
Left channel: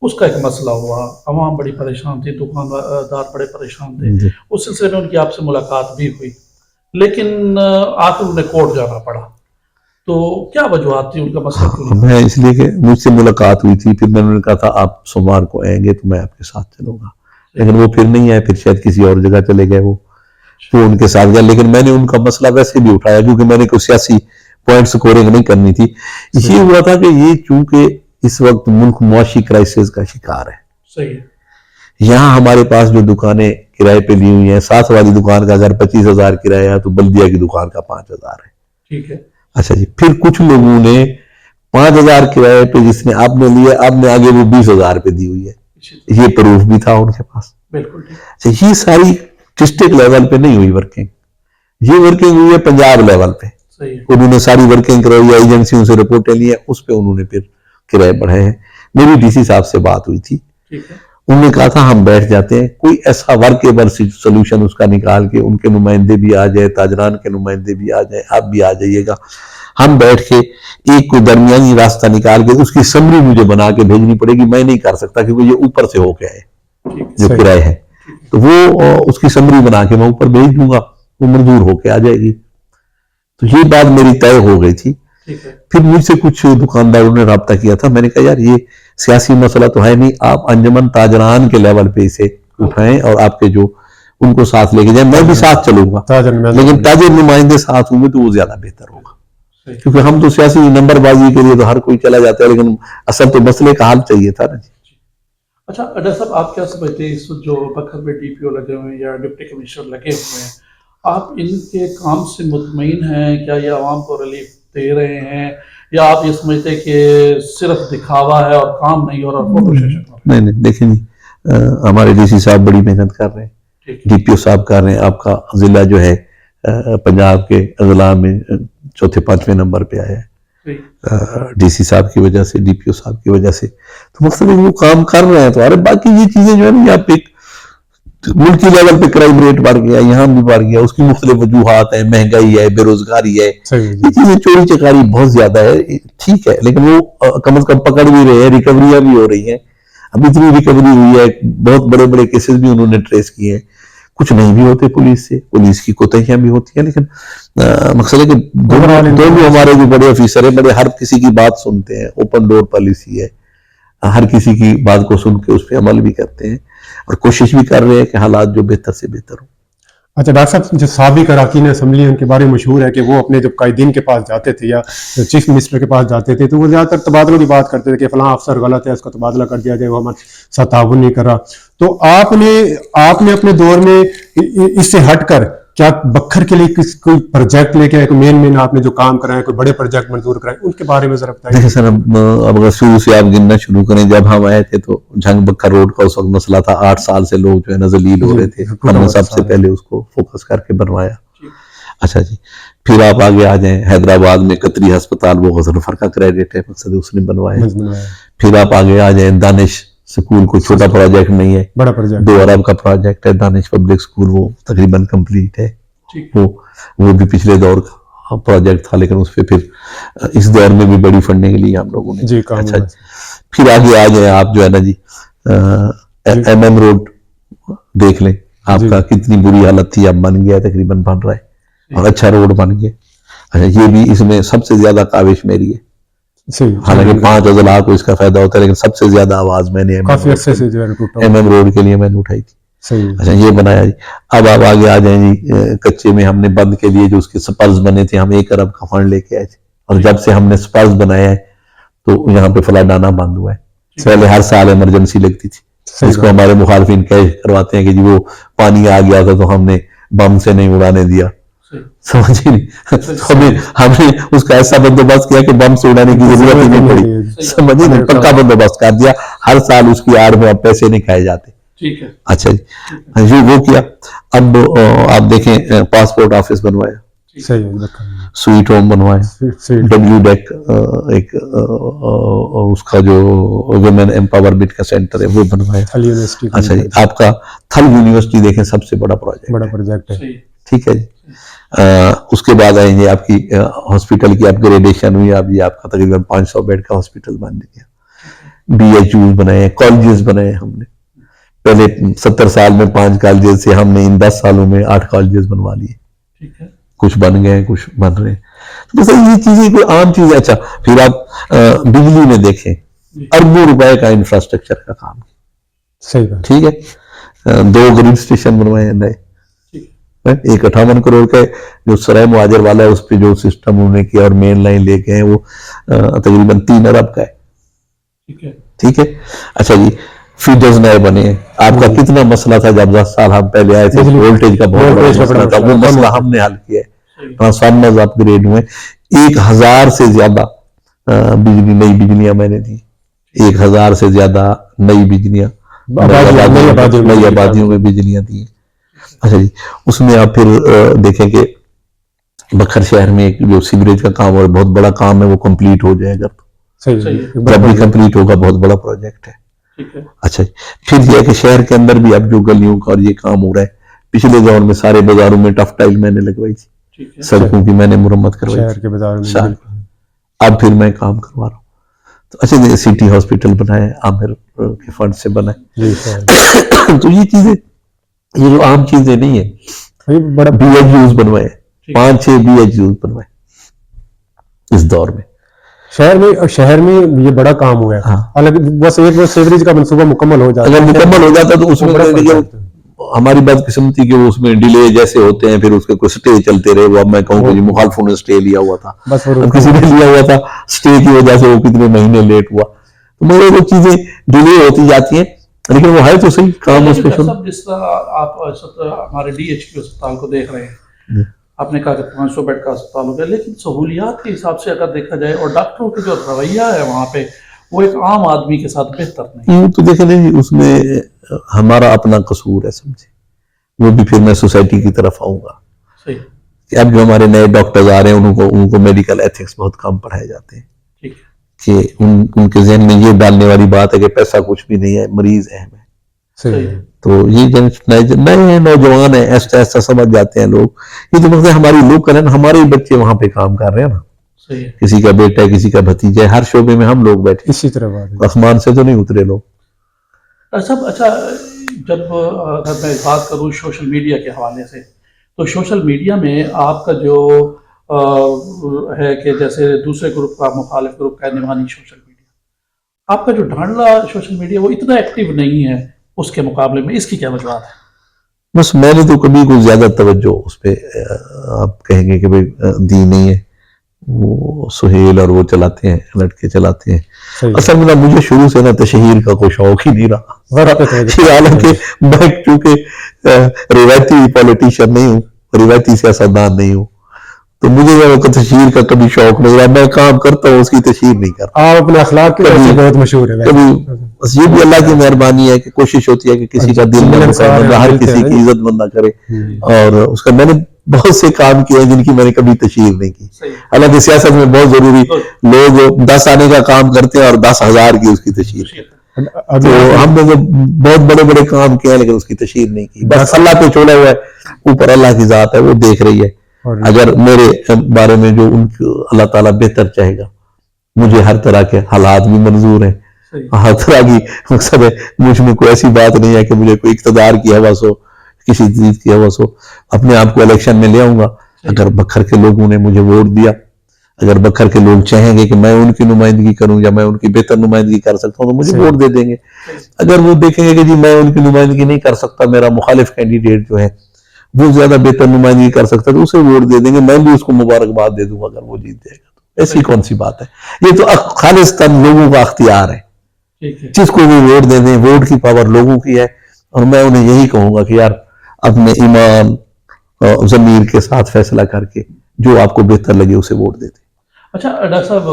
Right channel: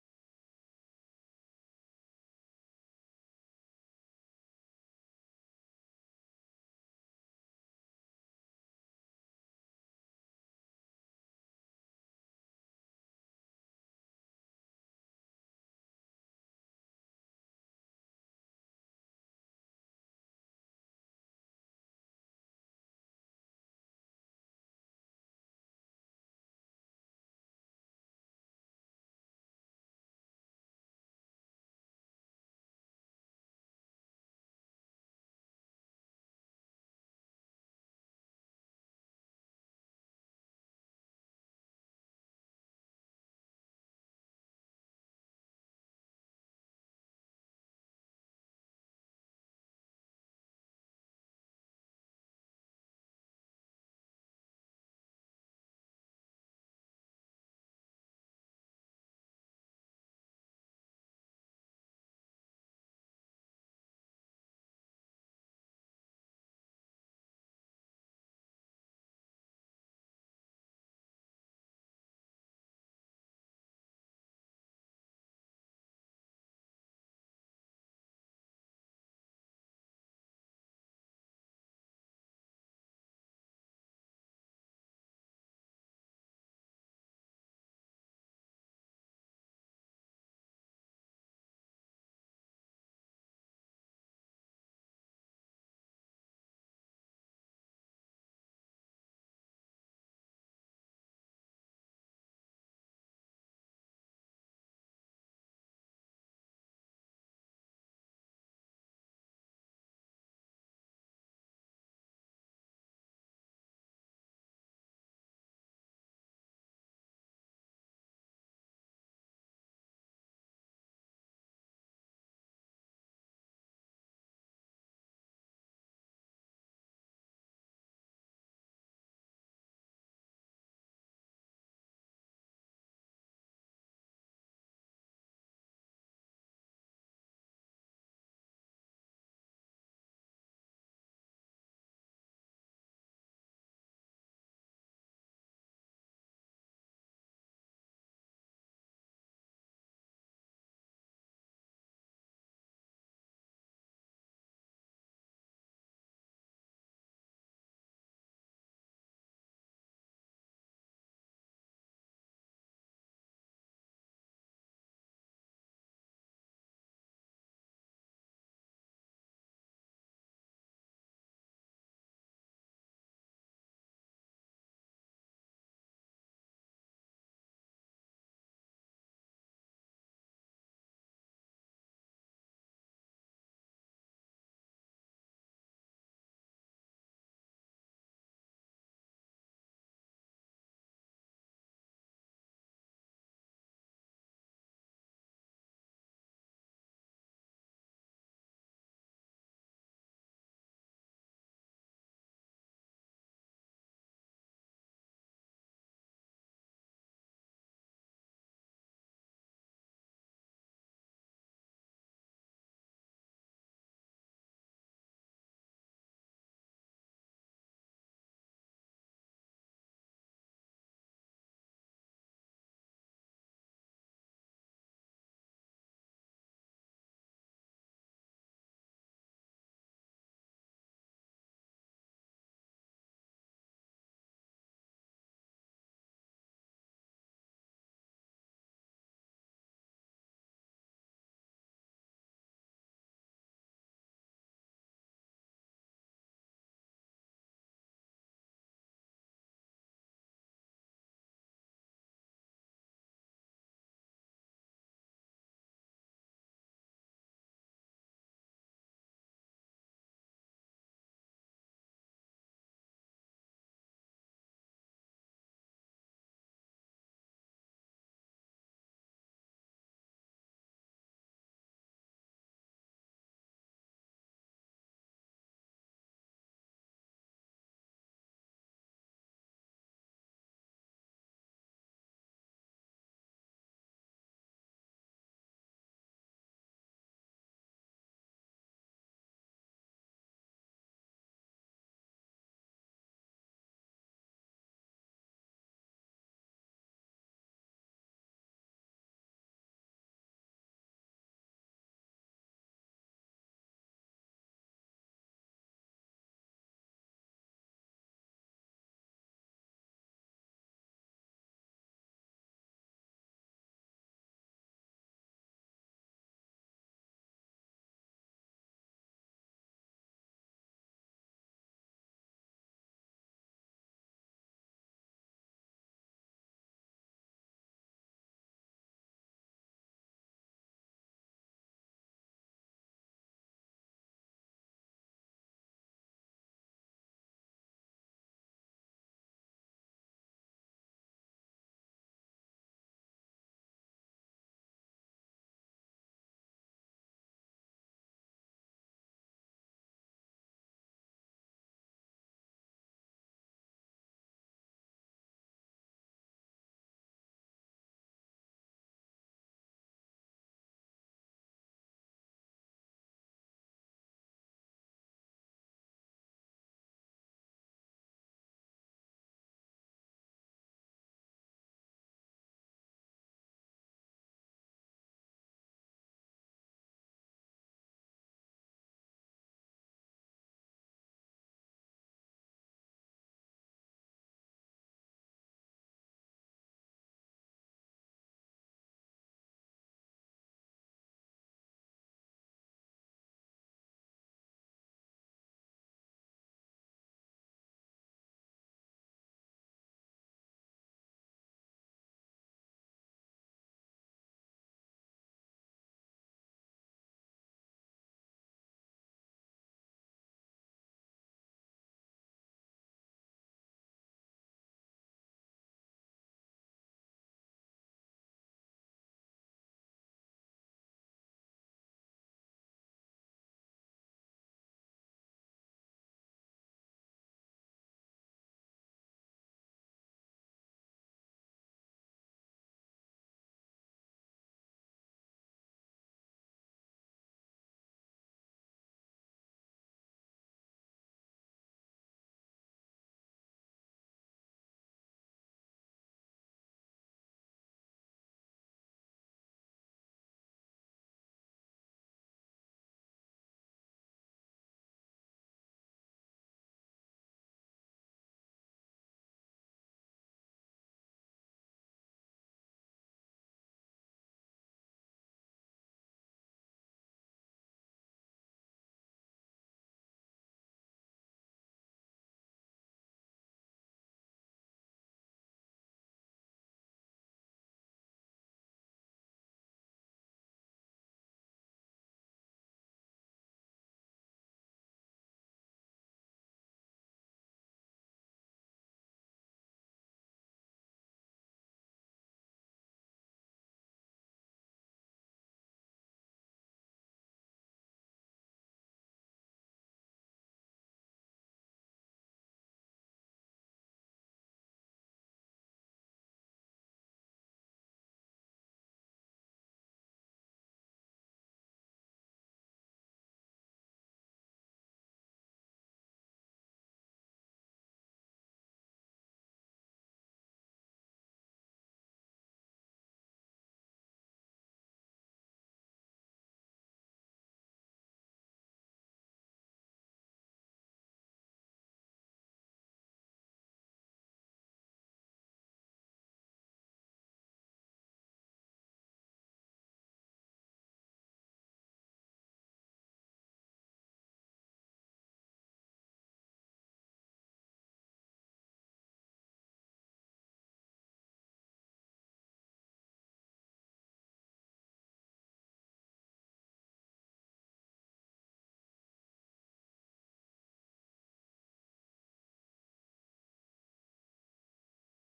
اس کا ایک مسئلہ ہوا, عوام بڑی پریشان تھی, دکاندار بڑے پریشان تھے. اس سلسلے میں ان کی آپ سے ملاقات بھی ہوئی, لیکن آخر انہیں کورٹ جانا پڑا. تو کیا وجوہات تھی, ان کا مسئلہ کیوں نہیں؟ میں اس لیے کہ مجھ سے ملاقات ہوئی تھی, پھر میں نے کہا تھا آپ سوموار کو آئیں گے تو میں آپ کے ساتھ چلوں گا, لیکن وہ پھر نہیں آئے, پھر شاید کسی اور جگہ چلے گئے, وہ ان کے ساتھ گیا. لیکن میں نے ان کا مسئلہ ویسے بھی اٹھایا کیونکہ میں نے کوئی سیاسی پوائنٹ سکورنگ نہیں کرنی تھی. یہ ہوا تھا کہ یہ چونکہ اس وقت ملک معاشی کرائسس کا شکار ہے. صحیح. یہاں ہمارے پاس جو دکانیں کرائے پہ لی ہوئی ہیں, ساتھ والی دکان کا اگر 25,000 کرایہ ہے تو بلدیہ کی دکان کا 5,000 ہے. ٹھیک ہے. اچھا جی, پھر کچھ لوگوں نے 5,000 کرایے پہ جس نے آپ نے لیا, آپ نے آگے وہ 20,000 پہ دی ہوئی ہے. یہ پروف بھی تھا ان کے پاس. بالکل. یہ ساری ڈسٹرکٹ لیول پہ نہیں ہوئی ورکنگ, یہ ورکنگ ہوئی ہے پنجاب لیول پہ. انہوں نے ساری ورکنگ کرائی ہے, ایجنسیوں سے رپورٹیں لی ہیں, اس پہ انہوں نے پھر کرائے بڑھائے ہیں. میری ڈی سی صاحب سے بات ہوئی تھی, انہوں نے کہا تھا ہم بیٹھ جاتے ہیں, کوئی ایسا ورکیبل سولوشن اس کا نکال کے, ان کے نمائندے بھی آ جائے, تاجران کے نمائندے بھی آ جائیں, آپ بھی آ جائیے گا, ہم بیٹھ کے ایک کوئی درمیانی راستہ نکال کے اس کی سمری مجھے بنا کے بھیجنی پڑے گی. میں نہیں کر سکتا کیونکہ یہ اوپر سے ہو کے آئے جو کرائے ہے, تو وہ اس کی سمری بنا کے میں اوپر بھیج دوں گا, وہ منظور ہو کے آ جائے گی. تو یہ بات میری طے ہو گئی تھی. پھر مجھ سے کچھ دکانداروں نے رابطہ کیا تھا, میں نے کہا یار یہ سیاسی مسئلہ تو ہے نہیں, آپ انجمن تاجران کے لیول پہ اسے اٹھائیں اور آپ کے جو ان کو ساتھ لے کے جائیں, میں بھی ساتھ چلوں گا, لیکن تاجر نمائندے ساتھ ہوں گے تو وہ زیادہ بہتر ہوگا. کیونکہ ہم تو سیاسی نمبر بازی کے لیے تو ہر کوئی چلا جاتا ہے, لیکن اصل تو مسئلے کا حل چاہیے تھا نا. اچھا ڈاکٹر صاحب, آپ کیا سمجھتے ہیں اس وقت جو بکھر میں ڈی پی او لگے ہوئے ہیں یا ڈپٹی کمشنر لگے ہوئے ہیں, آپ ان کے کام سے مطمئن ہیں؟ کیا یہ عوام کو ریلیف دے رہے ہیں, یا آپ یہ سمجھتے ہیں کہ صرف دکھاوا ہے اور کام نہیں ہو رہا, فوٹو سیشن ہو رہا؟ نہیں دیکھیں جی, ہمارے ڈی سی صاحب بڑی محنت کر رہے ہیں, ڈی پی او صاحب کر رہے ہیں, آپ کا ضلع جو ہے پنجاب کے اضلاع میں چوتھے 5ویں نمبر پہ آیا ہے ڈی سی صاحب کی وجہ سے, ڈی پی او صاحب کی وجہ سے. تو مقصد ہے وہ کام کر رہے ہیں. تو ارے باقی یہ چیزیں جو ہے نا, یہاں پہ ملکی لیول پہ کرائم ریٹ بڑھ گیا, یہاں بھی بڑھ گیا, اس کی مختلف وجوہات ہیں, مہنگائی ہے, بے روزگاری ہے, یہ چیزیں چوری چکاری بہت زیادہ ہے. ٹھیک ہے, لیکن وہ کم از کم پکڑ بھی رہے ہیں, ریکوریاں بھی ہو رہی ہیں. اب اتنی ریکوری ہوئی ہے, بہت بڑے بڑے کیسز بھی انہوں نے ٹریس کیے ہیں. کچھ نہیں بھی ہوتے پولیس سے, پولیس کی کوتاہیاں بھی ہوتی ہیں, لیکن مقصد ہے کہ دونوں ہمارے جو بڑے آفیسر ہیں, بڑے ہر کسی کی بات سنتے ہیں. اوپن ڈور پالیسی ہے, ہر کسی کی بات کو سن کے اس پہ عمل بھی کرتے ہیں, اور کوشش بھی کر رہے ہیں کہ حالات جو بہتر سے بہتر ہوں. اچھا ڈاکٹر صاحب, جو سابق اراکین اسمبلی ان کے بارے میں مشہور ہے کہ وہ اپنے جب قائدین کے پاس جاتے تھے یا چیف منسٹر کے پاس جاتے تھے تو وہ زیادہ تر تبادلوں کی بات کرتے تھے کہ فلاں افسر غلط ہے, اس کا تبادلہ کر دیا جائے, وہ ہمارے ساتھ تعاون نہیں کر رہا. تو آپ نے اپنے دور میں اس سے ہٹ کر کیا بکھر کے لیے کوئی پروجیکٹ لے کے آئے, کوئی مین آپ نے جو کام کرائے, کوئی بڑے پروجیکٹ منظور کرائے, ان کے بارے میں ذرا بتائیے. دیکھیں سر, اب اگر شروع سے آپ گننا شروع کریں, جب ہم آئے تھے تو جھنگ بکھر روڈ کا اس وقت مسئلہ تھا. 8 سال سے لوگ جو ہے نا ذلیل ہو رہے تھے, ہم نے سب سے پہلے اس کو فوکس کر کے بنوایا. اچھا جی, پھر آپ آگے آ جائیں, حیدرآباد میں قطری ہسپتال, وہ غضنفر کا کریڈٹ ہے, مقصد اس نے بنوایا. پھر آپ آگے آ جائیں, دانش سکول, کوئی چھوٹا پروجیکٹ نہیں ہے, بڑا پروجیکٹ 2 ارب کا پروجیکٹ ہے. دانش پبلک سکول وہ تقریباً کمپلیٹ ہے. وہ بھی پچھلے دور کا پروجیکٹ تھا, لیکن اس پہ پھر اس دور میں بھی بڑی فنڈنگ لی ہم لوگوں نے. اچھا, پھر آگے آ جائیں آپ جو ہے نا جی, MM روڈ دیکھ لیں, آپ کا کتنی بری حالت تھی, اب بن گیا, تقریباً بن رہا ہے, اور اچھا روڈ بن گیا. اچھا, یہ بھی اس میں سب سے زیادہ کاوش میری ہے. حالانکہ 5 اضلاع کو اس کا فائدہ ہوتا ہے, لیکن سب سے زیادہ آواز میں نے MM روڈ کے لیے میں نے اٹھائی تھی. اچھا, یہ بنایا جی. اب آپ آگے آ جائیں جی, کچے میں ہم نے بند کے لیے جو اس کے سپرز بنے تھے, ہم 1 ارب کا فنڈ لے کے آئے تھے, اور جب سے ہم نے سپرز بنایا ہے تو یہاں پہ فلڈ آنا بند ہوا ہے. پہلے ہر سال ایمرجنسی لگتی تھی, اس کو ہمارے مخالفین کیش کرواتے ہیں کہ جی وہ پانی آ گیا تھا تو ہم نے بم سے نہیں اڑانے دیا. سمجھے نہیں, ہم نے اس کا ایسا بندوبست کیا کہ بم سے اڑانے کی ضرورت ہی نہیں پڑی. سمجھے نہیں, پکا بندوبست کر دیا. ہر سال اس کی آڑ میں اب پیسے نہیں کھائے جاتے. اچھا جی, وہ کیا. اب آپ دیکھیں, پاسپورٹ آفس بنوایا, سویٹ ہوم بنوایا, ڈبلیو ڈیک ایک اس کا جو ویمن امپاورمنٹ کا سینٹر ہے وہ بنوایا. اچھا جی, آپ کا تھل یونیورسٹی دیکھیں, سب سے بڑا پروجیکٹ ہے. ٹھیک ہے جی. اس کے بعد آئیں گے آپ کی ہاسپٹل کی اپ گریڈیشن ہوئی, اب یہ آپ کا تقریباً 500 بیڈ کا ہاسپٹل بن گیا. BHUs بنائے, کالجز بنائے ہم نے. پہلے 70 سال میں 5 کالجز سے, ہم نے ان 10 سالوں میں 8 کالجز بنوا لیے. کچھ بن گئے, کچھ بن رہے ہیں. تو یہ چیزیں کوئی عام چیز ہے. اچھا, پھر آپ بجلی میں دیکھیں, اربوں روپے کا انفراسٹرکچر کا کام ہے. ٹھیک ہے, 2 گرڈ اسٹیشن بنوائے ہیں نئے. ایک 58 کروڑ کا جو سرائے مہاجر والا ہے, اس پہ جو سسٹم انہوں نے کیا اور مین لائن لے کے ہیں, وہ تقریباً 3 ارب کا ہے. ٹھیک ہے. اچھا جی, فیڈرز نئے بنے ہیں. آپ کا کتنا مسئلہ تھا جب 10 سال ہم پہلے آئے تھے, وولٹیج کا بہت بڑا مسئلہ تھا, وہ مسئلہ ہم نے حل کیا ہے. ٹرانسفارمرز اپ گریڈ ہوئے, 1000 سے زیادہ نئی بجلیاں میں نے دی. 1000 سے زیادہ نئی بجلیاں, نئی آبادیوں میں بجلیاں دی. اچھا جی, اس میں آپ پھر دیکھیں کہ بکھر شہر میں ایک جو سیوریج کا کام اور بہت بڑا کام ہے, وہ کمپلیٹ ہو جائے گا. جب بھی کمپلیٹ ہوگا, بہت بڑا پروجیکٹ ہے. اچھا جی, پھر یہ ہے کہ شہر کے اندر بھی اب جو گلیوں کا اور یہ کام ہو رہا ہے, پچھلے دور میں سارے بازاروں میں ٹف ٹائل میں نے لگوائی تھی, سڑکوں کی میں نے مرمت کروائی تھی. اب پھر میں کام کروا رہا ہوں. تو اچھا جی, سٹی ہاسپٹل بنائے, عامر کے فنڈ سے بنائے. تو یہ چیزیں, یہ جو عام چیزیں نہیں ہیں, بڑا BHUs بنوائے, 5-6 BHUs بنوائے اس دور میں. شہر میں یہ بڑا کام ہوا ہے. حالانکہ بس ایک بار سیوریج کا منصوبہ مکمل ہو جاتا, اگر مکمل ہو جاتا تو اس میں ہماری بدقسمتی کہ اس میں ڈیلے جیسے ہوتے ہیں, پھر اس کے کوئی سٹے چلتے رہے. وہ اب میں کہوں کہ جی مخالفوں نے سٹے لیا ہوا تھا, کسی نے لیا ہوا تھا, سٹے کی وجہ سے وہ کتنے مہینے لیٹ ہوا. تو مگر وہ چیزیں ڈیلے ہوتی جاتی ہیں, لیکن وہ ہے تو صحیح کام اس پہ. جس طرح آپ ہمارے DHQ اسپتال کو دیکھ رہے ہیں, آپ نے کہا کہ 500 بیڈ کا اسپتال ہو گیا, لیکن سہولیات کے حساب سے اگر دیکھا جائے اور ڈاکٹروں کے جو رویہ ہے وہاں پہ, وہ ایک عام آدمی کے ساتھ بہتر نہیں. تو دیکھیں نہیں, اس میں ہمارا اپنا قصور ہے, سمجھے. وہ بھی پھر میں سوسائٹی کی طرف آؤں گا. کہ اب جو ہمارے نئے ڈاکٹرز آ رہے ہیں ان کو میڈیکل ایتھکس بہت کم پڑھائے جاتے ہیں، ٹھیک ہے، کہ ان کے ذہن میں یہ ڈالنے والی بات ہے کہ پیسہ کچھ بھی نہیں ہے، مریض اہم ہے. صحیح ہے، تو یہ نئے ہیں، نوجوان ہیں، ایسا ایسا سمجھ جاتے ہیں لوگ. یہ تو مطلب ہماری لوکل ہے نا، ہمارے ہی بچے وہاں پہ کام کر رہے ہیں نا، صحیح ہے. کسی کا بیٹا ہے، کسی کا بھتیجا ہے، ہر شعبے میں ہم لوگ بیٹھے اسی طرح بات ہے. آسمان سے تو نہیں اترے لوگ. اچھا جب اگر میں بات کروں سوشل میڈیا کے حوالے سے، تو سوشل میڈیا میں آپ کا جو ہے کہ جیسے دوسرے گروپ کا، مخالف گروپ کا نمانی سوشل میڈیا، آپ کا جو ڈھانڈلا سوشل میڈیا وہ اتنا ایکٹیو نہیں ہے اس کے مقابلے میں، اس کی کیا وجوہات ہے؟ بس میں نے تو کبھی کوئی زیادہ توجہ اس پہ آپ کہیں گے کہ بھئی دی نہیں ہے. وہ سہیل اور وہ چلاتے ہیں، لڑکے چلاتے ہیں. اصل میں مجھے شروع سے نا تشہیر کا کوئی شوق ہی نہیں رہا. حالانکہ میں چونکہ روایتی پولیٹیشین نہیں ہوں، روایتی سیاستدان نہیں ہوں، تو مجھے تشہیر کا کبھی شوق نہیں رہا. میں کام کرتا ہوں، اس کی تشہیر نہیں کرتا. آپ اپنے اخلاق کے وجہ سے بہت مشہور ہے. کبھی بس یہ بھی اللہ کی مہربانی ہے کہ کوشش ہوتی ہے کہ کسی کا دل نہ دکھائے، ہر کسی کی عزت مند نہ کرے. اور اس کا میں نے بہت سے کام کیے ہیں جن کی میں نے کبھی تشہیر نہیں کی. حالانکہ سیاست میں بہت ضروری، لوگ 10 آنے کا کام کرتے ہیں اور 10,000 کی اس کی تشہیر. تو ہم نے جو بہت بڑے بڑے کام کیے ہیں لیکن اس کی تشہیر نہیں کی. بس اللہ پہ چھوڑا ہوا ہے، اوپر اللہ کی ذات ہے، وہ دیکھ رہی ہے. اگر میرے بارے میں جو ان کو اللہ تعالیٰ بہتر چاہے گا، مجھے ہر طرح کے حالات بھی منظور ہیں، ہر طرح کی مقصد ہے. مجھ میں کوئی ایسی بات نہیں ہے کہ مجھے کوئی اقتدار کی حوث ہو، کسی چیز کی حوث ہو. اپنے آپ کو الیکشن میں لے آؤں گا. اگر بکھر کے لوگوں نے مجھے ووٹ دیا، اگر بکھر کے لوگ چاہیں گے کہ میں ان کی نمائندگی کروں یا میں ان کی بہتر نمائندگی کر سکتا ہوں تو مجھے ووٹ دے دیں گے. اگر وہ دیکھیں گے کہ جی میں ان کی نمائندگی نہیں کر سکتا، میرا مخالف کینڈیڈیٹ جو ہے وہ زیادہ بہتر نمائندگی کر سکتا ہے، تو اسے ووٹ دے دیں گے. میں بھی اس کو مبارکباد دے دوں گا اگر وہ جیت جائے گا. تو ایسی کون سی بات ہے؟ یہ تو خالصتاً لوگوں کا اختیار ہے، جس کو بھی ووٹ دے دیں. ووٹ کی پاور لوگوں کی ہے، اور میں انہیں یہی کہوں گا کہ یار اپنے ایمان ضمیر کے ساتھ فیصلہ کر کے جو آپ کو بہتر لگے اسے ووٹ دے دیں. اچھا ڈاکٹر صاحب،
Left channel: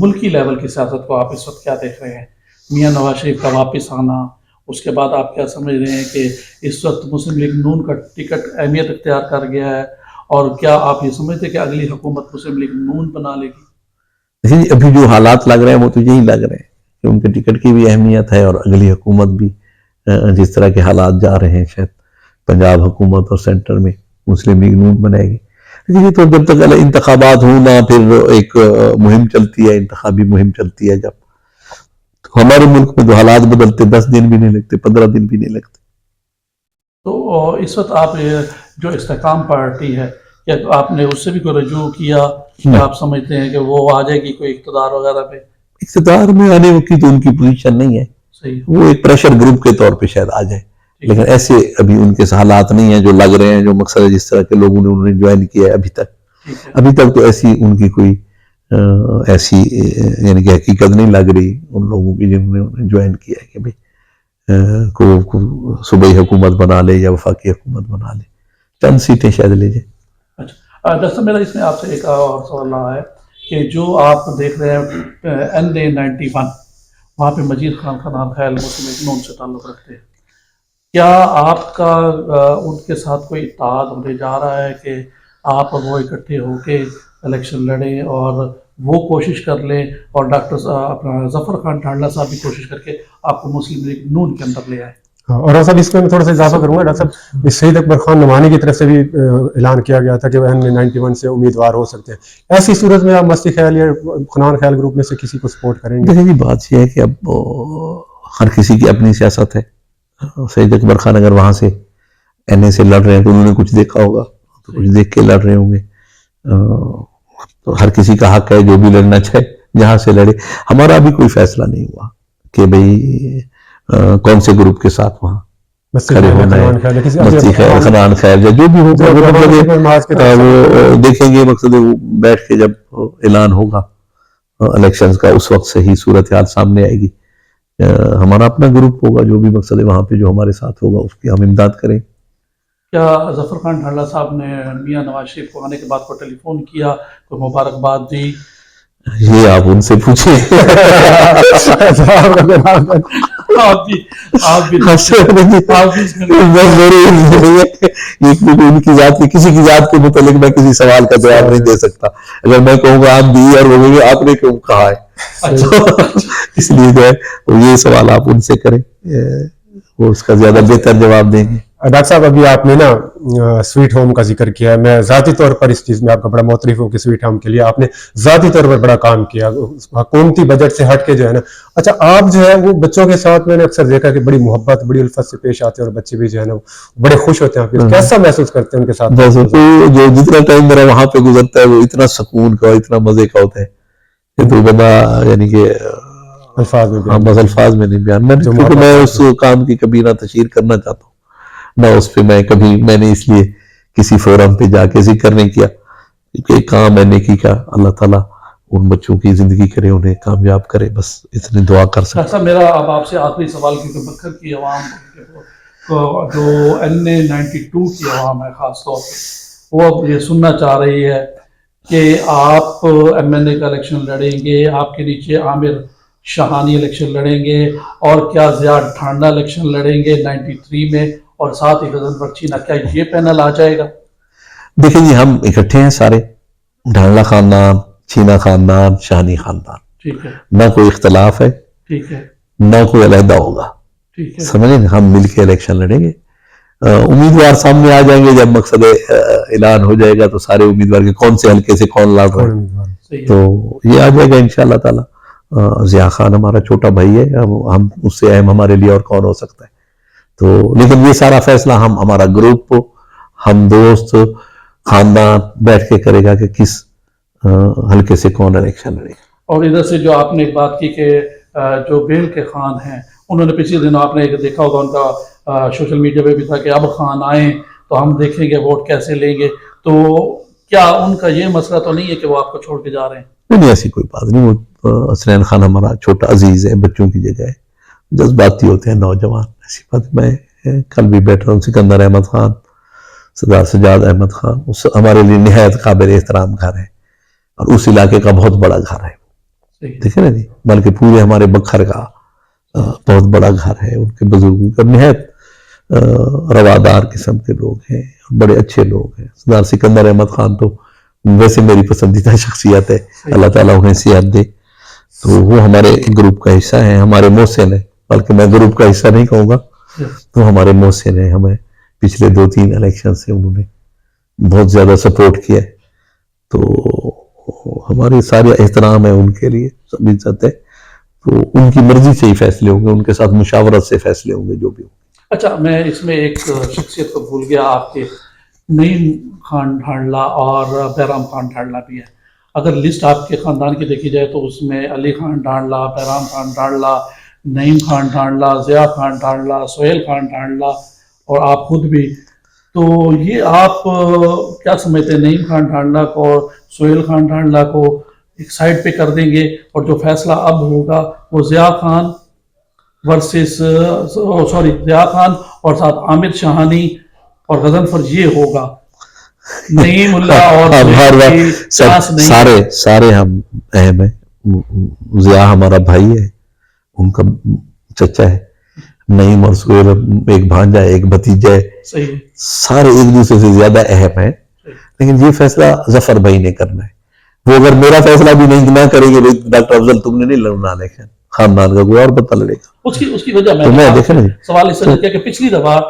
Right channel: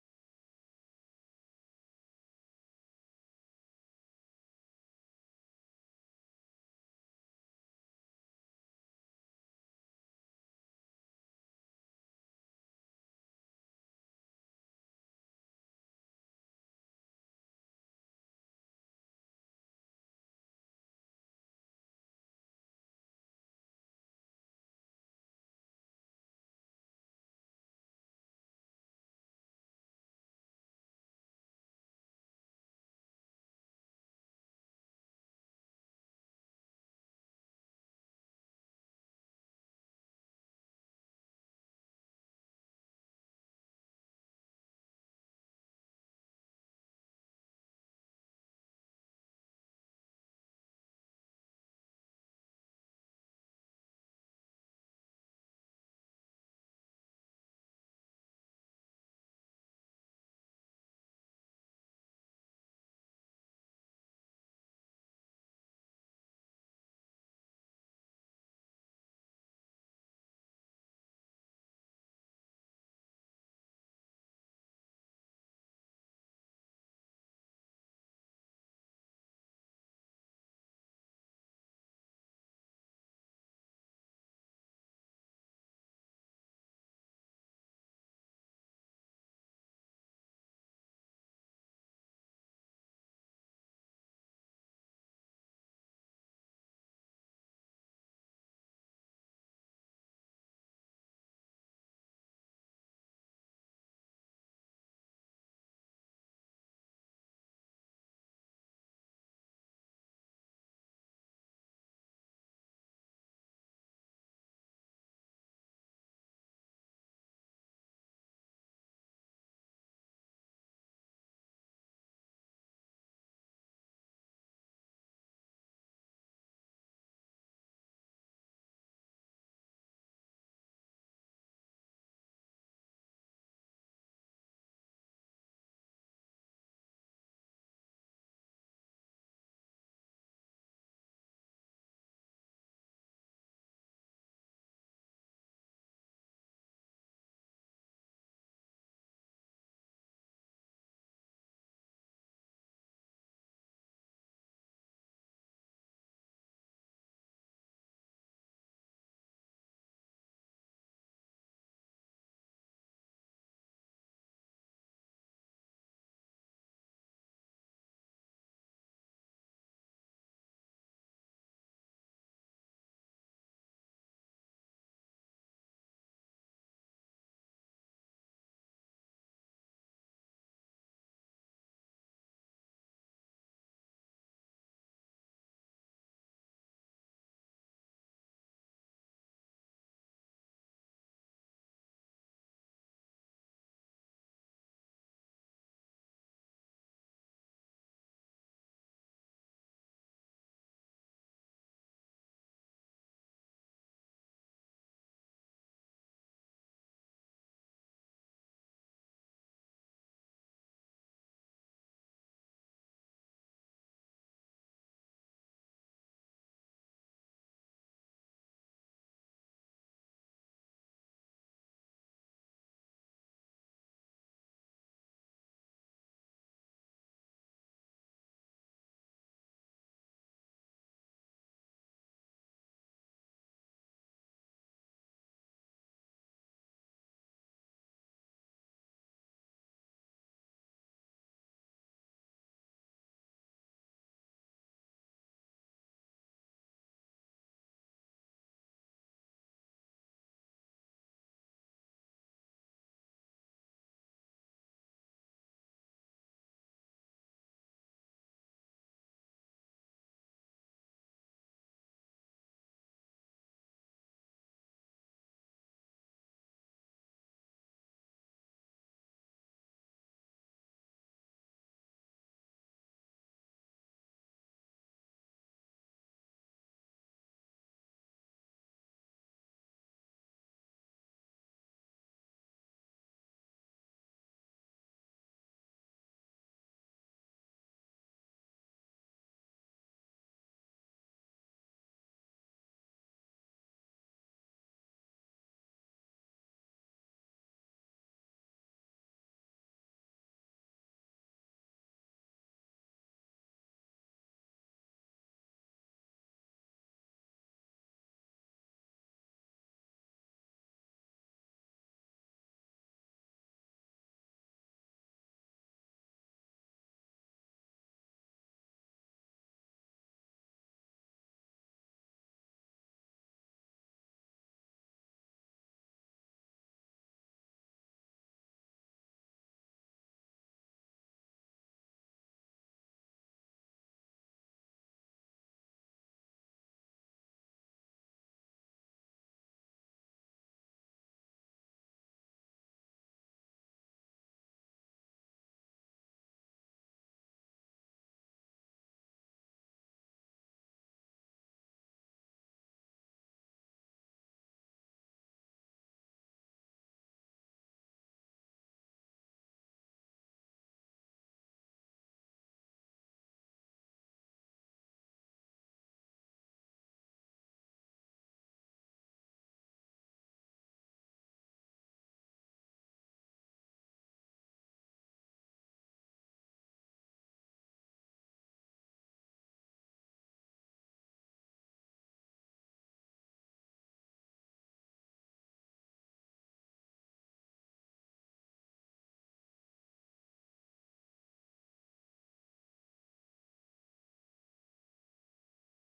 ملکی لیول کی سیاست کو آپ اس وقت کیا دیکھ رہے ہیں؟ میاں نواز شریف کا واپس آنا، اس کے بعد آپ کیا سمجھ رہے ہیں کہ اس وقت مسلم لیگ نون کا ٹکٹ اہمیت اختیار کر گیا ہے، اور کیا آپ یہ سمجھتے ہیں کہ اگلی حکومت مسلم لیگ نون بنا لے گی؟ ابھی جو حالات لگ رہے ہیں وہ تو یہی لگ رہے ہیں کہ ان کے ٹکٹ کی بھی اہمیت ہے، اور اگلی حکومت بھی جس طرح کے حالات جا رہے ہیں شاید پنجاب حکومت اور سینٹر میں مسلم لیگ نون بنائے گی. یہ تو جب تک انتخابات ہوں نہ، پھر ایک مہم چلتی ہے، انتخابی مہم چلتی ہے. جب تو ہمارے ملک میں تو حالات بدلتے 10 دن بھی نہیں لگتے، 15 دن بھی نہیں لگتے. تو اس وقت آپ جو استحکام پارٹی ہے، کیا آپ نے اس سے بھی کوئی رجوع کیا کہ آپ سمجھتے ہیں کہ وہ آ جائے گی کوئی اقتدار وغیرہ پہ؟ اقتدار میں آنے کی تو ان کی پوزیشن نہیں ہے. وہ ایک پریشر گروپ کے طور پہ شاید آ جائے، لیکن ایسے ابھی ان کے حالات نہیں ہیں جو لگ رہے ہیں. جو مقصد ہے جس طرح کے لوگوں نے انہوں نے جوائن کیا ہے ابھی تک تو ایسی ان کی کوئی ایسی یعنی کہ حقیقت نہیں لگ رہی ان لوگوں کی جنہوں نے انہیں جوائن کیا ہے کہ بھئی کو صوبائی حکومت بنا لے یا وفاقی حکومت بنا لے. چند سیٹیں شاید لے جائے. اچھا ڈاکٹر صاحب، میرا اس میں آپ سے ایک اور سوال رہا ہے کہ جو آپ دیکھ رہے ہیں NA91، وہاں پہ مجید خان خنان خیل مسلم لیگ نون سے تعلق رکھتے ہیں، کیا آپ کا ان کے ساتھ کوئی اتحاد ہونے جا رہا ہے کہ آپ وہ اکٹھے ہو کے الیکشن لڑیں اور وہ کوشش کر لیں، اور ڈاکٹر اپنا ظفر خان ڈھانڈلا صاحب بھی کوشش کر کے آپ کو مسلم لیگ نون کے اندر لے آئے؟ اور صاحب اس میں تھوڑا سا اضافہ کروں گا. ڈاکٹر صاحب، سید اکبر خان نعمانی کی طرف سے بھی اعلان کیا گیا تھا کہ وہ NA91 سے امیدوار ہو سکتے ہیں. ایسی صورت میں آپ مستی خیال یا خنان خیال گروپ میں سے کسی کو سپورٹ کریں گے؟ دیکھیں جی، بات یہ ہے کہ اب ہر کسی کی اپنی سیاست ہے. سید اکبر خان اگر وہاں سے NA سے لڑ رہے ہیں تو انہوں نے کچھ دیکھا ہوگا، تو کچھ دیکھ کے لڑ رہے ہوں گے. تو ہر کسی کا حق ہے جو بھی لڑنا چاہے جہاں سے لڑے. ہمارا بھی کوئی فیصلہ نہیں ہوا کہ بھئی کون سے گروپ کے ساتھ وہاں کھڑے ہونا ہے. مستی خیر، خنان خیر یا جو بھی ہوگا وہ دیکھیں گے. مقصد وہ بیٹھ کے جب اعلان ہوگا الیکشنز کا اس وقت صحیح صورتحال سامنے آئے گی. ہمارا اپنا گروپ ہوگا جو بھی مقصد ہے وہاں پہ جو ہمارے ساتھ ہوگا اس کی ہم امداد کریں. کیا ظفر خان ڈھانڈلا صاحب نے میاں نواز شریف کو آنے کے بعد کو ٹیلی فون کیا، کوئی مبارکباد دی؟ یہ آپ ان سے پوچھیں. آپ بھی ان کی ذات کی کسی کی ذات کے متعلق میں کسی سوال کا جواب نہیں دے سکتا. اگر میں کہوں گا آپ دی اور وہ کہیں گے آپ نے کیوں کہا ہے, اس لیے جو ہے یہ سوال آپ ان سے کریں, وہ اس کا زیادہ بہتر جواب دیں گے. ڈاکٹر صاحب ابھی آپ نے نا سویٹ ہوم کا ذکر کیا ہے, میں ذاتی طور پر اس چیز میں آپ کا بڑا معترف ہوں کہ سویٹ ہوم کے لیے آپ نے ذاتی طور پر بڑا کام کیا, حکومتی بجٹ سے ہٹ کے جو ہے نا. اچھا آپ جو ہے وہ بچوں کے ساتھ میں نے اکثر دیکھا کہ بڑی محبت بڑی الفت سے پیش آتے ہیں اور بچے بھی جو ہے نا بڑے خوش ہوتے ہیں, کیسا محسوس کرتے ہیں ان کے ساتھ؟ جو جتنا ٹائم میرا وہاں پہ گزرتا ہے وہ اتنا سکون کا اتنا مزے کا ہوتا ہے کہ تو بندہ یعنی کہ الفاظ میں بس الفاظ میں نہیں بیان, کیونکہ میں اس کام کی کبھی نہ تشہیر کرنا چاہتا ہوں نہ اس پہ میں نے اس لیے کسی فورم پہ جا کے ذکر نہیں کیا, کیونکہ کام ہے نیکی کا, اللہ تعالیٰ ان بچوں کی زندگی کرے, انہیں کامیاب کرے, بس اتنی دعا کر سکتا. اچھا میرا اب آپ سے آخری سوال, کیونکہ بکر کی عوام جو N92 کی عوام ہے خاص طور پہ, وہ اب یہ سننا چاہ رہی ہے کہ آپ MNA کا الیکشن لڑیں گے, آپ کے نیچے عامر شاہانی الیکشن لڑیں گے, اور کیا ضیاء ڈھانڈا الیکشن لڑیں گے 93 میں, اور ساتھ ہی غضنفر چینا, کیا یہ پینل آ جائے گا؟ دیکھیں جی ہم اکٹھے ہیں سارے, ڈھانڈا خاندان, چینا خاندان, شاہانی خاندان, ٹھیک ہے, نہ کوئی اختلاف ہے, ٹھیک ہے, نہ کوئی علیحدہ ہوگا, ٹھیک ہے, سمجھیں, ہم مل کے الیکشن لڑیں گے. امیدوار سامنے آ جائیں گے, جب مقصد اعلان ہو جائے گا تو سارے امیدوار کے کون سے حلقے سے کون لڑ رہا ہے تو یہ آ جائے گا انشاءاللہ تعالی. ضیاء خان ہمارا چھوٹا بھائی ہے, ہم اس سے اہم ہمارے لیے اور کون ہو سکتا ہے. تو لیکن یہ سارا فیصلہ ہمارا گروپ, ہم دوست, خاندان بیٹھ کے کرے گا کہ کس حلقے سے کون الیکشن لڑے گا. اور ادھر سے جو آپ نے ایک بات کی کہ جو بیل کے خان ہیں, انہوں نے پچھلے دنوں آپ نے دیکھا ہوگا ان کا سوشل میڈیا پہ بھی تھا کہ اب خان آئیں تو ہم دیکھیں گے ووٹ کیسے لیں گے, تو کیا ان کا یہ مسئلہ تو نہیں ہے کہ وہ آپ کو چھوڑ کے جا رہے ہیں؟ نہیں, ایسی کوئی بات نہیں. وہ حسنین خان ہمارا چھوٹا عزیز ہے, بچوں کی جگہ ہے, جذباتی ہوتے ہیں نوجوان, ایسی بات. میں کل بھی بیٹھ رہا ہوں, سکندر احمد خان, سردار سجاد احمد خان, ہمارے لیے نہایت قابل احترام گھر ہے, اور اس علاقے کا بہت بڑا گھر ہے, دیکھیں نا جی, بلکہ پورے ہمارے بکھر کا بہت بڑا گھر ہے. ان کے بزرگوں کا نہایت روادار قسم کے لوگ ہیں, بڑے اچھے لوگ ہیں. سردار سکندر احمد خان تو ویسے میری پسندیدہ شخصیت ہے, اللہ تعالیٰ انہیں صحت دے. تو وہ ہمارے گروپ کا حصہ ہیں, ہمارے محسن ہیں, بلکہ میں گروپ کا حصہ نہیں کہوں گا, تو ہمارے محسن ہیں. ہمیں پچھلے 2-3 الیکشن سے انہوں نے بہت زیادہ سپورٹ کیا ہے, تو ہمارے سارے احترام ہے ان کے لیے, سب عزت ہے. تو ان کی مرضی سے ہی فیصلے ہوں گے, ان کے ساتھ مشاورت سے فیصلے ہوں گے جو بھی ہوں. اچھا, میں اس میں ایک شخصیت کو بھول گیا آپ کے, نعیم خان ڈھانڈلا اور بہرام خان ڈھانڈلا بھی ہے. اگر لسٹ آپ کے خاندان کی دیکھی جائے تو اس میں علی خان ڈھانڈلا, بہرام خان ڈھانڈلا, نعیم خان ڈھانڈلا, ضیاء خان ڈھانڈلا, سہیل خان ڈھانڈلا اور آپ خود بھی. تو یہ آپ کیا سمجھتے ہیں, نعیم خان ڈھانڈلا کو اور سہیل خان ڈھانڈلا کو ایک سائڈ پہ کر دیں گے, اور جو فیصلہ اب ہوگا وہ ضیاء خان ورسز ضیاء خان اور ساتھ عامر شاہانی اور غضنفر یہ ہوگا, نعیم اللہ اور سارے ہم اہم ہیں. ضیاء ہمارا بھائی ہے, ان کا چچا ہے, نعیم اور سہیل ایک بھانجا ہے, ایک بھتیجا ہے, سارے ایک دوسرے سے زیادہ اہم ہیں. لیکن یہ فیصلہ ظفر بھائی نے کرنا ہے. وہ اگر میرا فیصلہ بھی نہیں نہ کریں گے, ڈاکٹر افضل تم نے نہیں لڑنا لیکن خاندان کا کوئی اور بتا لڑے گا. اس کی وجہ میں سوال اس سے کیا کہ پچھلی دفعہ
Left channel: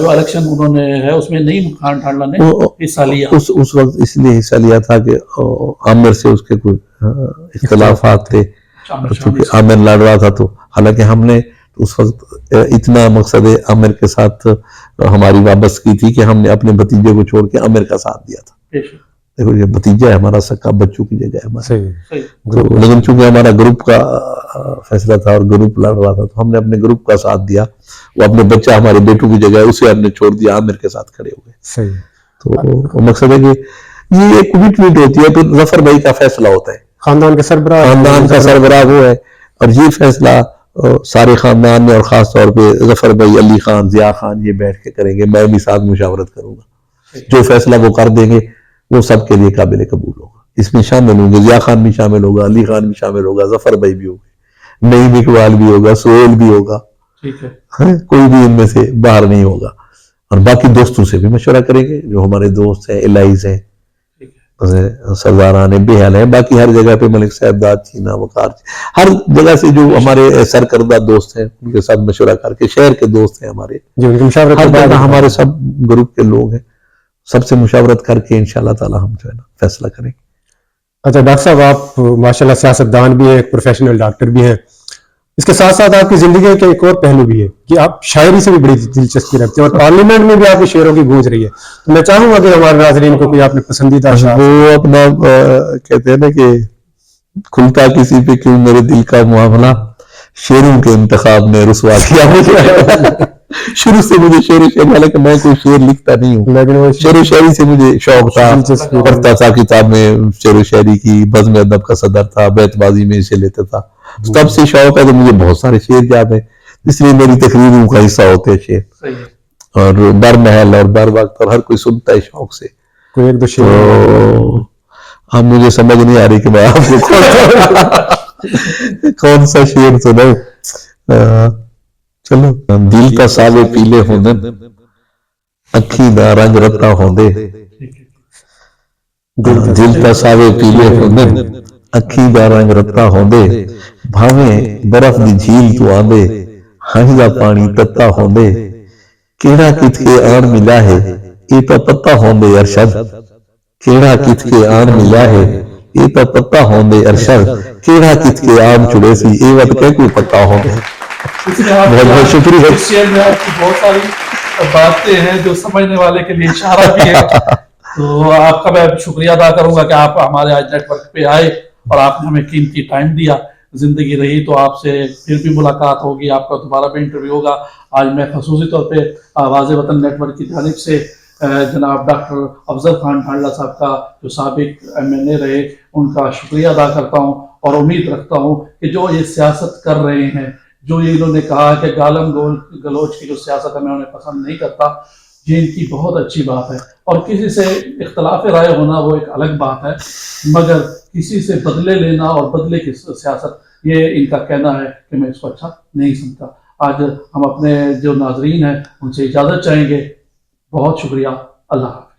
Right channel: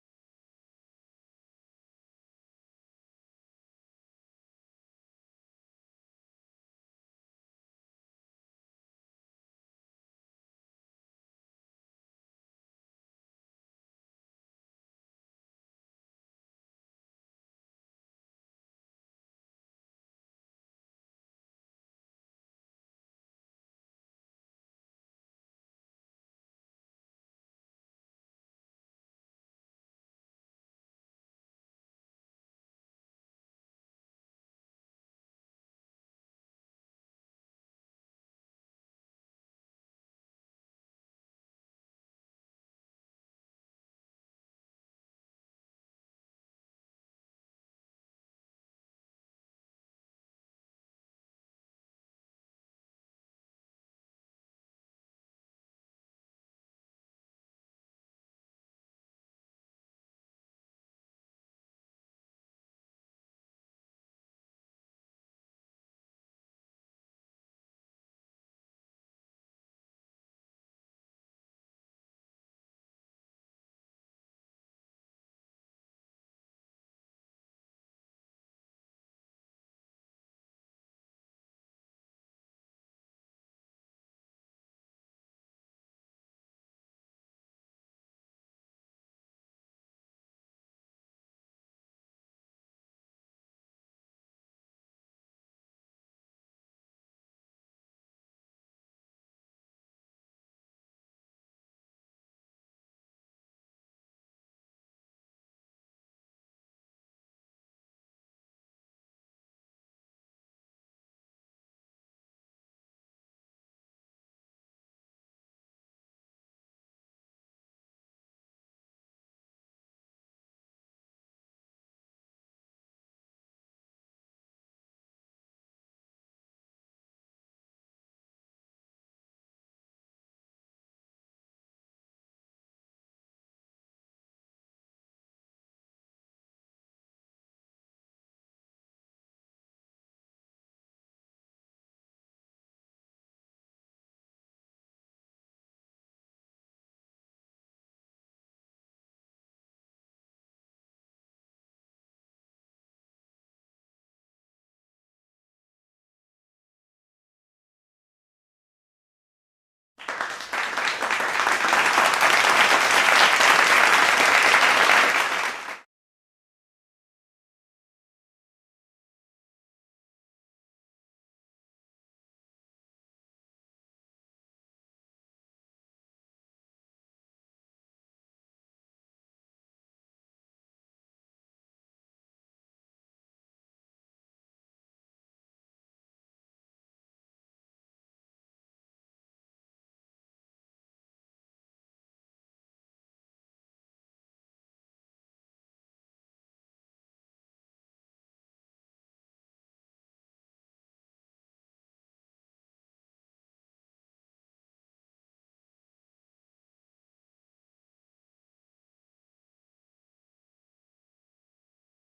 جو الیکشن انہوں نے ہے اس میں نعیم خان ڈھانڈلا نے حصہ لیا. اس وقت اس لیے حصہ لیا تھا کہ عامر سے اس کے کوئی اختلافات تھے, چونکہ عامر لڑ رہا تھا. تو حالانکہ ہم نے اس وقت اتنا مقصد عامر کے ساتھ ہماری وابستگی تھی کہ ہم نے اپنے بھتیجے کو چھوڑ کے عامر کا ساتھ دیا تھا. دیکھو یہ بھتیجا ہے ہمارا, سکا بچوں کی جگہ ہے ہمارا. لیکن چونکہ ہمارا گروپ کا فیصلہ تھا اور گروپ لڑ رہا تھا, تو ہم نے اپنے گروپ کا ساتھ دیا. وہ اپنے بچہ ہمارے بیٹوں کی جگہ ہے, اسے ہم نے چھوڑ دیا, عامر کے ساتھ کھڑے ہو گئے. تو مقصد ہے کہ یہ ایک کمٹمنٹ ہوتی ہے. پھر ظفر بھائی کا فیصلہ ہوتا ہے, خاندان کا سربراہ وہ ہے, اور یہ فیصلہ سارے خاندان میں اور خاص طور پہ ظفر بھائی, علی خان, ضیاء خان یہ بیٹھ کے کریں گے. میں بھی ساتھ مشاورت کروں گا, جو فیصلہ وہ کر دیں گے وہ سب کے لیے قابل قبول ہوگا. اس میں شامل ہوں گے، ضیاء خان بھی شامل ہوگا، علی خان بھی شامل ہوگا، ظفر بھائی بھی ہوگا، نعیم اقبال بھی ہوگا، سہیل بھی ہوگا، ٹھیک ہے، کوئی بھی ان میں سے باہر نہیں ہوگا. اور باقی دوستوں سے بھی مشورہ کریں گے، جو ہمارے دوست ہیں، الائز ہیں، سرداران بحال ہیں، باقی ہر جگہ پہ ملک صاحب داد، چینا، وقار، ہر جگہ سے جو ہمارے سرکردہ دوست ہیں ان کے ساتھ مشورہ کر کے، شہر کے دوست ہیں ہمارے، ہر جگہ ہمارے سب گروپ کے لوگ ہیں، سب سے مشاورت کر کے انشاءاللہ تعالی ہم جو ہے نا فیصلہ کریں گے. اچھا ڈاکٹر صاحب، آپ ماشاءاللہ سیاستدان بھی ہیں، ایک پروفیشنل ڈاکٹر بھی ہیں، اس کے ساتھ ساتھ آپ کی زندگی کے ایک اور پہلو بھی ہے کہ آپ شاعری سے بھی بڑی دلچسپی رکھتے ہیں، اور پارلیمنٹ میں بھی آپ کے شعروں کی گونج رہی ہے. تو میں چاہوں گا کہ ہمارے ناظرین کو کوئی آپ نے پسندیدہ اشعار، وہ اپنا کہتے ہیں نا کہ کھلتا کسی پہ کیوں میرے دل کا معاملہ، شعروں کے انتخاب میں رسوا کیا مجھے. شروع سے مجھے شعر و شاعری، حالانکہ میں کوئی شعر لکھتا نہیں ہوں، لیکن وہ شعر و شاعری سے مجھے شوق تھا، پڑھتا تھا کتاب میں، شعر و شاعری کی بزم ادب کا صدر تھا، بیت بازی میں اسے لیتا تھا، تب سے شوق ہے. تو مجھے بہت سارے شعر یاد ہیں، اس لیے میری تقریروں کا حصہ ہوتے ہیں شعر، اور بر محل اور بر وقت، اور ہر کوئی سنتا ہے شوق سے. کوئی ایک دو تو شعر اب مجھے سمجھ نہیں آ رہی کہ میں آپ کو کون سا شعر سناؤں. چلو. دل کا ساوے پیلے ہوندے، اکھی دا رنگ رتا ہوندے، دل کا ساوے پیلے ہوندے، اکھی دا رنگ رتا ہوندے، بھاویں برف دی جھیل تو آندے، ہنج دا پانی تتا ہوندے، کیڑا کت کے آن ملا ہے یہ تو پتا ہوندے ارشد، کیڑا کت کے آن ملا ہے یہ تو پتا ہوندے ارشد، کیڑا کت کے آن چڑے سی یہ وقت کہ کوئی پتا ہوندے. بہت بہت شکریہ. اس شعر میں آپ کی بہت ساری باتیں ہیں جو سمجھنے والے کے لیے اشارہ بھی ہے. تو آپ کا میں شکریہ ادا کروں گا کہ آپ ہمارے آج نیٹ ورک پہ آئے اور آپ نے ہمیں قیمتی ٹائم دیا. زندگی رہی تو آپ سے پھر بھی ملاقات ہوگی، آپ کا دوبارہ بھی انٹرویو ہوگا. آج میں خصوصی طور پہ آواز وطن نیٹ ورک کی جانب سے جناب ڈاکٹر افضل خان ڈھانڈلہ صاحب کا، جو سابق MNA رہے، ان کا شکریہ ادا کرتا ہوں، اور امید رکھتا ہوں کہ جو یہ سیاست کر رہے ہیں، جو یہ انہوں نے کہا کہ گالم گلوچ کی جو سیاست ہے میں انہیں پسند نہیں کرتا، یہ ان کی بہت اچھی بات ہے. اور کسی سے اختلاف رائے ہونا وہ ایک الگ بات ہے، مگر کسی سے بدلے لینا اور بدلے کی سیاست، یہ ان کا کہنا ہے کہ میں اس کو اچھا نہیں سمجھتا. آج ہم اپنے جو ناظرین ہیں ان سے اجازت چاہیں گے. بہت شکریہ. اللہ حافظ.